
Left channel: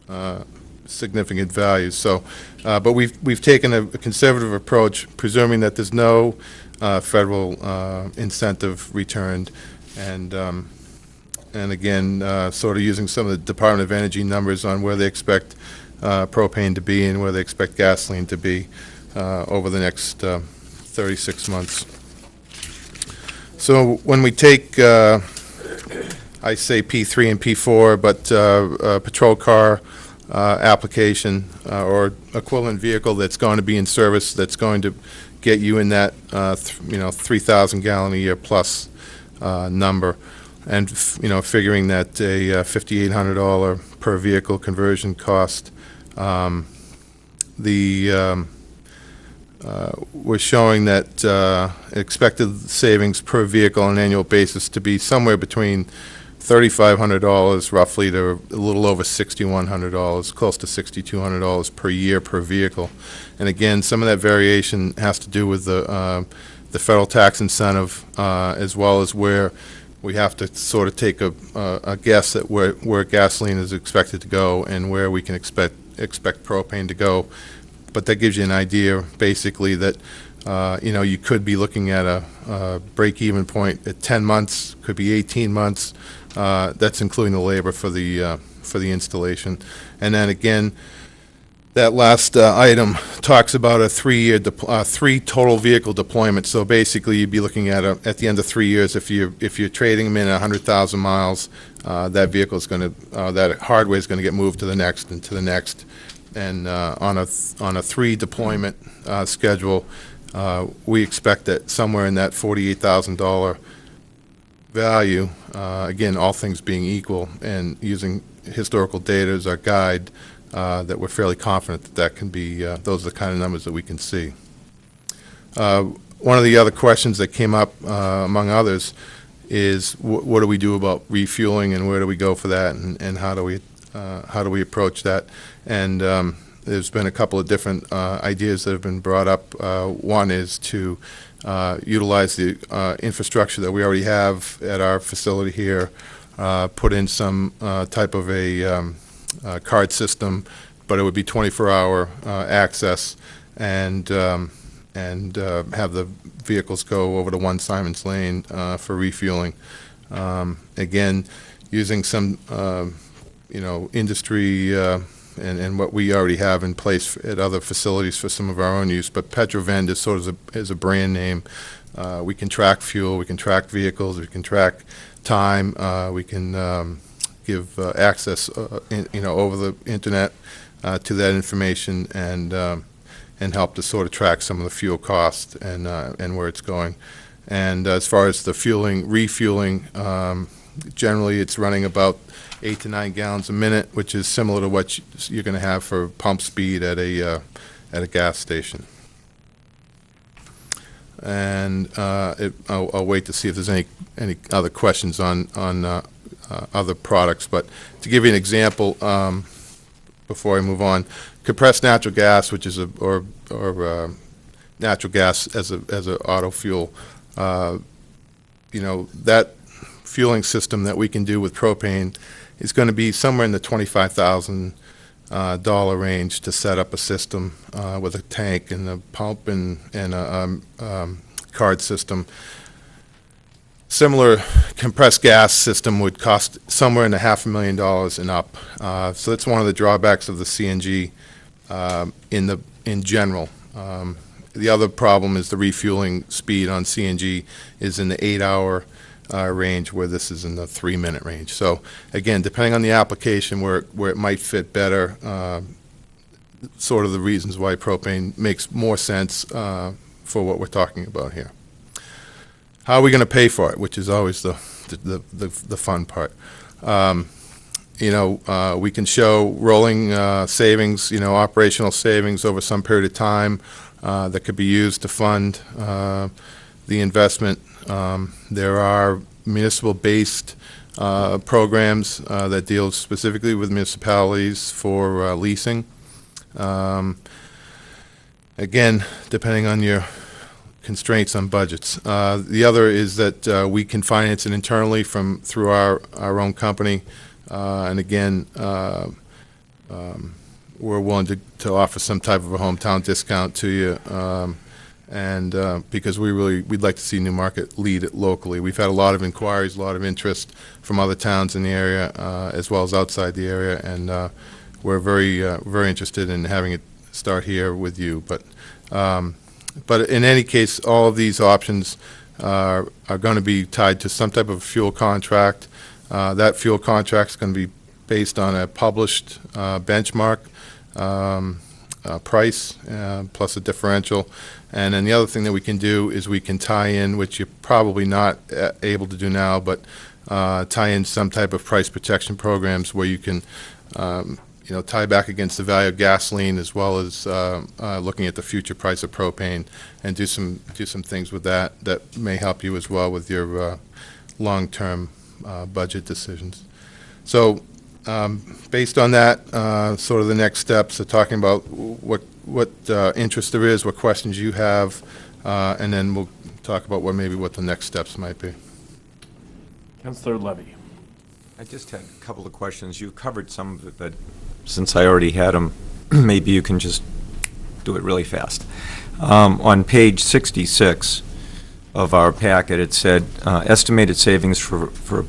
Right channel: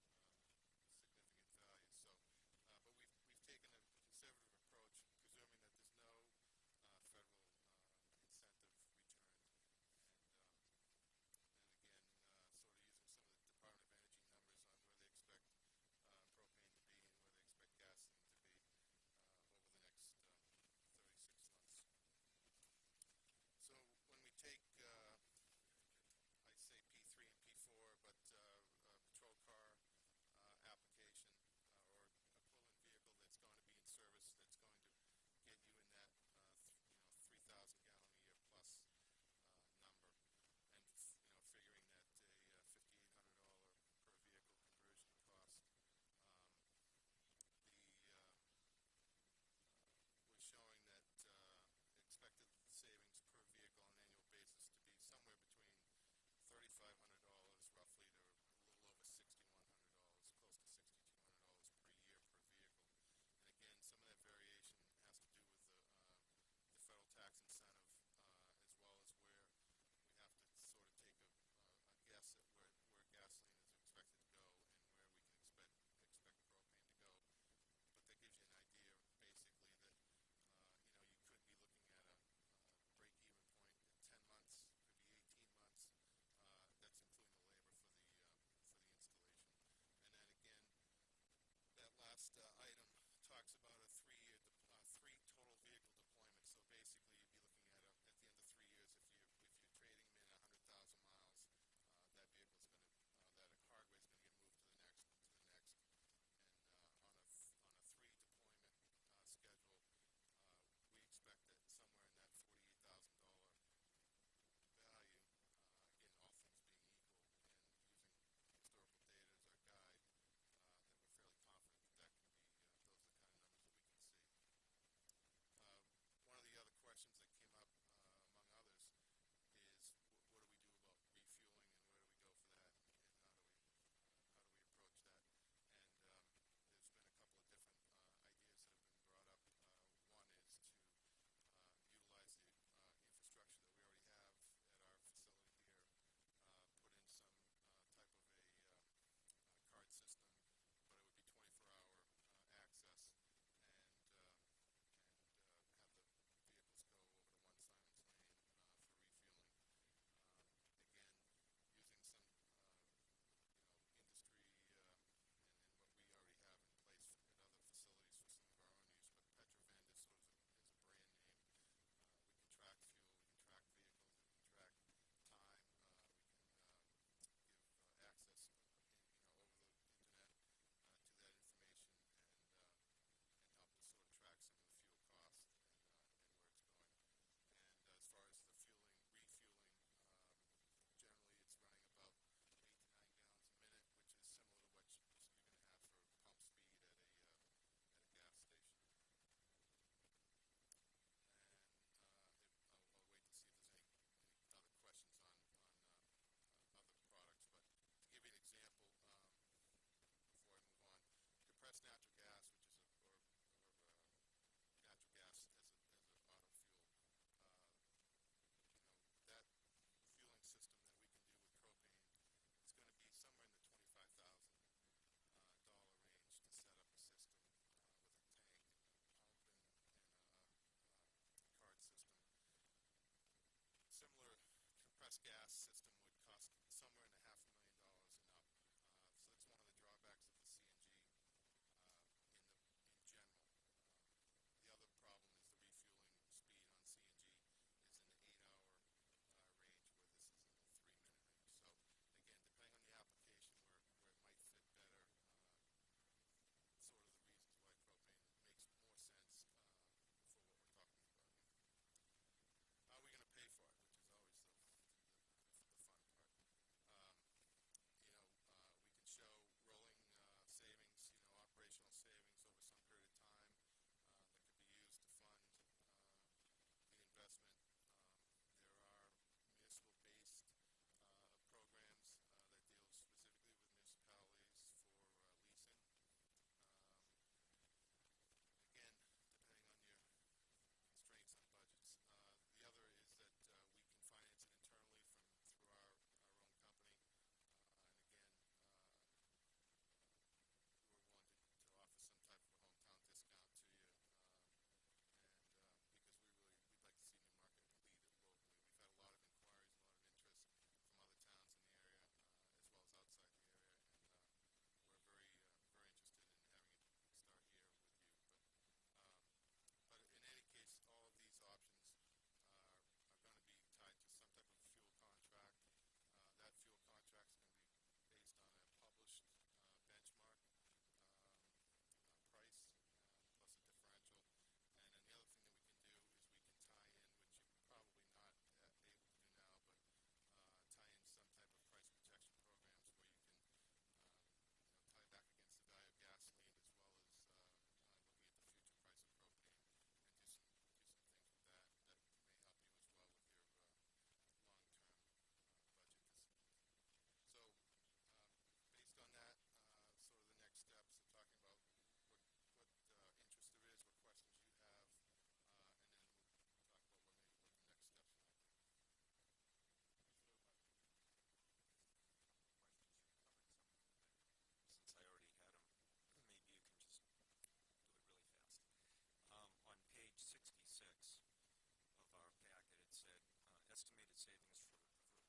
values. So, but we've taken a conservative approach, presuming that there's no federal incentive returned, and again, sort of using some of the Department of Energy numbers on where they expect propane to be and where they expect gasoline to be over the next 36 months. So when we take, I say P3 and P4, but patrol car application or equivalent vehicle that's going to be in service, that's going to get you in that 3,000 gallon a year plus number, and figuring that a $5,800 per vehicle conversion cost, we're showing that expected savings per vehicle on an annual basis to be somewhere between $3,500 roughly to a little over $6,100, close to $6,200 per year per vehicle. And again, some of that variation has to do with the federal tax incentive, as well as where we have to sort of take a guess at where gasoline is expected to go and where we can expect propane to go. But that gives you an idea, basically, that you could be looking at a break-even point at 10 months, could be 18 months. That's including the labor for the installation. And then again, that last item talks about a 3-year, 3 total vehicle deployment. So basically, you'd be looking at at the end of 3 years, if you're trading them in 100,000 miles, that vehicle is going to that hardware is going to get moved to the next and to the next. And on a 3 deployment schedule, we expect that somewhere in that $48,000 value, again, all things being equal, and using historical data as our guide, that we're fairly confident that can be, those are the kind of numbers that we can see. One of the other questions that came up, among others, is what do we do about refueling, and where do we go for that, and how do we approach that? And there's been a couple of different ideas that have been brought up. One is to utilize the infrastructure that we already have at our facility here, put in some type of a card system, but it would be 24-hour access, and have the vehicles go over to 1 Simons Lane for refueling. Again, using some industry and what we already have in place at other facilities for some of our own use, but Petrovend is sort of is a brand name. We can track fuel, we can track vehicles, we can track time, we can give access, over the internet to that information, and help to sort of track some of the fuel costs and where it's going. And as far as the refueling, generally it's running about 8 to 9 gallons a minute, which is similar to what you're going to have for pump speed at a gas station. and I'll wait to see if there's any other questions on other products. But to give you an example, before I move on, compressed natural gas, which is natural gas as a auto fuel, that fueling system that we can do with propane is going to be somewhere in the $25,000 range to set up a system with a tank and a pump and a card system. Similar compressed gas system would cost somewhere in the $500,000 and up. So that's one of the drawbacks of the CNG in general. The other problem is the refueling speed on CNG is in the 8-hour range, where this is in the 3-minute range. So again, depending on the application where it might fit better, sort of the reasons why propane makes more sense for what we're talking about here. How are we going to pay for it, which is always the fun part. We can show rolling savings, operational savings over some period of time that could be used to fund the investment. There are municipal-based programs that deal specifically with municipalities for leasing. Again, depending on your constraints on budgets. The other is that we can finance it internally through our own company. And again, we're willing to offer some type of a hometown discount to you. Because we'd like to see Newmarket lead it locally. We've had a lot of inquiries, a lot of interest from other towns in the area, as well as outside the area, and we're very interested in having it start here with you. But in any case, all of these options are going to be tied to some type of fuel contract. That fuel contract is going to be based on a published benchmark price plus a differential. And then the other thing that we can do is we can tie in, which you're probably not able to do now, but tie in some type of price protection programs where you can tie back against the value of gasoline, as well as looking at the future price of propane, and do some things with that may help you as well with your long-term budget decisions. So based on that, sort of the next steps are talking about what interest there is, what questions you have, and then we'll talk about what the next steps might be. Councillor Levy. I just had a couple of questions. You covered some of it, but since I already had them, maybe you can just do it really fast. On page 66 of our packet, it said estimated savings for a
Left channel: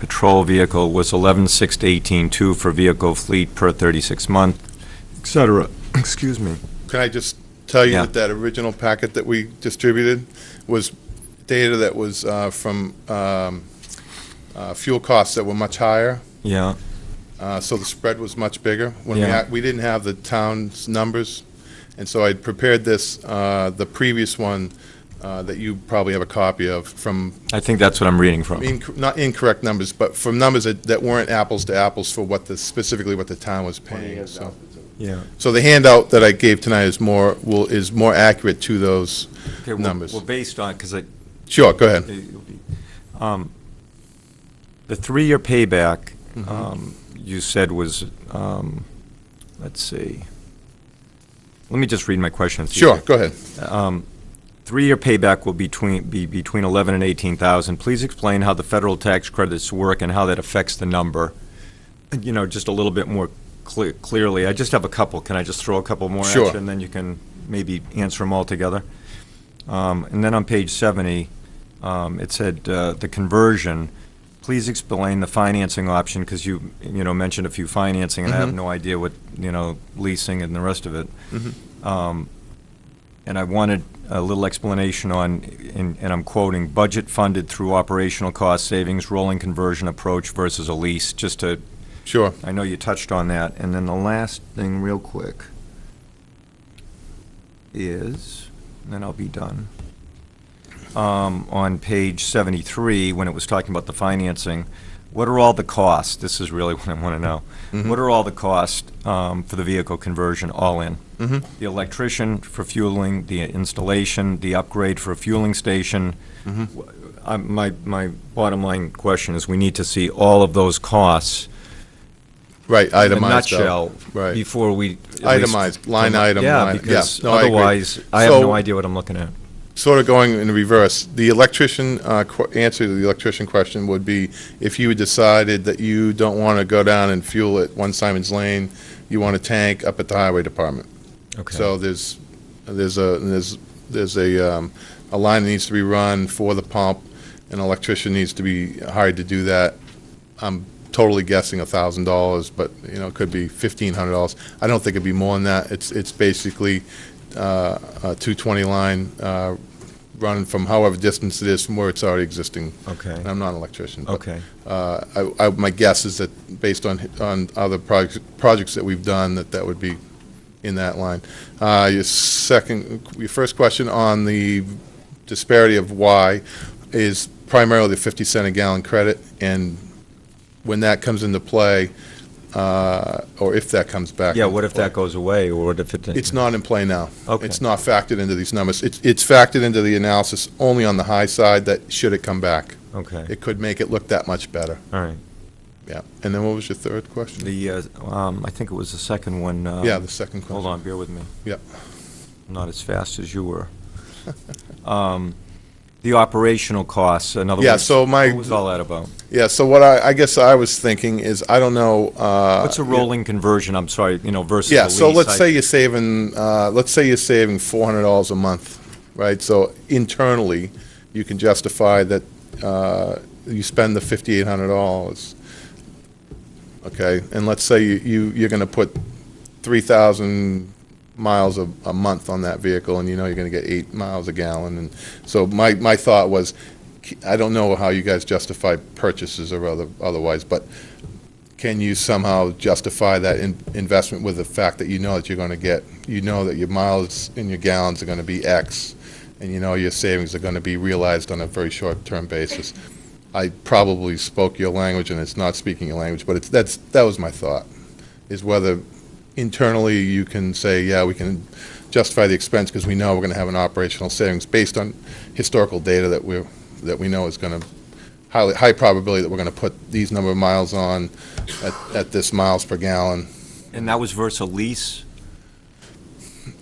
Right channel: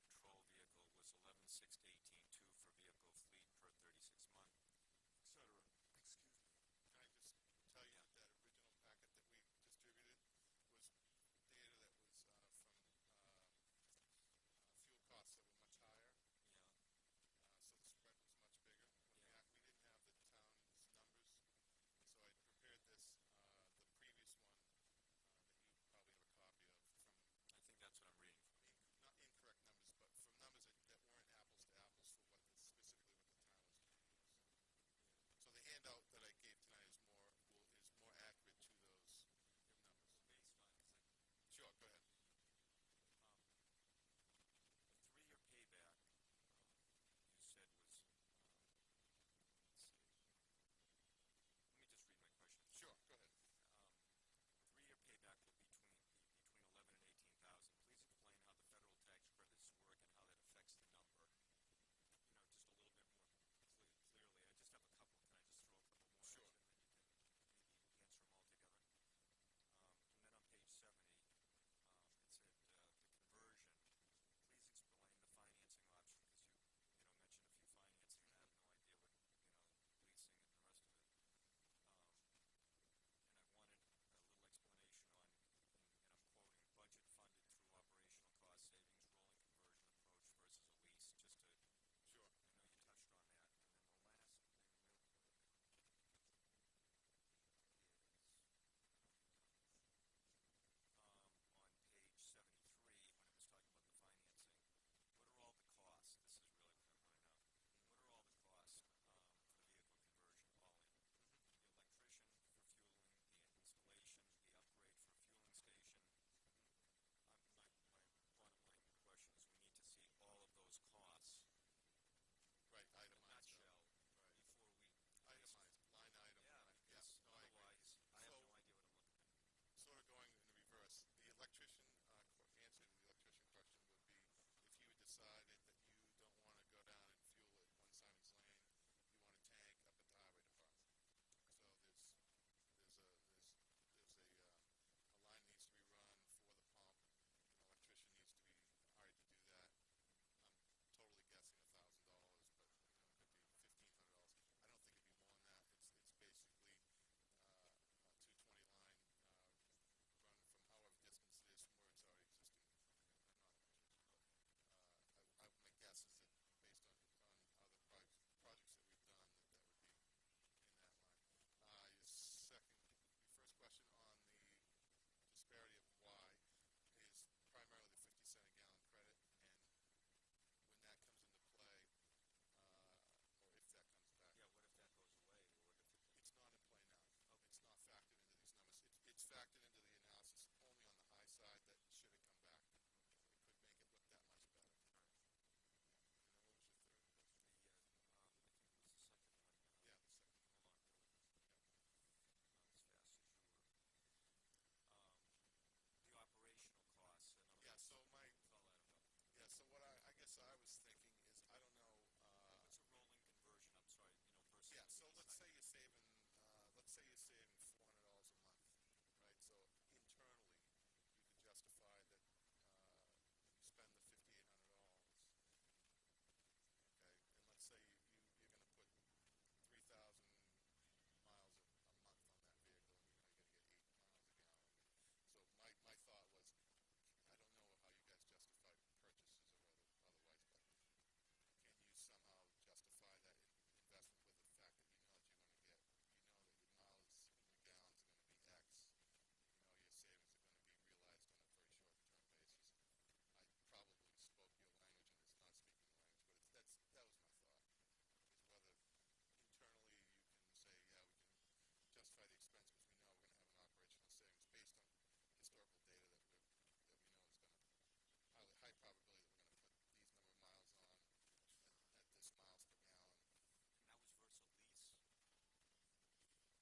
patrol vehicle was 11,618.2 for vehicle fleet per 36 month, et cetera. Excuse me. Can I just tell you that original packet that we distributed was data that was from fuel costs that were much higher. Yeah. So the spread was much bigger. When Yeah. we didn't have the town's numbers, and so I prepared this, the previous one that you probably have a copy of from. I think that's what I'm reading from. Not incorrect numbers, but from numbers that weren't apples to apples for specifically what the town was paying. So. Yeah. So the handout that I gave tonight is more accurate to those numbers. Well, based on, because Sure, go ahead. The 3-year payback, Mm-hmm. you said was, let's see. Let me just read my question. Sure, go ahead. 3-year payback will be between 11 and 18,000. Please explain how the federal tax credits work and how that affects the number. Just a little bit more clearly. I just have a couple. Can I just throw a couple more Sure. at you, and then you can maybe answer them all together? And then on page 70, it said the conversion. Please explain the financing option, because you mentioned a few financing, and I have no idea what leasing and the rest of it. And I wanted a little explanation on, and I'm quoting, budget funded through operational cost savings, rolling conversion approach versus a lease, just to. Sure. I know you touched on that. And then the last thing, real quick, is, and then I'll be done. On page 73, when it was talking about the financing, what are all the costs? This is really what I want to know. Mhm. What are all the costs for the vehicle conversion, all in? Mhm. The electrician for fueling, the installation, the upgrade for a fueling station. Mhm. My bottom line question is, we need to see all of those costs Right, in a itemized out. nutshell Right. before we. at least Itemized, line item, Yeah, line- because yeah, no, I agree. otherwise, I have So- no idea what I'm looking at. Sort of going in reverse, the electrician, answer to the electrician question would be, if you decided that you don't want to go down and fuel at 1 Simon's Lane, you want a tank up at the highway department. Okay. So there's a line that needs to be run for the pump, an electrician needs to be hired to do that. I'm totally guessing $1,000, but, you know, it could be $1,500. I don't think it'd be more than that. It's basically a 220 line running from however distance it is from where it's already existing. Okay. And I'm not an electrician. But, Okay. my guess is that based on other projects that we've done, that would be in that line. Your first question on the disparity of why is primarily the 50 cent a gallon credit, and when that comes into play, or if that comes back. Yeah, into what if play. that goes away, or what if it? It's not in play now. Okay. It's not factored into these numbers. It's factored into the analysis only on the high side, that should it come back. Okay. It could make it look that much better. All right. Yeah. And then what was your third question? I think it was the second one. Yeah, the second Hold question. on, bear with me. Yep. I'm not as fast as you were. The operational costs, in other Yeah, words, so my- what was all that about? Yeah, so what I guess I was thinking is, I don't know. What's a rolling conversion, I'm sorry, versus a Yeah, lease? so let's say you're saving $400 a month, right? So internally, you can justify that you spend the $5,800, okay? And let's say you're going to put 3,000 miles a month on that vehicle, and you know you're going to get 8 miles a gallon. And so my thought was, I don't know how you guys justify purchases or otherwise, but can you somehow justify that investment with the fact that you know that you're going to get, you know that your miles and your gallons are going to be X, and you know your savings are going to be realized on a very short-term basis? I probably spoke your language, and it's not speaking your language, but that was my thought, is whether internally you can say, yeah, we can justify the expense because we know we're going to have an operational savings based on historical data that we know is going to high probability that we're going to put these number of miles on at this miles per gallon. And that was versus a lease?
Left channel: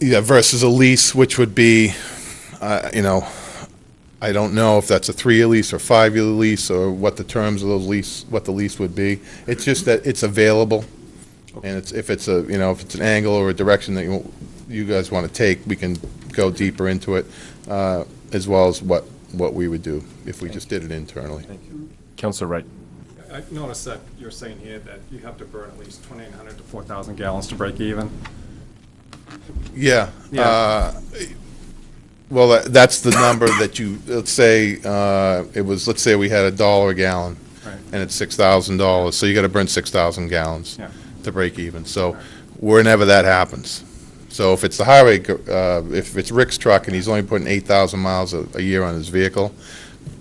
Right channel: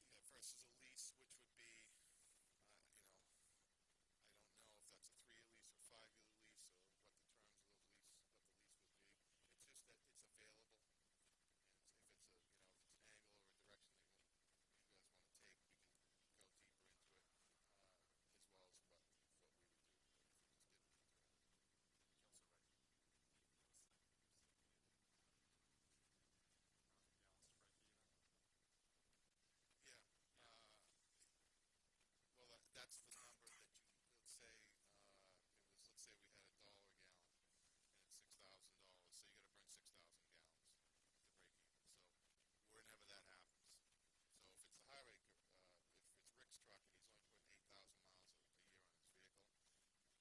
Yeah, versus a lease, which would be, I don't know if that's a 3-year lease or 5-year lease, or what the terms of those what the lease would be. It's just that it's available, and if it's an angle or a direction that you guys want to take, we can go deeper into it, as well as what we would do if we just did it internally. Thank you. Councilor Wright. I noticed that you're saying here that you have to burn at least 2,800 to 4,000 gallons to break even. Yeah. Yeah. Well, that's the number that let's say let's say we had $1 a gallon, Right. and it's $6,000, so you got to burn 6,000 gallons Yeah. to break even. So whenever that happens. So if it's the highway, if it's Rick's truck and he's only putting 8,000 miles a year on his vehicle,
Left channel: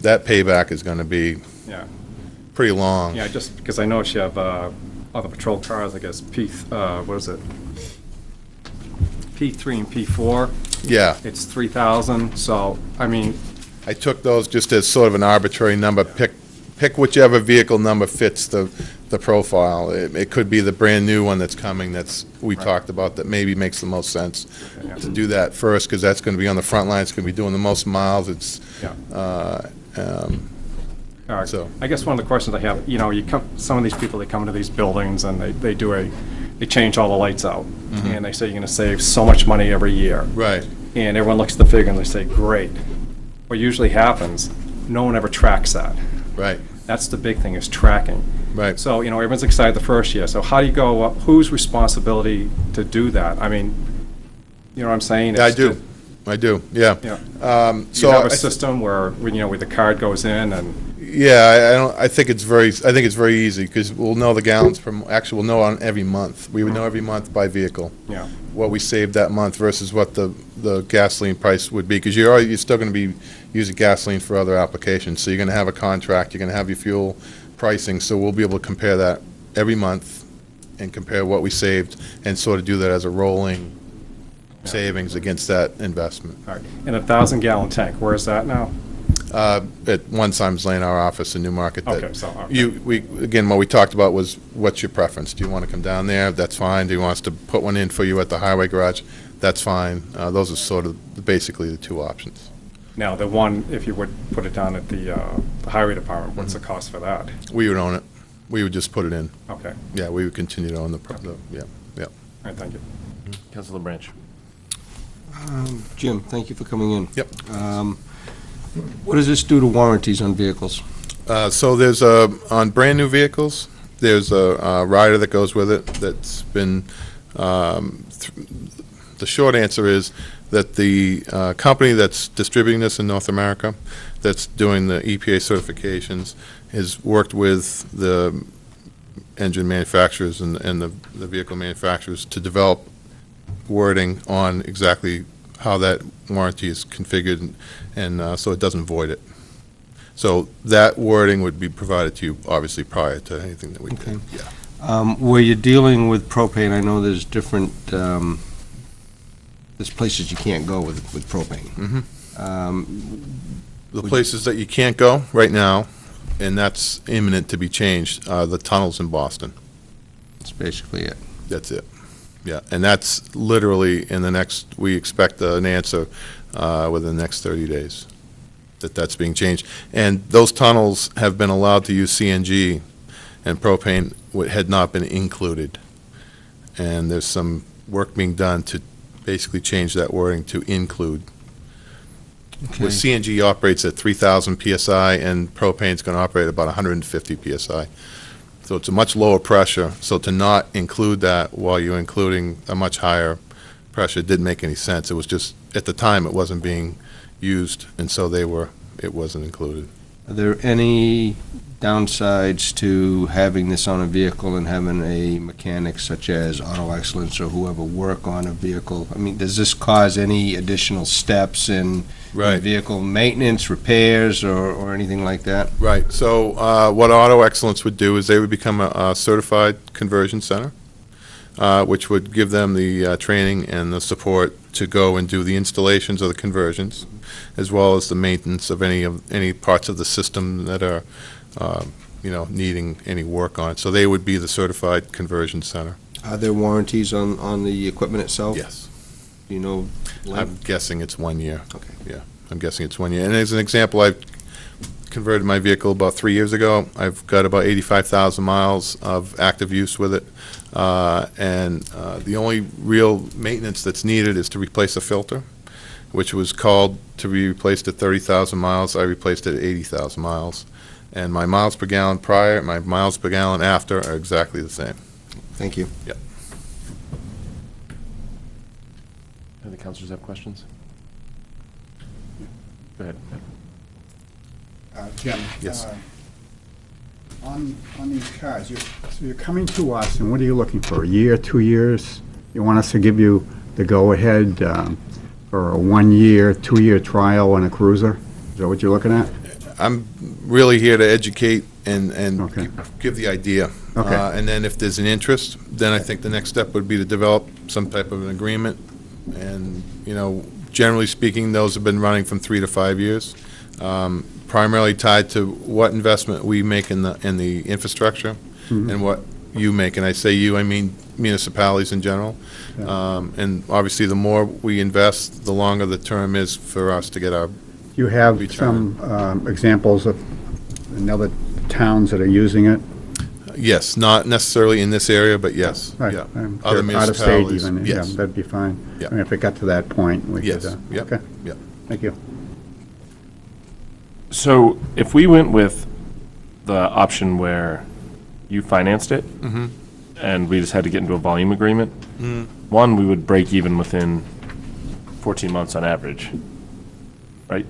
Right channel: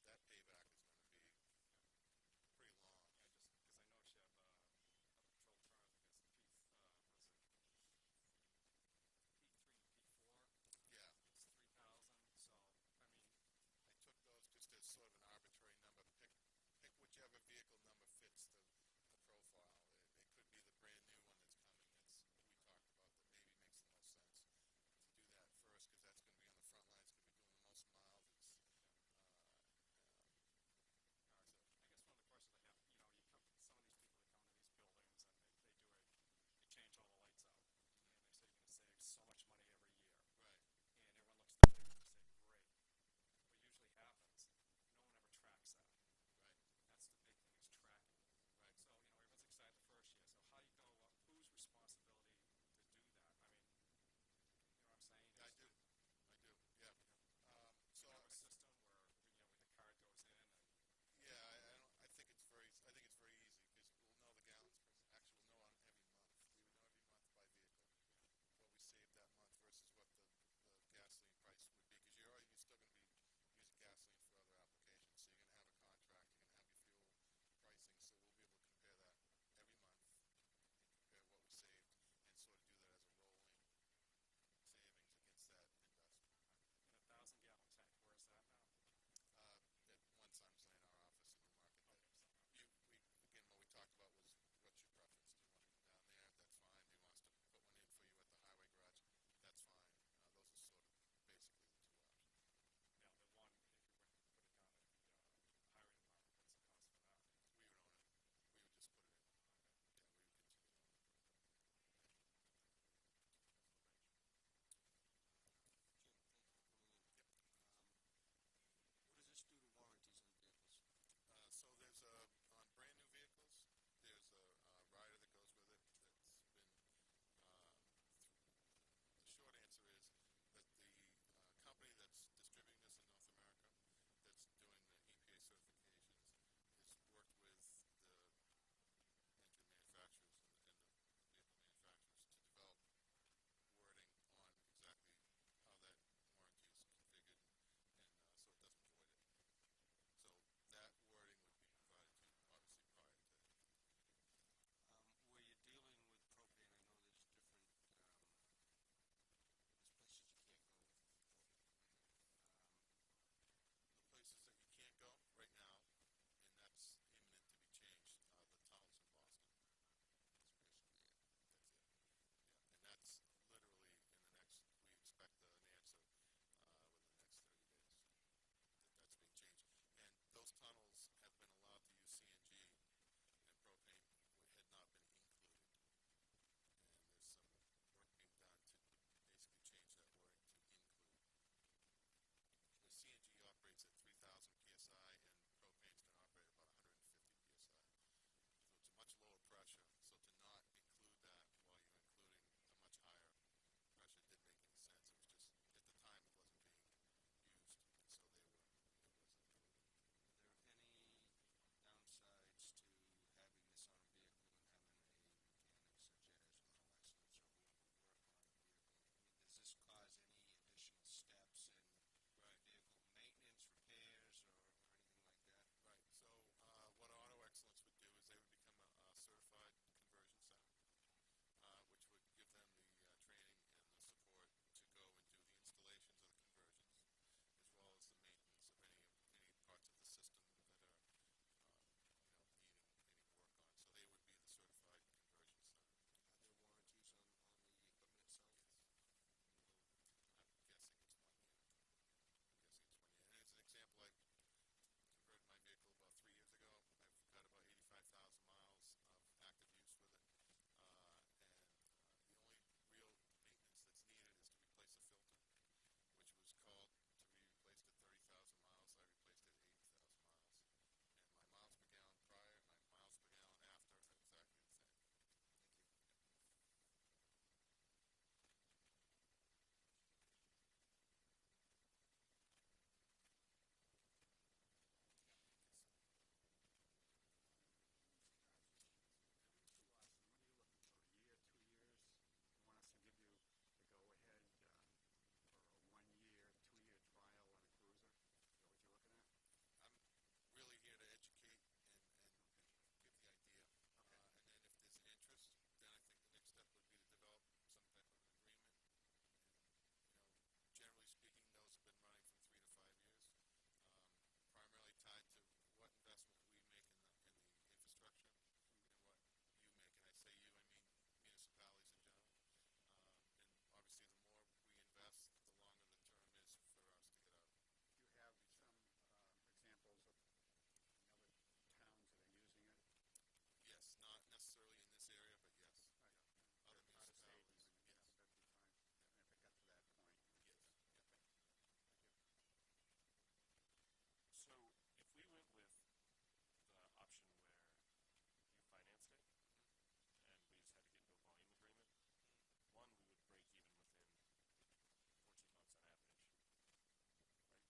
that payback is going to be Yeah. pretty long. Yeah, just because I noticed you have other patrol cars, I guess, what is it? P3 and P4. Yeah. It's 3,000, so, I mean, I took those just as sort of an arbitrary number. Pick whichever vehicle number fits the profile. It could be the brand-new one that's coming we talked about, that maybe makes the most sense to do that first, because that's going to be on the front line. It's going to be doing the most miles. It's, all right. so. I guess one of the questions I have, some of these people, they come into these buildings and they change all the lights out. Mhm. And they say you're going to save so much money every year. Right. And everyone looks at the figure and they say, great. What usually happens, no one ever tracks that. Right. That's the big thing, is tracking. Right. So, everyone's excited the first year. So how do you go, whose responsibility to do that? I mean, you know what I'm saying? Yeah, I It's do. to- I do, yeah. Yeah. So You have a I- system where the card goes in and, Yeah, I think it's very easy, because we'll know the gallons actually we'll know on every month. We would know every month by vehicle. Yeah. What we saved that month versus what the gasoline price would be, because you're still going to be using gasoline for other applications. So you're going to have a contract, you're going to have your fuel pricing, so we'll be able to compare that every month and compare what we saved and sort of do that as a rolling savings against that investment. All right. And a 1,000-gallon tank, where is that now? At one time's Lane, our office in Newmarket. Okay, so, okay. Again, what we talked about was, what's your preference? Do you want to come down there? That's fine. Do you want us to put one in for you at the highway garage? That's fine. Those are sort of basically the two options. Now, the one, if you would put it down at the highway department, what's the cost for that? We would own it. We would just put it in. Okay. Yeah, we would continue to own yeah. All right, thank you. Councilor Branch. Jim, thank you for coming in. Yep. What does this do to warranties on vehicles? So there's on brand-new vehicles, there's a rider that goes with it that's been, the short answer is that the company that's distributing this in North America, that's doing the EPA certifications, has worked with the engine manufacturers and the vehicle manufacturers to develop wording on exactly how that warranty is configured, and so it doesn't void it. So that wording would be provided to you, obviously, prior to anything that we did. Yeah. Where you're dealing with propane, I know there's different, there's places you can't go with propane. The places that you can't go right now, and that's imminent to be changed, the tunnels in Boston. That's basically it. That's it. Yeah, and that's literally in the next, we expect an answer within the next 30 days that that's being changed. And those tunnels have been allowed to use CNG, and propane had not been included. And there's some work being done to basically change that wording to include. Okay. Where CNG operates at 3,000 PSI and propane's going to operate at about 150 PSI. So it's a much lower pressure, so to not include that while you're including a much higher pressure didn't make any sense. It was just, at the time, it wasn't being used, and so it wasn't included. Are there any downsides to having this on a vehicle and having a mechanic such as Auto Excellence or whoever work on a vehicle? I mean, does this cause any additional steps in vehicle maintenance, repairs, or anything like that? Right. So what Auto Excellence would do is they would become a certified conversion center, which would give them the training and the support to go and do the installations of the conversions, as well as the maintenance of any parts of the system that are needing any work on it. So they would be the certified conversion center. Are there warranties on the equipment itself? Yes. Do you know? I'm guessing it's 1 year. Okay. Yeah, I'm guessing it's 1 year. And as an example, I've converted my vehicle about 3 years ago. I've got about 85,000 miles of active use with it. The only real maintenance that's needed is to replace a filter, which was called to be replaced at 30,000 miles. I replaced it at 80,000 miles. And my miles per gallon prior, my miles per gallon after are exactly the same. Thank you. Yep. Any councilors have questions? Go ahead. Jim? Yes. On these cars, so you're coming to us, and what are you looking for, a year, 2 years? You want us to give you the go-ahead for a 1 year, 2 year trial on a cruiser? Is that what you're looking at? I'm really here to educate and Okay. give the idea. Okay. And then if there's an interest, then I think the next step would be to develop some type of an agreement. And, generally speaking, those have been running from 3 to 5 years, primarily tied to what investment we make in the infrastructure and what you make. And I say you, I mean municipalities in general. And obviously, the more we invest, the longer the term is for us to get our You have return. some examples of other towns that are using it? Yes, not necessarily in this area, but yes. Right. Yeah. Out of state even, yeah, Yes. that'd be fine. Yeah. I mean, if it got to that point, we could, Yes. Yep. okay, Yep. thank you. So if we went with the option where you financed it, Mhm. and we just had to get into a volume agreement, Mhm. one, we would break even within 14 months on average, right?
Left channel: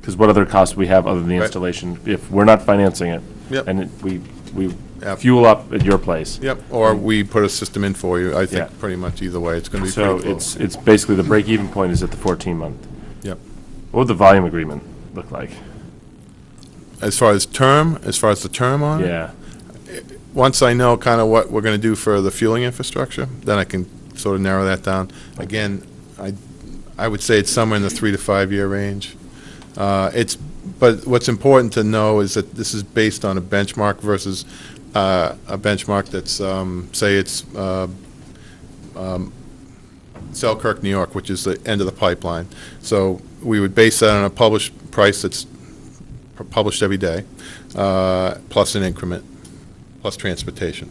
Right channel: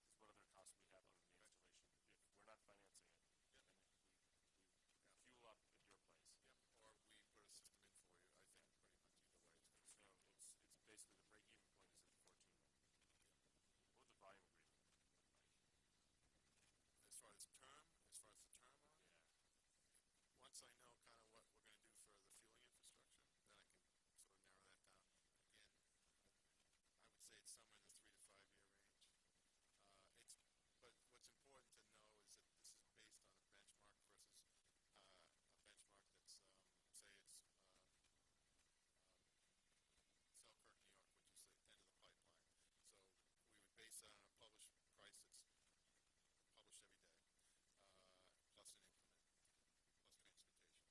Because what other costs we have other than the Right. installation, if we're not financing it? Yep. And we Yep. fuel up at your place? Yep, or we put a system in for you. I think Yeah. pretty much either way, it's going to be So pretty close. it's basically the break-even point is at the 14-month. Yep. What would the volume agreement look like? as far as the term on it? Yeah. Once I know kind of what we're going to do for the fueling infrastructure, then I can sort of narrow that down. Again, I would say it's somewhere in the 3 to 5 year range. But what's important to know is that this is based on a benchmark versus a benchmark that's, say it's Selkirk, New York, which is the end of the pipeline. So we would base that on a published price that's published every day, plus an increment, plus transportation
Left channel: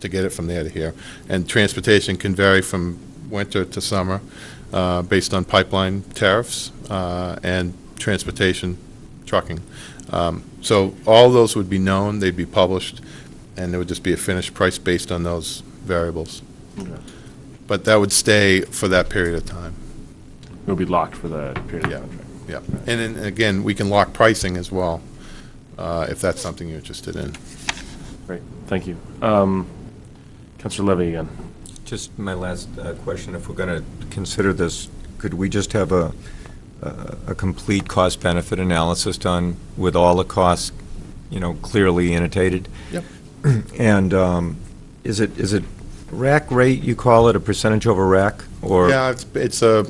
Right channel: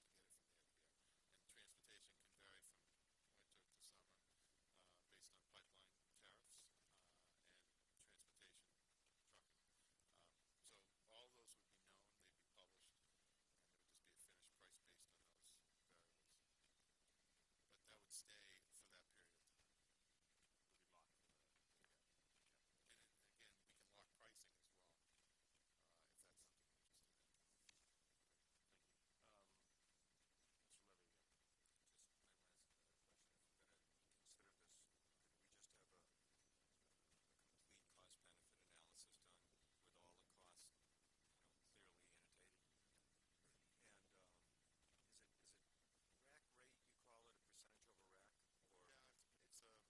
to get it from there to here. And transportation can vary from winter to summer based on pipeline tariffs and transportation, trucking. So all those would be known, they'd be published, and there would just be a finished price based on those variables. Okay. But that would stay for that period of time. It would be locked for the period of the contract. Yeah. And then, again, we can lock pricing as well, if that's something you're interested in. Great, thank you. Councilor Levy again. Just my last question, if we're going to consider this, could we just have a complete cost-benefit analysis done with all the costs, clearly annotated? Yep. And is it rack rate, you call it, a percentage over rack, or? Yeah, it's a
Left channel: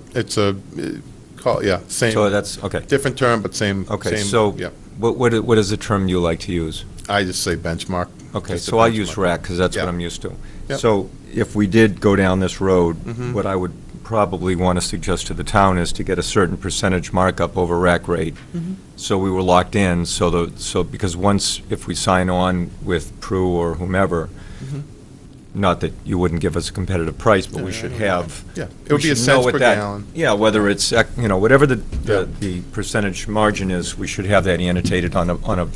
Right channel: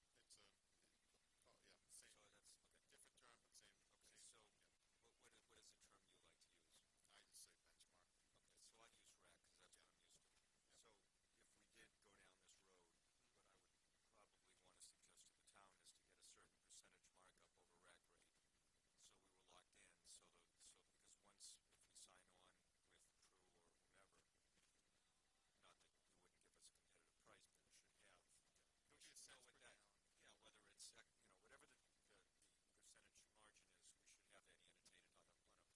same. So that's, okay. Different term, but same. Okay, same, so yeah. what is the term you like to use? I just say benchmark. Okay, Just a so I'll benchmark. use rack, because that's what Yeah. I'm used to. Yep. So if we did go down this road, Mhm. what I would probably want to suggest to the town is to get a certain percentage markup over rack rate. Mhm. So we were locked in, so because once, if we sign on with Prue or whomever, Mhm. not that you wouldn't give us a competitive price, but we Yeah, should I know have. that. Yeah, it we would be a should know cents what per that- gallon. Yeah, whether it's, whatever the percentage margin is, we should have that annotated on a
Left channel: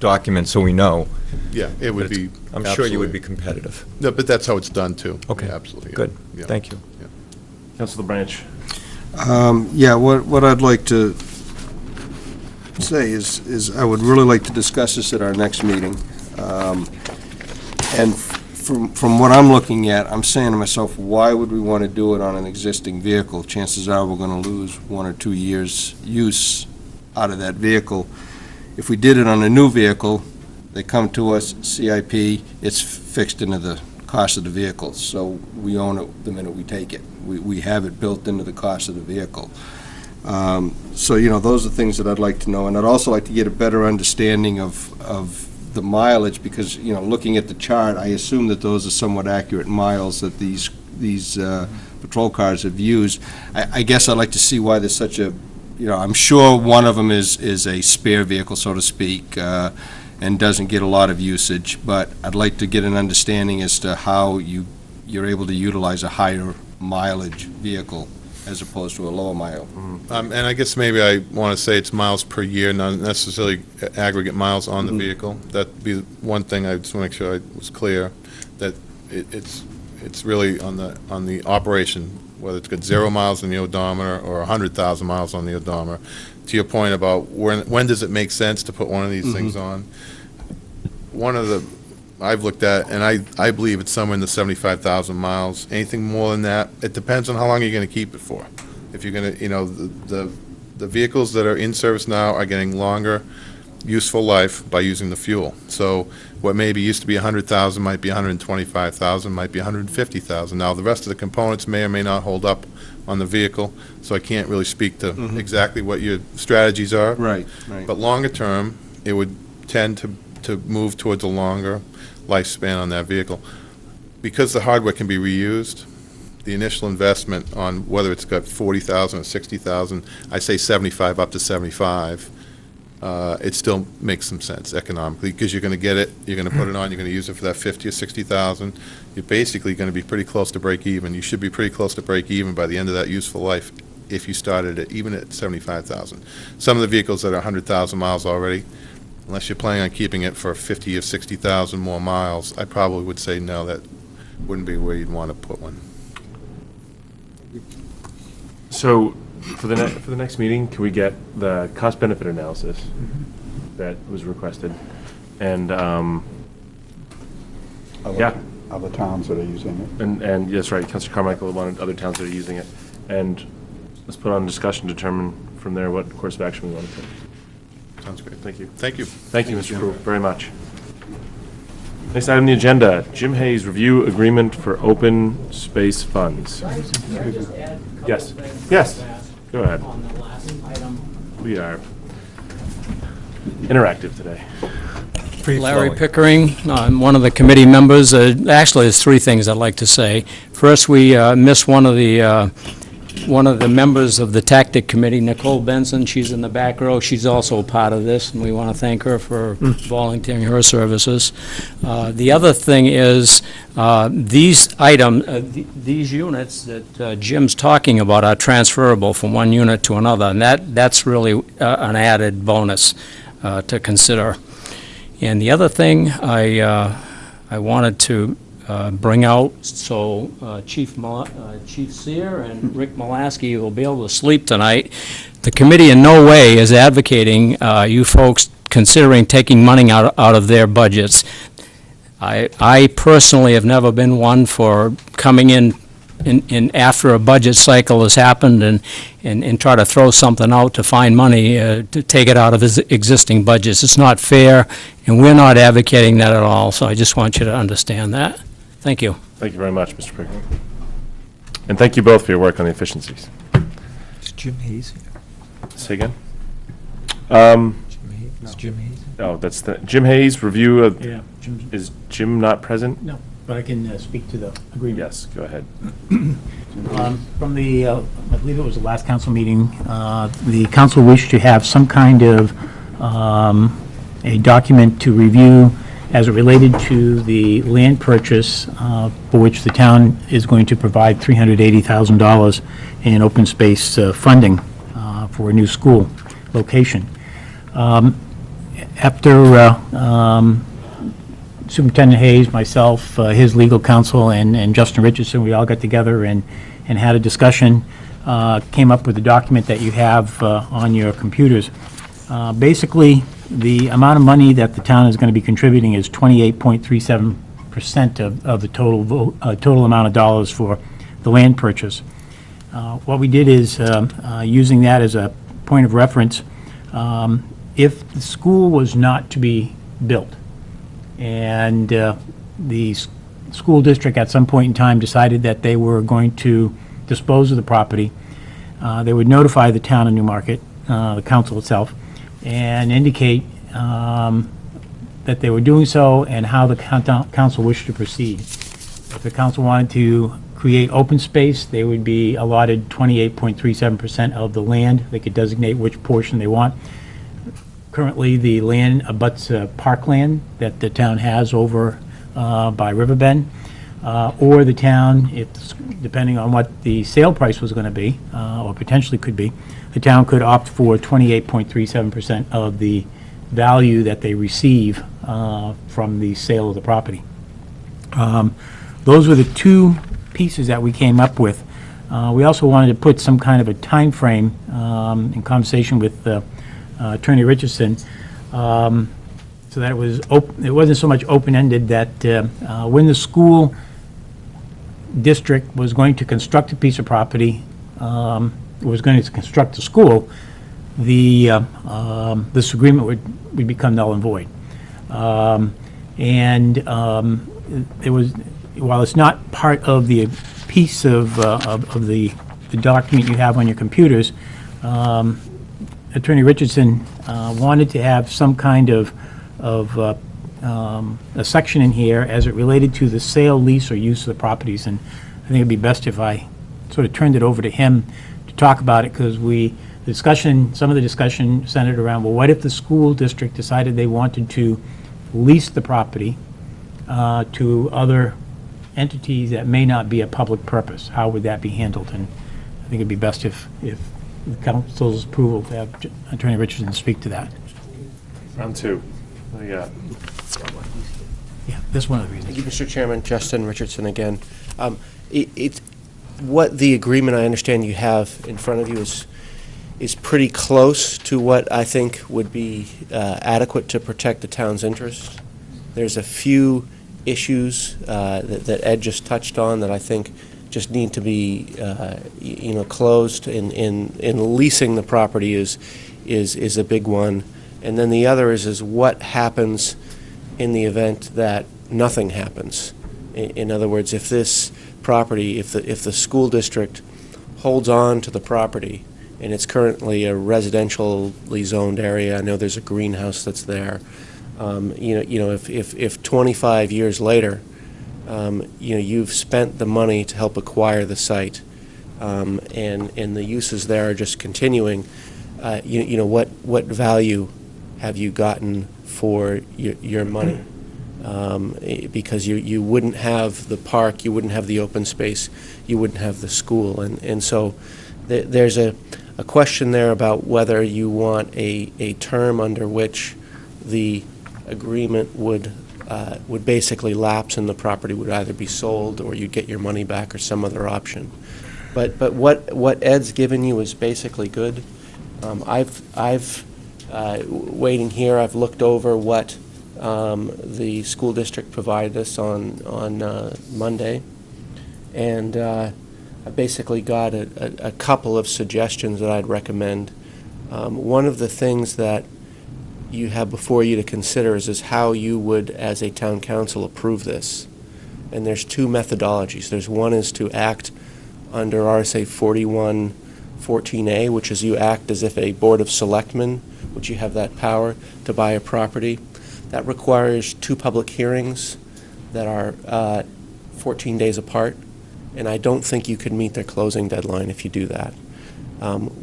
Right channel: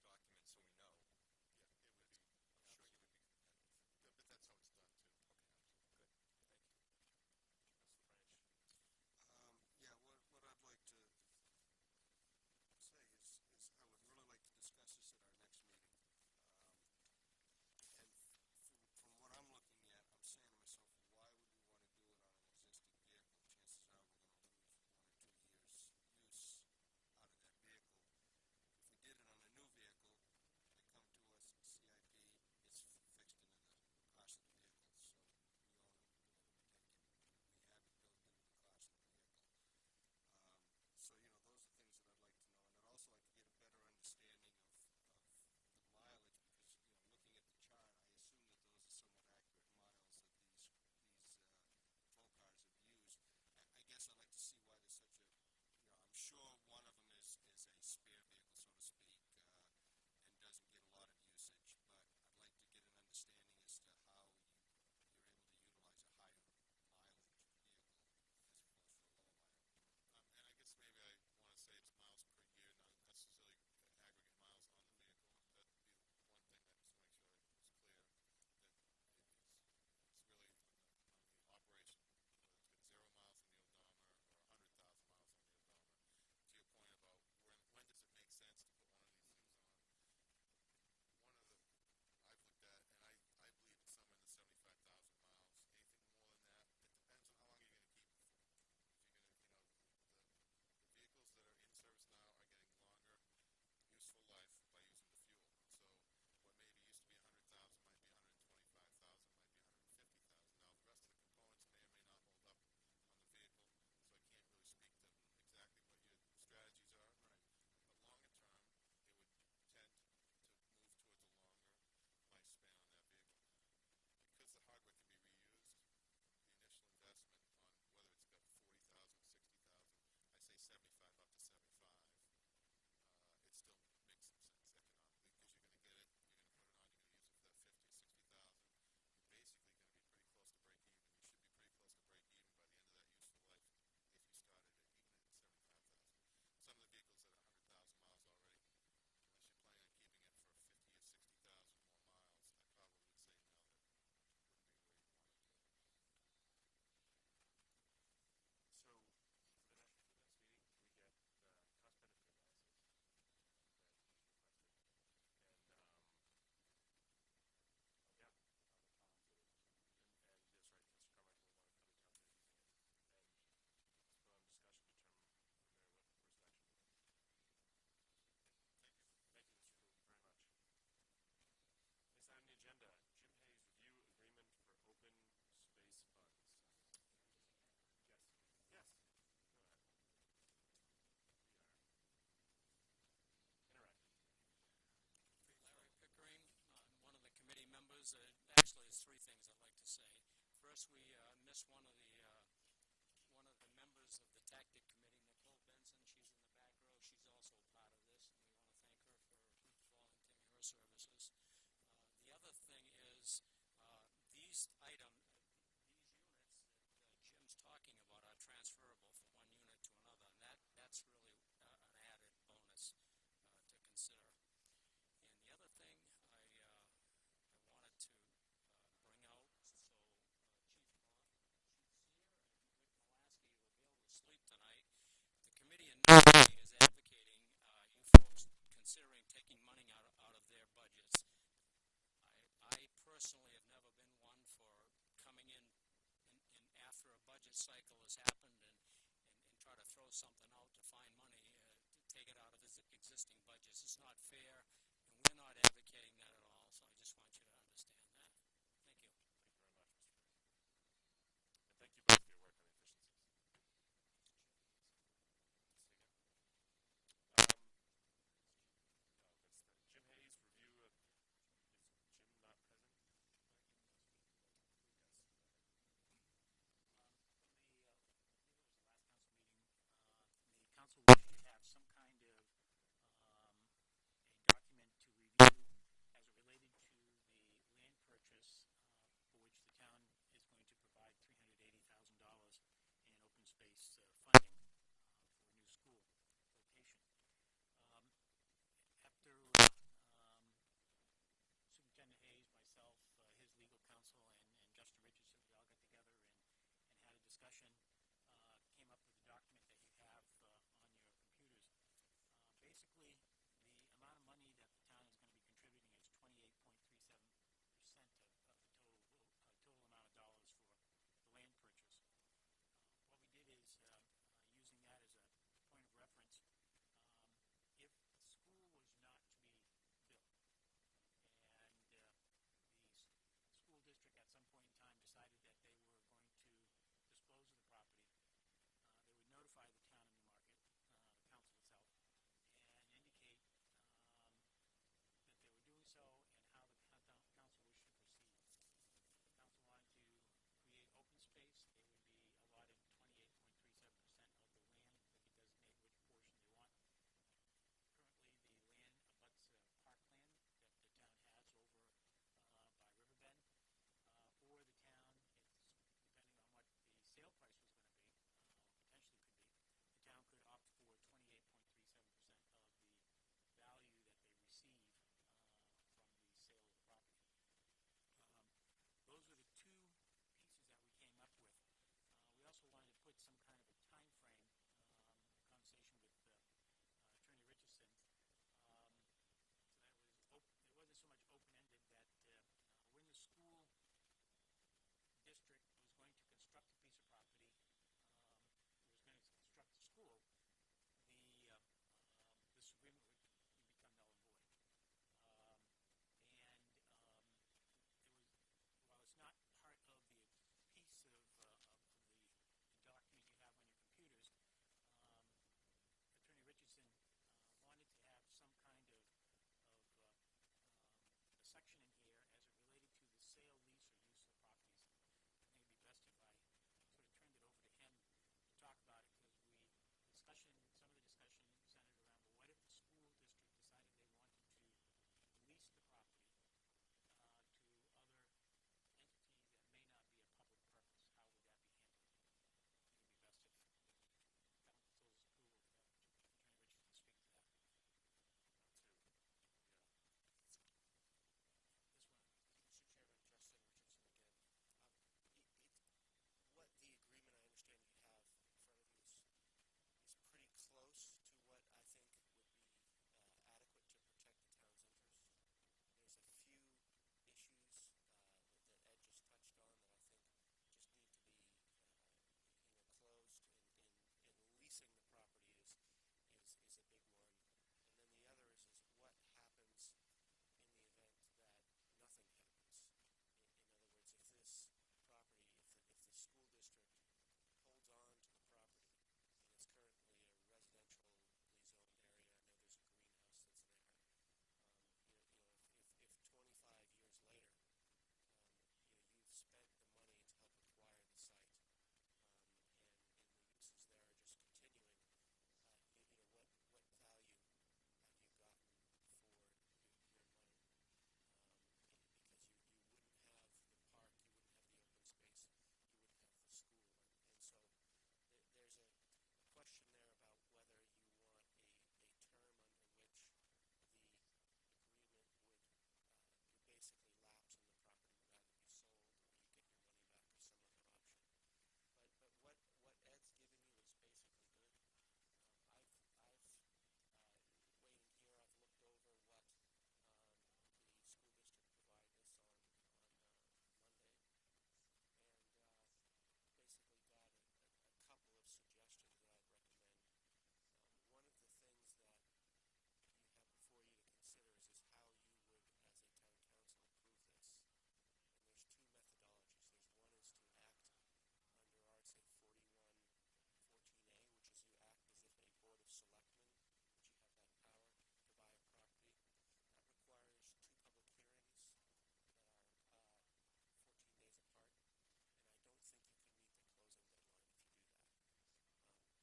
document so we know. Yeah, it would But be. it's- I'm sure you would absolutely. be competitive. No, but that's how it's done, too. Okay. Yeah, absolutely. yeah. Good. Yeah. Thank you. Yeah. Councilor Branch. Yeah, what I'd like to say is I would really like to discuss this at our next meeting. And from what I'm looking at, I'm saying to myself, why would we want to do it on an existing vehicle? Chances are we're going to lose 1 or 2 years' use out of that vehicle. If we did it on a new vehicle, they come to us, CIP, it's fixed into the cost of the vehicle, so we own it the minute we take it. We have it built into the cost of the vehicle. So, those are things that I'd like to know, and I'd also like to get a better understanding of the mileage, because, looking at the chart, I assume that those are somewhat accurate miles that these patrol cars have used. I guess I'd like to see why there's such a, I'm sure one of them is a spare vehicle, so to speak, and doesn't get a lot of usage, but I'd like to get an understanding as to how you're able to utilize a higher mileage vehicle as opposed to a lower mile. And I guess maybe I want to say it's miles per year, not necessarily aggregate miles on the vehicle. That'd be one thing I just want to make sure I was clear, that it's really on the operation, whether it's got 0 miles on the odometer or 100,000 miles on the odometer. To your point about when does it make sense to put one of these things on? One of the I've looked at, and I believe it's somewhere in the 75,000 miles. Anything more than that, it depends on how long you're going to keep it for. If you're going to, the vehicles that are in service now are getting longer useful life by using the fuel. So what maybe used to be 100,000 might be 125,000, might be 150,000. Now the rest of the components may or may not hold up on the vehicle, so I can't really speak to exactly what your strategies are. Right. But longer term, it would tend to move towards a longer lifespan on that vehicle. Because the hardware can be reused, the initial investment on whether it's got 40,000 or 60,000, I say 75 up to 75, it still makes some sense economically, because you're going to get it, you're going to put it on, you're going to use it for that 50 or 60,000. You're basically going to be pretty close to break even. You should be pretty close to break even by the end of that useful life if you started it even at 75,000. Some of the vehicles that are 100,000 miles already, unless you're planning on keeping it for 50 or 60,000 more miles, I probably would say no, that wouldn't be where you'd want to put one. So, for the next meeting, can we get the cost-benefit analysis that was requested? And, yeah. Other towns that are using it. And yes, right, Councilor Carmichael wanted other towns that are using it. And let's put on discussion, determine from there what course of action we want to take. Sounds great. Thank you. Thank you. Thank you, Mr. Crew, very much. Next item on the agenda, Jim Hayes review agreement for open space funds. Yes, yes, go ahead. We are interactive today. Larry Pickering, I'm one of the committee members. Actually, there's three things I'd like to say. First, we missed one of the members of the Tactic Committee, Nicole Benson. She's in the back row. She's also a part of this, and we want to thank her for volunteering her services. The other thing is these units that Jim's talking about are transferable from one unit to another, and that's really an added bonus to consider. And the other thing I wanted to bring out, so Chief Sear and Rick Molaski will be able to sleep tonight. The committee in no way is advocating you folks considering taking money out of their budgets. I personally have never been one for coming in after a budget cycle has happened and try to throw something out to find money to take it out of existing budgets. It's not fair, and we're not advocating that at all, so I just want you to understand that. Thank you. Thank you very much, Mr. Pickering. And thank you both for your work on the efficiencies. Is Jim Hayes here? Say again? Is Jim Hayes? Oh, that's the, Jim Hayes, review of, Yeah, Jim's- is Jim not present? No, but I can speak to the agreement. Yes, go ahead. From the, I believe it was the last council meeting, the council wished to have some kind of a document to review as it related to the land purchase for which the town is going to provide $380,000 in open space funding for a new school location. After Superintendent Hayes, myself, his legal counsel, and Justin Richardson, we all got together and had a discussion, came up with a document that you have on your computers. Basically, the amount of money that the town is going to be contributing is 28.37% of the total amount of dollars for the land purchase. What we did is, using that as a point of reference, if the school was not to be built, and the school district at some point in time decided that they were going to dispose of the property, they would notify the town of Newmarket, the council itself, and indicate that they were doing so and how the council wished to proceed. If the council wanted to create open space, they would be allotted 28.37% of the land. They could designate which portion they want. Currently, the land abuts parkland that the town has over by Riverbend, or the town, depending on what the sale price was going to be, or potentially could be, the town could opt for 28.37% of the value that they receive from the sale of the property. Those were the two pieces that we came up with. We also wanted to put some kind of a time frame in conversation with Attorney Richardson, so that it wasn't so much open-ended that when the school district was going to construct a piece of property, was going to construct a school, this agreement would become null and void. It was, while it's not part of the piece of the document you have on your computers, Attorney Richardson wanted to have some kind of a section in here as it related to the sale, lease, or use of the properties, and I think it'd be best if I sort of turned it over to him to talk about it, because some of the discussion centered around, well, what if the school district decided they wanted to lease the property to other entities that may not be a public purpose? How would that be handled? And I think it'd be best if the council's approval to have Attorney Richardson speak to that. Round two. What do you got? Yeah, this one of the reasons. Thank you, Mr. Chairman. Justin Richardson again. What the agreement I understand you have in front of you is pretty close to what I think would be adequate to protect the town's interests. There's a few issues that Ed just touched on that I think just need to be closed. In leasing the property is a big one. And then the other is what happens in the event that nothing happens. In other words, if this property, if the school district holds on to the property, and it's currently a residentially zoned area, I know there's a greenhouse that's there. If 25 years later, you've spent the money to help acquire the site, and the uses there are just continuing, what value have you gotten for your money? Because you wouldn't have the park, you wouldn't have the open space, you wouldn't have the school. And so there's a question there about whether you want a term under which the agreement would basically lapse and the property would either be sold or you'd get your money back or some other option. But what Ed's given you is basically good. I've waiting here, I've looked over what the school district provided us on Monday, and I basically got a couple of suggestions that I'd recommend. One of the things that you have before you to consider is how you would, as a town council, approve this. And there's two methodologies. There's one is to act under RSA 4114A, which is you act as if a board of selectmen, which you have that power to buy a property. That requires 2 public hearings that are 14 days apart, and I don't think you could meet their closing deadline if you do that.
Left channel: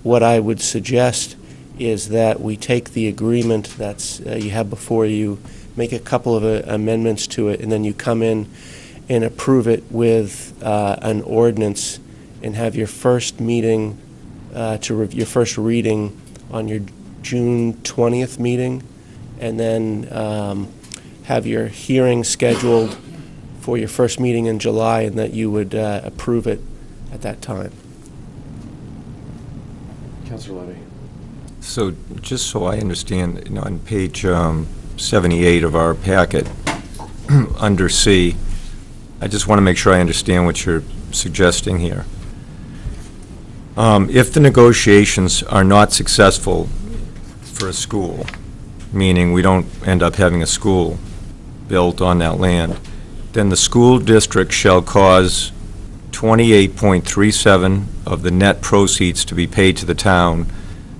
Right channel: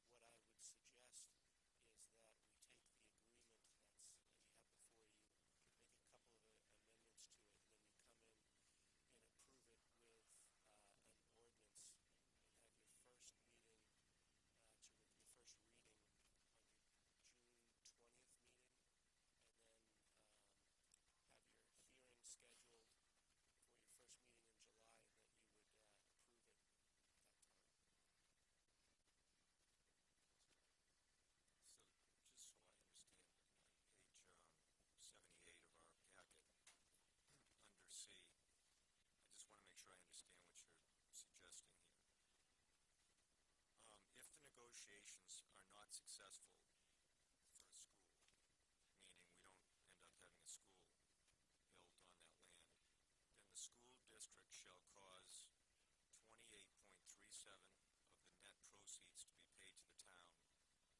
What I would suggest is that we take the agreement that's you have before you, make a couple of amendments to it, and then you come in and approve it with an ordinance and have your first meeting, your first reading on your June 20th meeting, and then have your hearing scheduled for your first meeting in July, and that you would approve it at that time. Councilor Levy. So, just so I understand, on page 78 of our packet, under C, I just want to make sure I understand what you're suggesting here. If the negotiations are not successful for a school, meaning we don't end up having a school built on that land, then the school district shall cause 28.37 of the net proceeds to be paid to the town.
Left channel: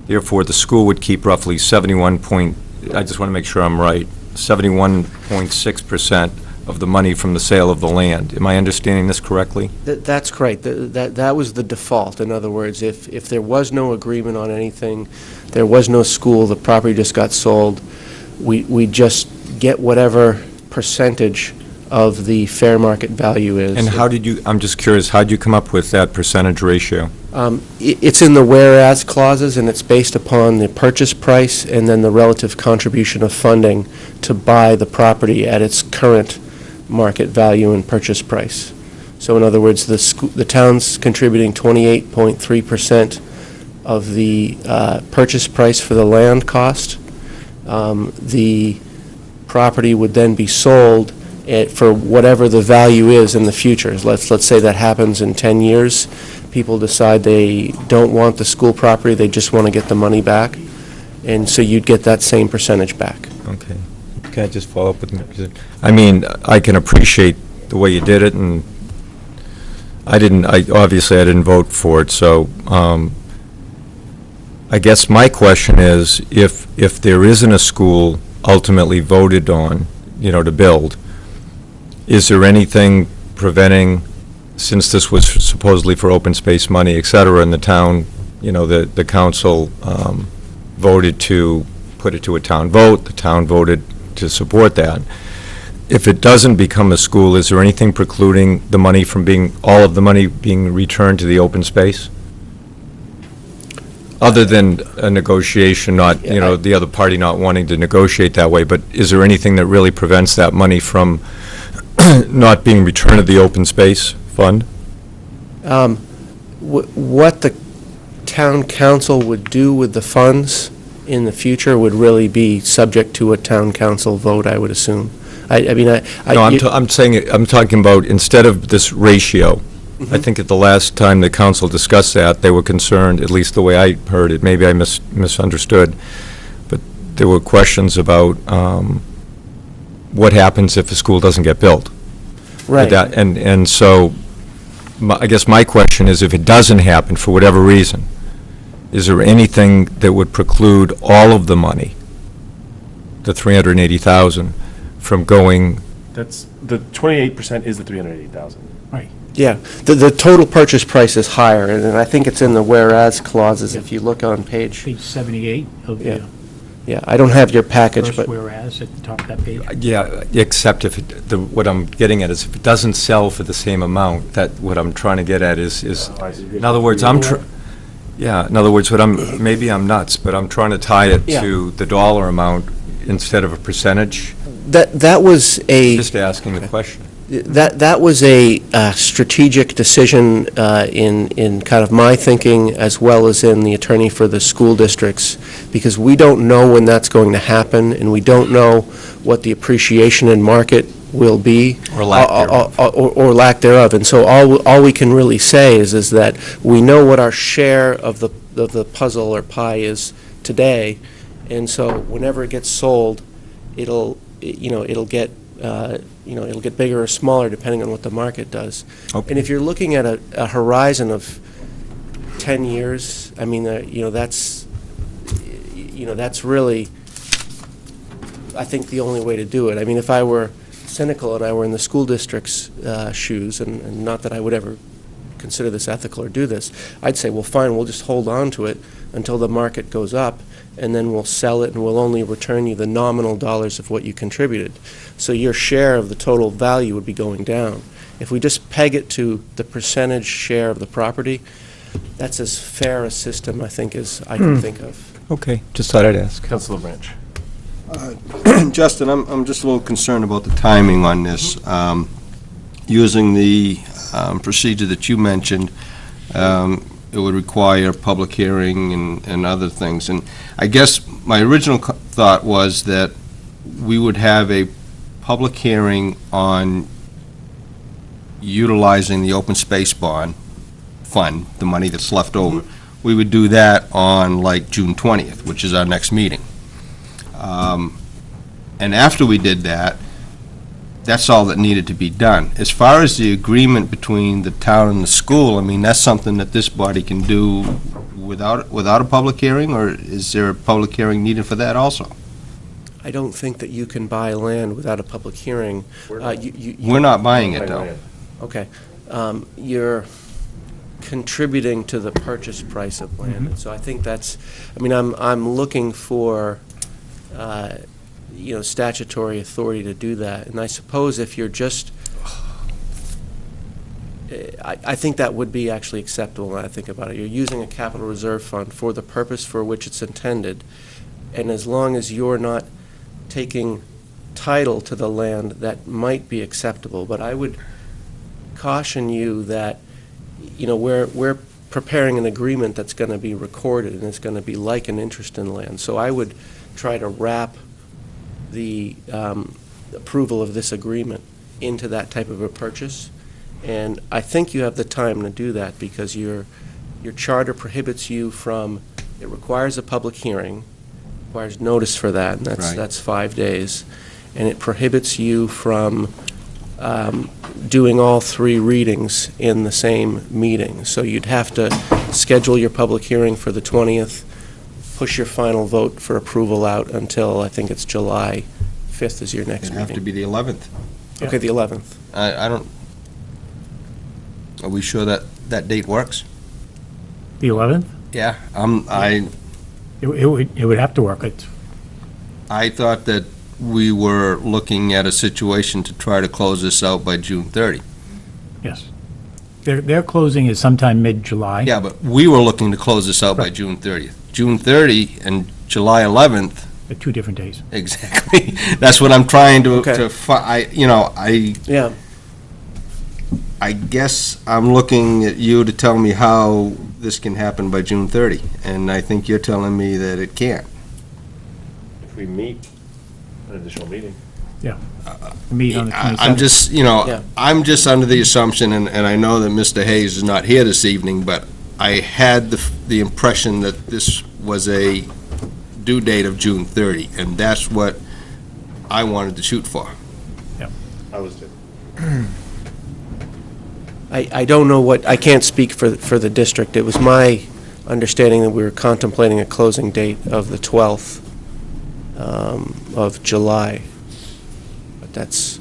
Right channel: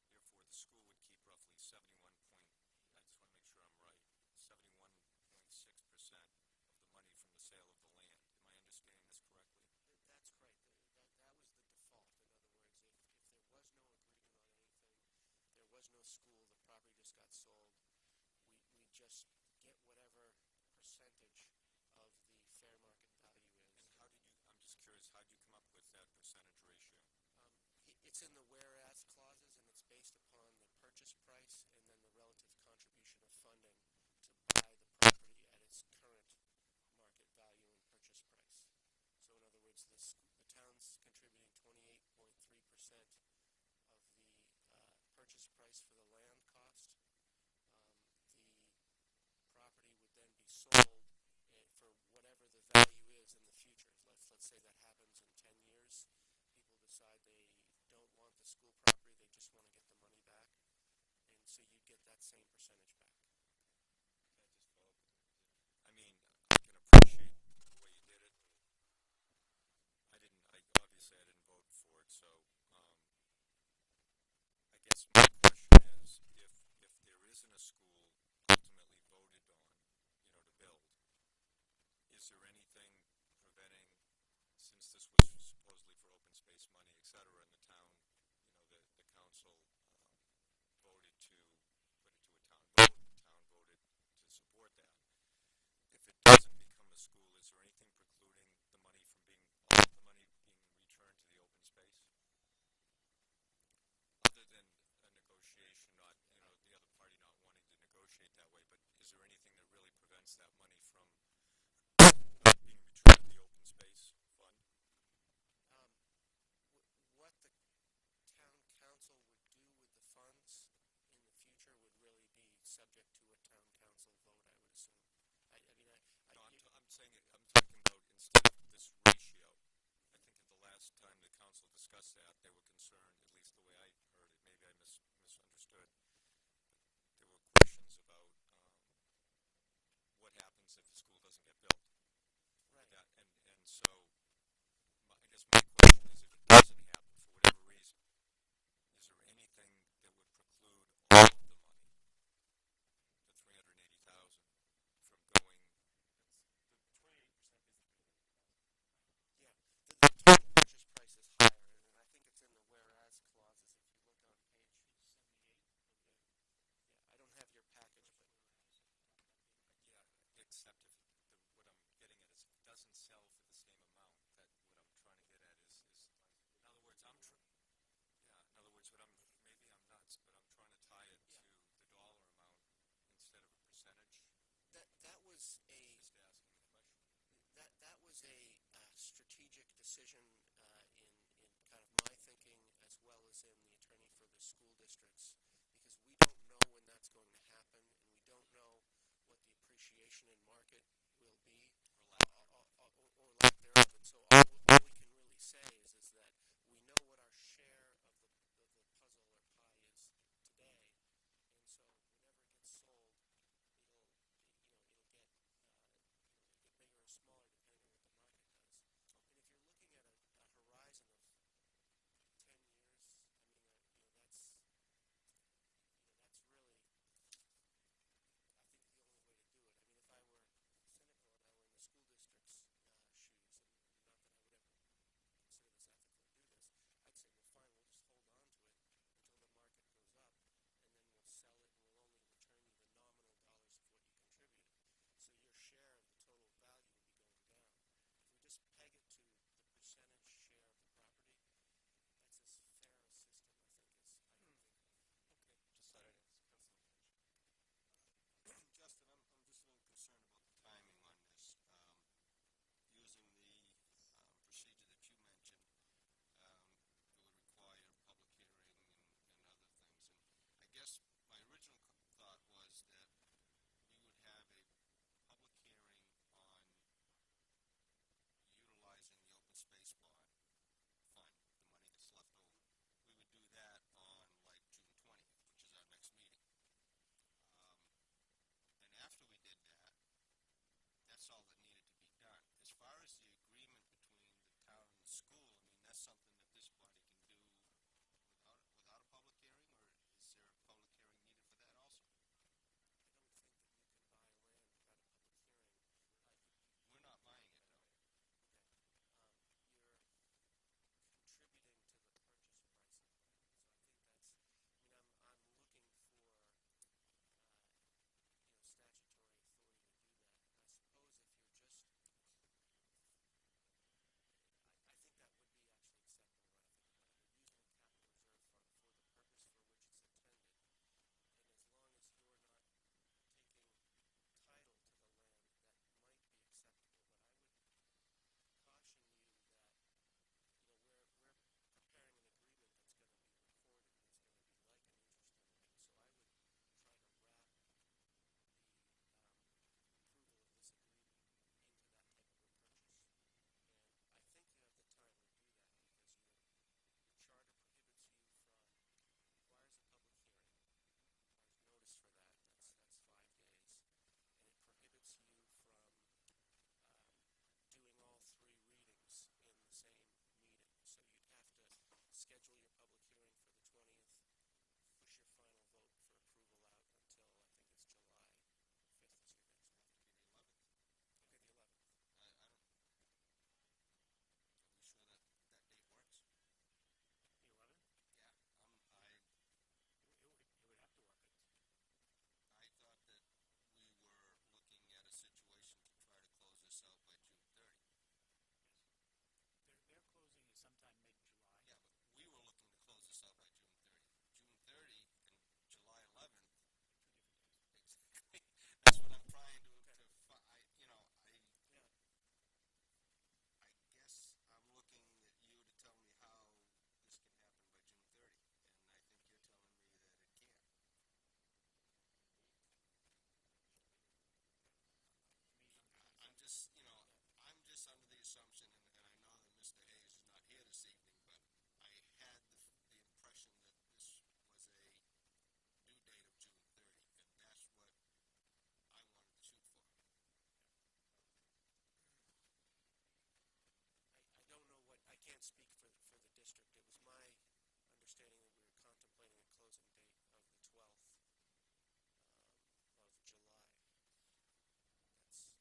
Therefore, the school would keep roughly I just want to make sure I'm right, 71.6% of the money from the sale of the land. Am I understanding this correctly? That's correct. That was the default. In other words, if there was no agreement on anything, there was no school, the property just got sold, we just get whatever percentage of the fair market value is. And how did you, I'm just curious, how did you come up with that percentage ratio? It's in the whereas clauses, and it's based upon the purchase price and then the relative contribution of funding to buy the property at its current market value and purchase price. So in other words, the town's contributing 28.3% of the purchase price for the land cost. The property would then be sold for whatever the value is in the future. Let's say that happens in 10 years. People decide they don't want the school property, they just want to get the money back. And so you'd get that same percentage back. Okay. Can I just follow up with me? I mean, I can appreciate the way you did it, and obviously I didn't vote for it, so I guess my question is, if there isn't a school ultimately voted on, to build, is there anything preventing, since this was supposedly for open space money, et cetera, and the town, the council voted to put it to a town vote, the town voted to support that. If it doesn't become a school, is there anything precluding the money from all of the money being returned to the open space? Other than a negotiation, not, the other party not wanting to negotiate that way, but is there anything that really prevents that money from not being returned to the open space fund? What the town council would do with the funds in the future would really be subject to a town council vote, I would assume. I'm talking about, instead of this ratio, I think at the last time the council discussed that, they were concerned, at least the way I heard it, maybe I misunderstood, but there were questions about what happens if a school doesn't get built. Right. And so, I guess my question is, if it doesn't happen for whatever reason, is there anything that would preclude all of the money, the 380,000, from going? That's, the 28% is the 380,000. Right. Yeah, the total purchase price is higher, and I think it's in the whereas clauses, if you look on page. Page 78 of the Yeah, I don't have your package, first but. whereas at the top of that page. Yeah, except if, what I'm getting at is if it doesn't sell for the same amount, what I'm trying to get at is, in other words, in other words, maybe I'm nuts, but I'm trying to tie it to the dollar amount instead of a percentage. That was a. Just asking the question. That was a strategic decision in kind of my thinking, as well as in the attorney for the school districts, because we don't know when that's going to happen, and we don't know what the appreciation in market will be. Or lack thereof. Or lack thereof. And so all we can really say is that we know what our share of the puzzle or pie is today, and so whenever it gets sold, it'll get it'll get bigger or smaller depending on what the market does. Okay. And if you're looking at a horizon of 10 years, I mean, that's really, I think, the only way to do it. I mean, if I were cynical and I were in the school district's shoes, and not that I would ever consider this ethical or do this, I'd say, well, fine, we'll just hold on to it until the market goes up, and then we'll sell it, and we'll only return you the nominal dollars of what you contributed. So your share of the total value would be going down. If we just peg it to the percentage share of the property, that's as fair a system, I think, as I can think of. Okay, just thought I'd ask. Councilor Branch. Justin, I'm just a little concerned about the timing on this. Using the procedure that you mentioned, it would require public hearing and other things. And I guess my original thought was that we would have a public hearing on utilizing the open space bond fund, the money that's left over. We would do that on like June 20th, which is our next meeting. And after we did that, that's all that needed to be done. As far as the agreement between the town and the school, I mean, that's something that this body can do without a public hearing, or is there a public hearing needed for that also? I don't think that you can buy land without a public hearing. We're not buying it, though. Okay. You're contributing to the purchase price of land. And so I think that's, I mean, I'm looking for, statutory authority to do that. And I suppose if you're just, I think that would be actually acceptable when I think about it. You're using a capital reserve fund for the purpose for which it's intended. And as long as you're not taking title to the land, that might be acceptable. But I would caution you that, we're preparing an agreement that's going to be recorded, and it's going to be like an interest in land. So I would try to wrap the approval of this agreement into that type of a purchase. And I think you have the time to do that, because your charter prohibits you from, it requires a public hearing, requires notice for that, and that's 5 days. And it prohibits you from doing all 3 readings in the same meeting. So you'd have to schedule your public hearing for the 20th, push your final vote for approval out until, I think it's July 5th is your next meeting. It'd have to be the 11th. Okay, the 11th. I don't, are we sure that date works? The 11th? Yeah, It would have to work. I thought that we were looking at a situation to try to close this out by June 30. Yes. Their closing is sometime mid-July. Yeah, but we were looking to close this out by June 30th. June 30 and July 11th. They're 2 different days. Exactly. That's what I'm trying to, I guess I'm looking at you to tell me how this can happen by June 30, and I think you're telling me that it can't. If we meet an additional meeting. Yeah. Meet on the 27th. I'm just under the assumption, and I know that Mr. Hayes is not here this evening, but I had the impression that this was a due date of June 30, and that's what I wanted to shoot for. I was too. I don't know I can't speak for the district. It was my understanding that we were contemplating a closing date of the 12th of July. But that's...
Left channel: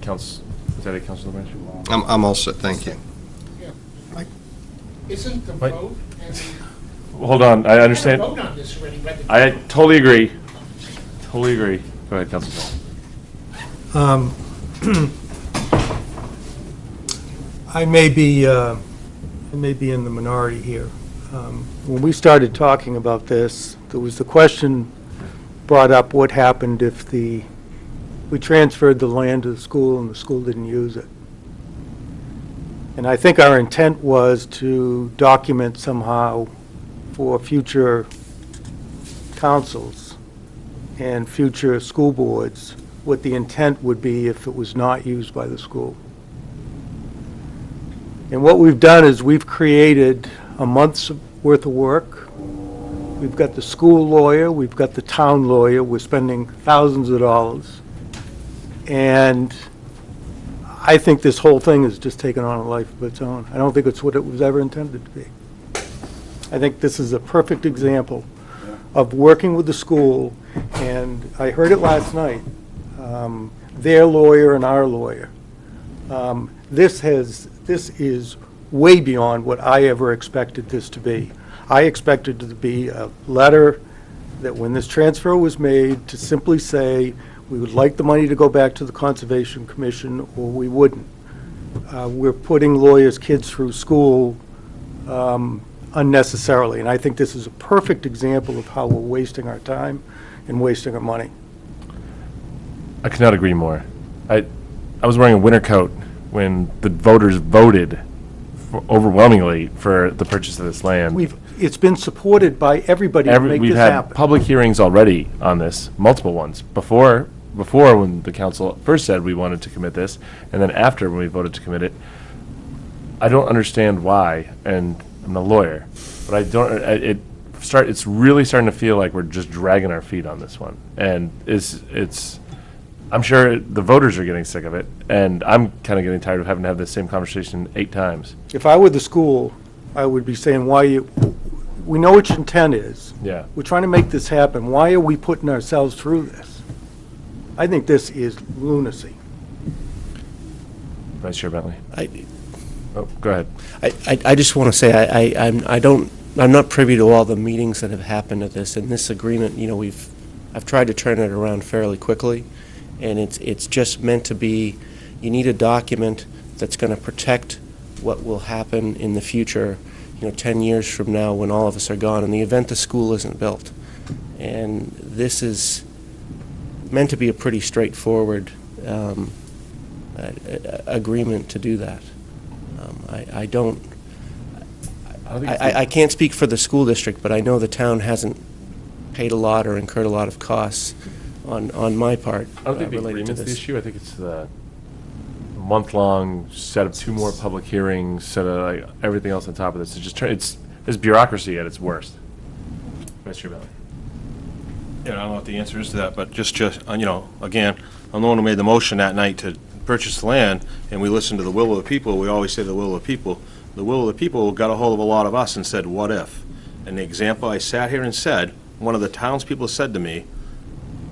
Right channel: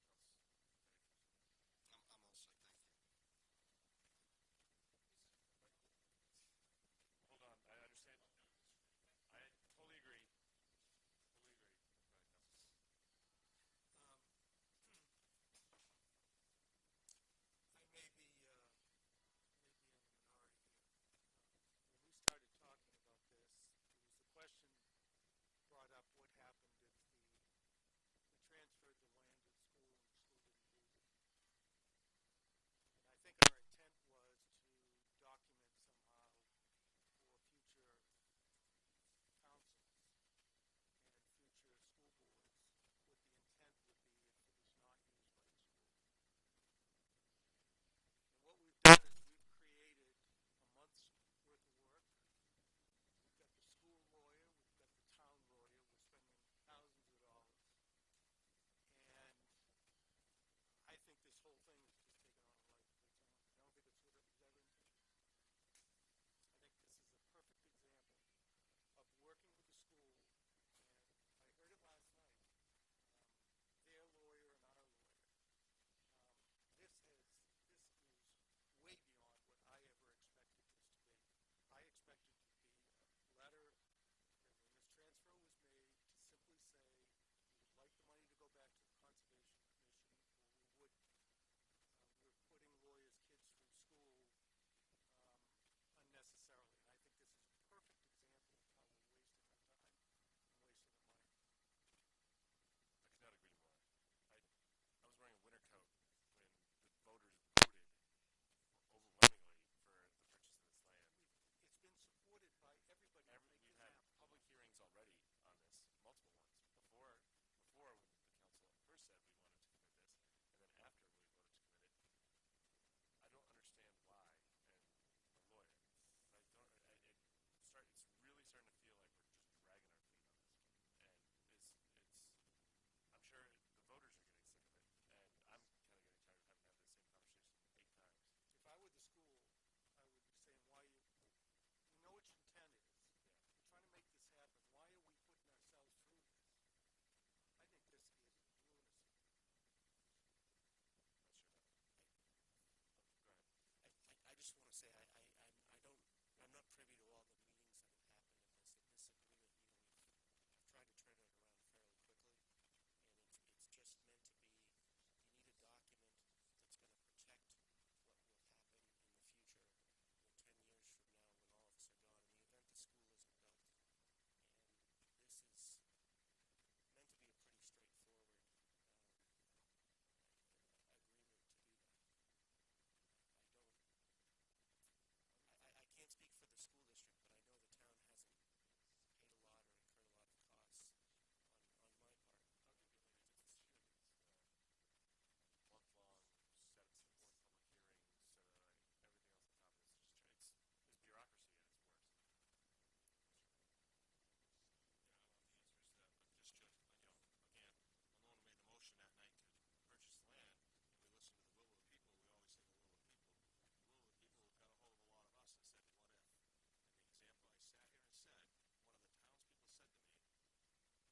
Is that it, Councilor Branch? I'm all set, thank you. Isn't the vote? Hold on, I understand. Vote on this already, whether- I totally agree. Totally agree. Go ahead, Councilor. I may be in the minority here. When we started talking about this, there was the question brought up, what happened if we transferred the land to the school and the school didn't use it? And I think our intent was to document somehow for future councils and future school boards what the intent would be if it was not used by the school. And what we've done is we've created a month's worth of work. We've got the school lawyer, we've got the town lawyer, we're spending thousands of dollars. And I think this whole thing has just taken on a life of its own. I don't think it's what it was ever intended to be. I think this is a perfect example of working with the school, and I heard it last night, their lawyer and our lawyer. This is way beyond what I ever expected this to be. I expected it to be a letter that when this transfer was made, to simply say, we would like the money to go back to the Conservation Commission, or we wouldn't. We're putting lawyers' kids through school unnecessarily, and I think this is a perfect example of how we're wasting our time and wasting our money. I could not agree more. I was wearing a winter coat when the voters voted overwhelmingly for the purchase of this land. It's been supported by everybody to make We've this had happen. public hearings already on this, multiple ones, before when the council first said we wanted to commit this, and then after when we voted to commit it. I don't understand why, and I'm a lawyer, but I don't, it's really starting to feel like we're just dragging our feet on this one. And I'm sure the voters are getting sick of it, and I'm kind of getting tired of having to have the same conversation 8 times. If I were the school, I would be saying, we know what your intent is. Yeah. We're trying to make this happen. Why are we putting ourselves through this? I think this is lunacy. Vice Chair Bentley. Go ahead. I just want to say, I'm not privy to all the meetings that have happened at this, and this agreement, I've tried to turn it around fairly quickly, and it's just meant to be, you need a document that's going to protect what will happen in the future, 10 years from now when all of us are gone, in the event the school isn't built. And this is meant to be a pretty straightforward agreement to do that. I can't speak for the school district, but I know the town hasn't paid a lot or incurred a lot of costs on my part I don't think the related to agreement's the this. issue. I think it's the month-long set of 2 more public hearings, set of everything else on top of this. It's bureaucracy at its worst. Vice Chair Bentley. Yeah, I don't know what the answer is to that, but just again, I'm the one who made the motion that night to purchase the land, and we listened to the will of the people. We always say the will of the people. The will of the people got a hold of a lot of us and said, what if? And the example I sat here and said, one of the townspeople said to me,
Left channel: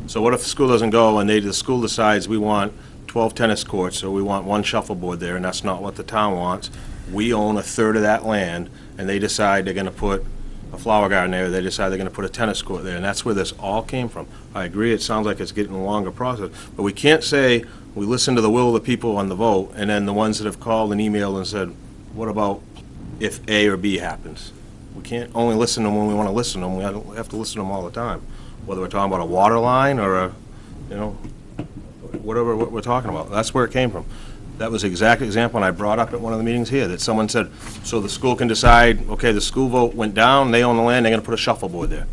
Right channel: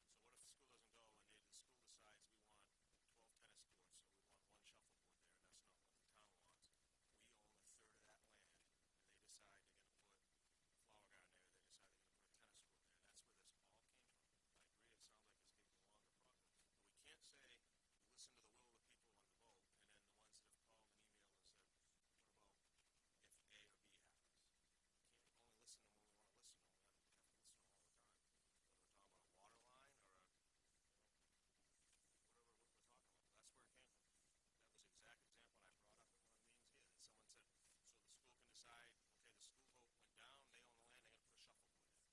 so what if the school doesn't go and the school decides we want 12 tennis courts, or we want 1 shuffleboard there, and that's not what the town wants. We own a third of that land, and they decide they're gonna put a flower garden there, they decide they're gonna put a tennis court there, and that's where this all came from. I agree, it sounds like it's getting a longer process, but we can't say we listen to the will of the people on the vote, and then the ones that have called and emailed and said, what about if A or B happens? We can't only listen to them when we wanna listen to them, we have to listen to them all the time. Whether we're talking about a water line or whatever what we're talking about. That's where it came from. That was the exact example, and I brought up at one of the meetings here, that someone said, so the school can decide, okay, the school vote went down, they own the land, they're gonna put a shuffleboard there.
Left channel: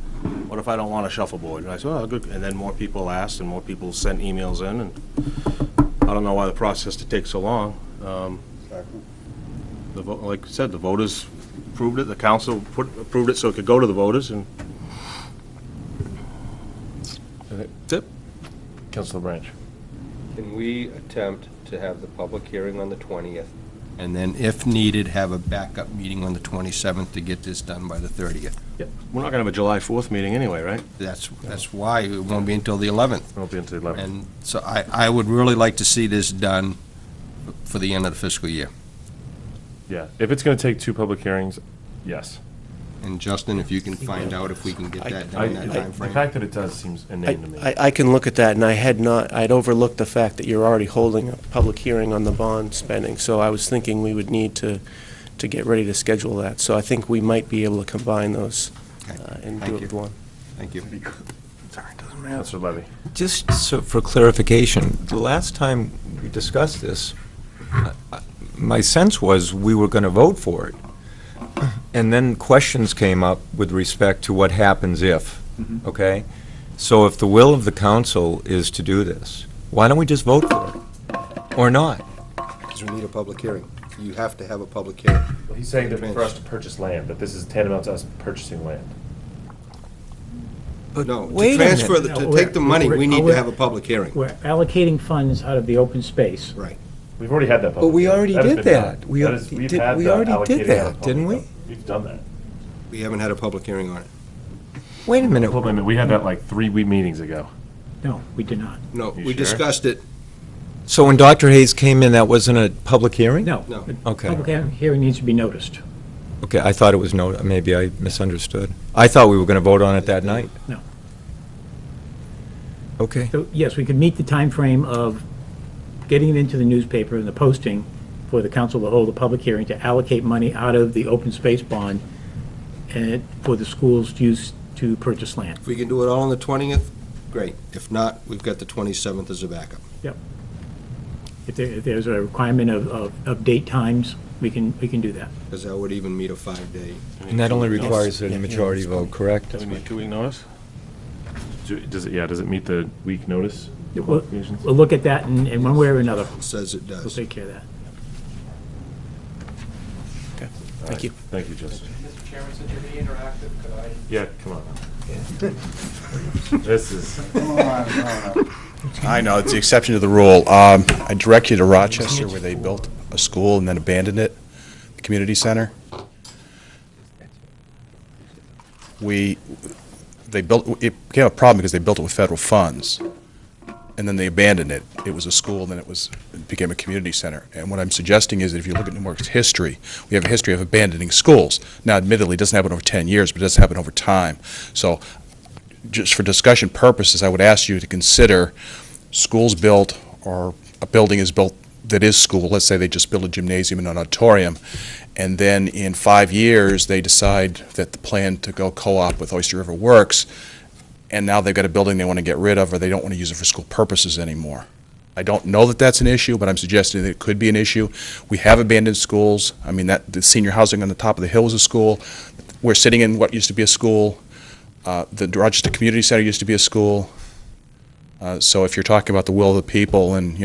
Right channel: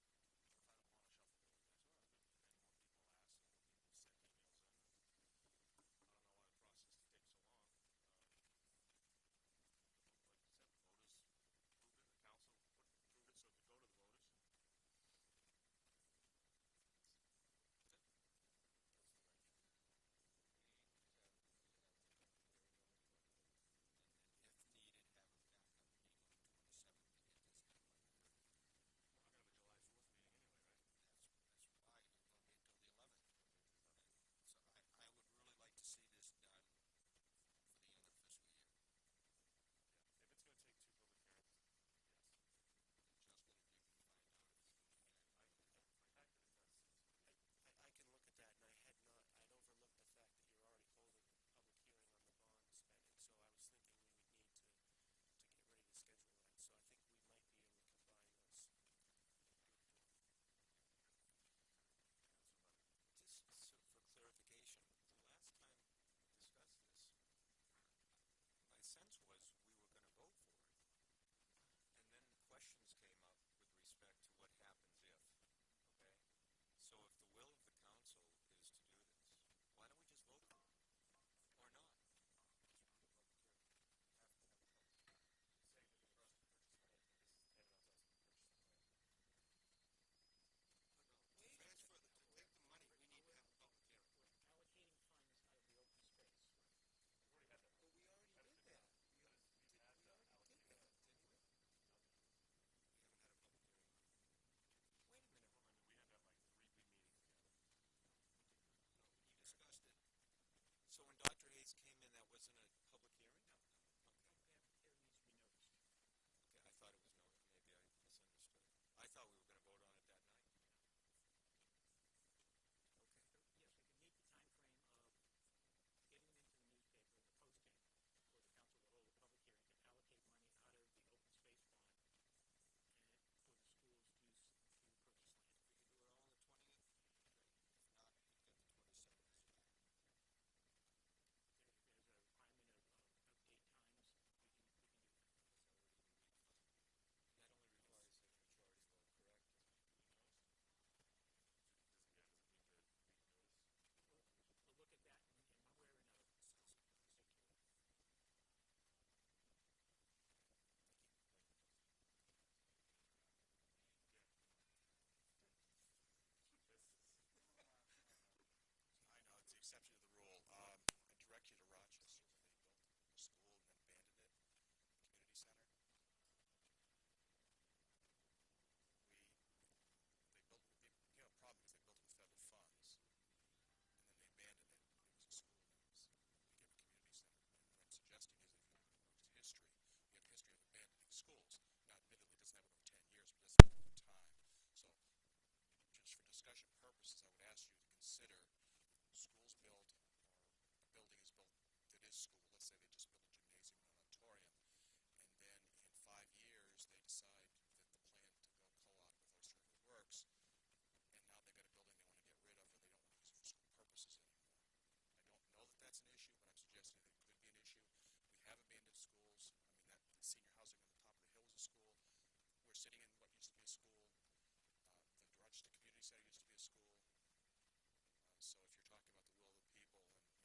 What if I don't want a shuffleboard? And I said, oh, good. And then more people asked, and more people sent emails in, and I don't know why the process to take so long. The vote, like I said, the voters approved it, the council approved it so it could go to the voters, and That's it. Councilor Branch. Can we attempt to have the public hearing on the 20th, and then, if needed, have a backup meeting on the 27th to get this done by the 30th? Yep. We're not gonna have a July 4th meeting anyway, right? That's why it won't be until the 11th. It won't be until the 11th. And so I would really like to see this done for the end of the fiscal year. Yeah, if it's gonna take 2 public hearings, yes. And Justin, if you can find out if we can get that done in that The timeframe. fact that it does seems inane to me. I can look at that, and I'd overlooked the fact that you're already holding a public hearing on the bond spending, so I was thinking we would need to get ready to schedule that. So I think we might be able to combine those and do it with one. Thank you. Councilor Levy. Just so for clarification, the last time we discussed this, my sense was we were going to vote for it. And then questions came up with respect to what happens if, okay? So if the will of the council is to do this, why don't we just vote for it? Or not? Because we need a public hearing. You have to have a public hearing. Well, he's saying that for us to purchase land, that this is tantamount to us purchasing land. No, wait to a transfer, minute. to take the money, we need to have a public hearing. We're allocating funds out of the open space. Right. We've already had that But public we hearing. already That has did been done. that. We That is- we've did- had we the already did allocating that, out of didn't public- we? We've done that. We haven't had a public hearing on it. Wait a minute. Hold on a minute, we had that like 3 meetings ago. No, we did not. No, You we sure? discussed it. So when Dr. Hayes came in, that wasn't a public hearing? No. No. The Okay. Public hearing needs to be noticed. Okay, I thought it was no, maybe I misunderstood. I thought we were going to vote on it that night. No. Okay. So, yes, we could meet the time frame of getting it into the newspaper and the posting for the council to hold a public hearing to allocate money out of the open space bond and for the school's use to purchase land. If we can do it all on the 20th, great. If not, we've got the 27th as a backup. Yep. If there's a requirement of date times, we can do that. Because that would even meet a 5-day. And that only requires a majority vote, correct? Does it need 2-week notice? Does it meet the week notice? We'll qualifications? we'll look at that in one way or another. It says it We'll does. take care of that. All Thank you. Thank you, Justin. Mr. Chairman, since you're being interactive, could I? Yeah, come on. This is, I know, it's the exception to the rule. I direct you to Rochester, where they built a school and then abandoned it, the community center. They built, it became a problem because they built it with federal funds, and then they abandoned it. It was a school, and then it became a community center. And what I'm suggesting is that if you look at Newmarket's history, we have a history of abandoning schools. Now, admittedly, it doesn't happen over 10 years, but it does happen over time. So just for discussion purposes, I would ask you to consider schools built, or a building is built that is school. Let's say they just build a gymnasium and an auditorium, and then in 5 years, they decide that the plan to go co-op with Oyster River works, and now they've got a building they want to get rid of, or they don't want to use it for school purposes anymore. I don't know that that's an issue, but I'm suggesting that it could be an issue. We have abandoned schools. I mean, the senior housing on the top of the hill is a school. We're sitting in what used to be a school. The Rochester Community Center used to be a school. So if you're talking about the will of the people and,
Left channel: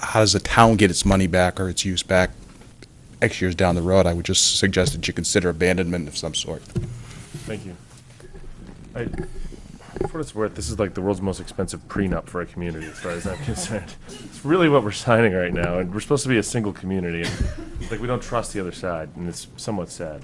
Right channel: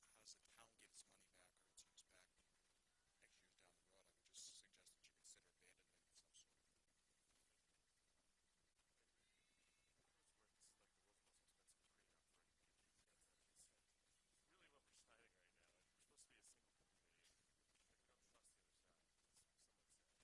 how does the town get its money back or its use back X years down the road, I would just suggest that you consider abandonment of some sort. thank you. For what it's worth, this is like the world's most expensive prenup for a community, as far as I'm concerned. It's really what we're signing right now, and we're supposed to be a single community, and it's like we don't trust the other side, and it's somewhat sad.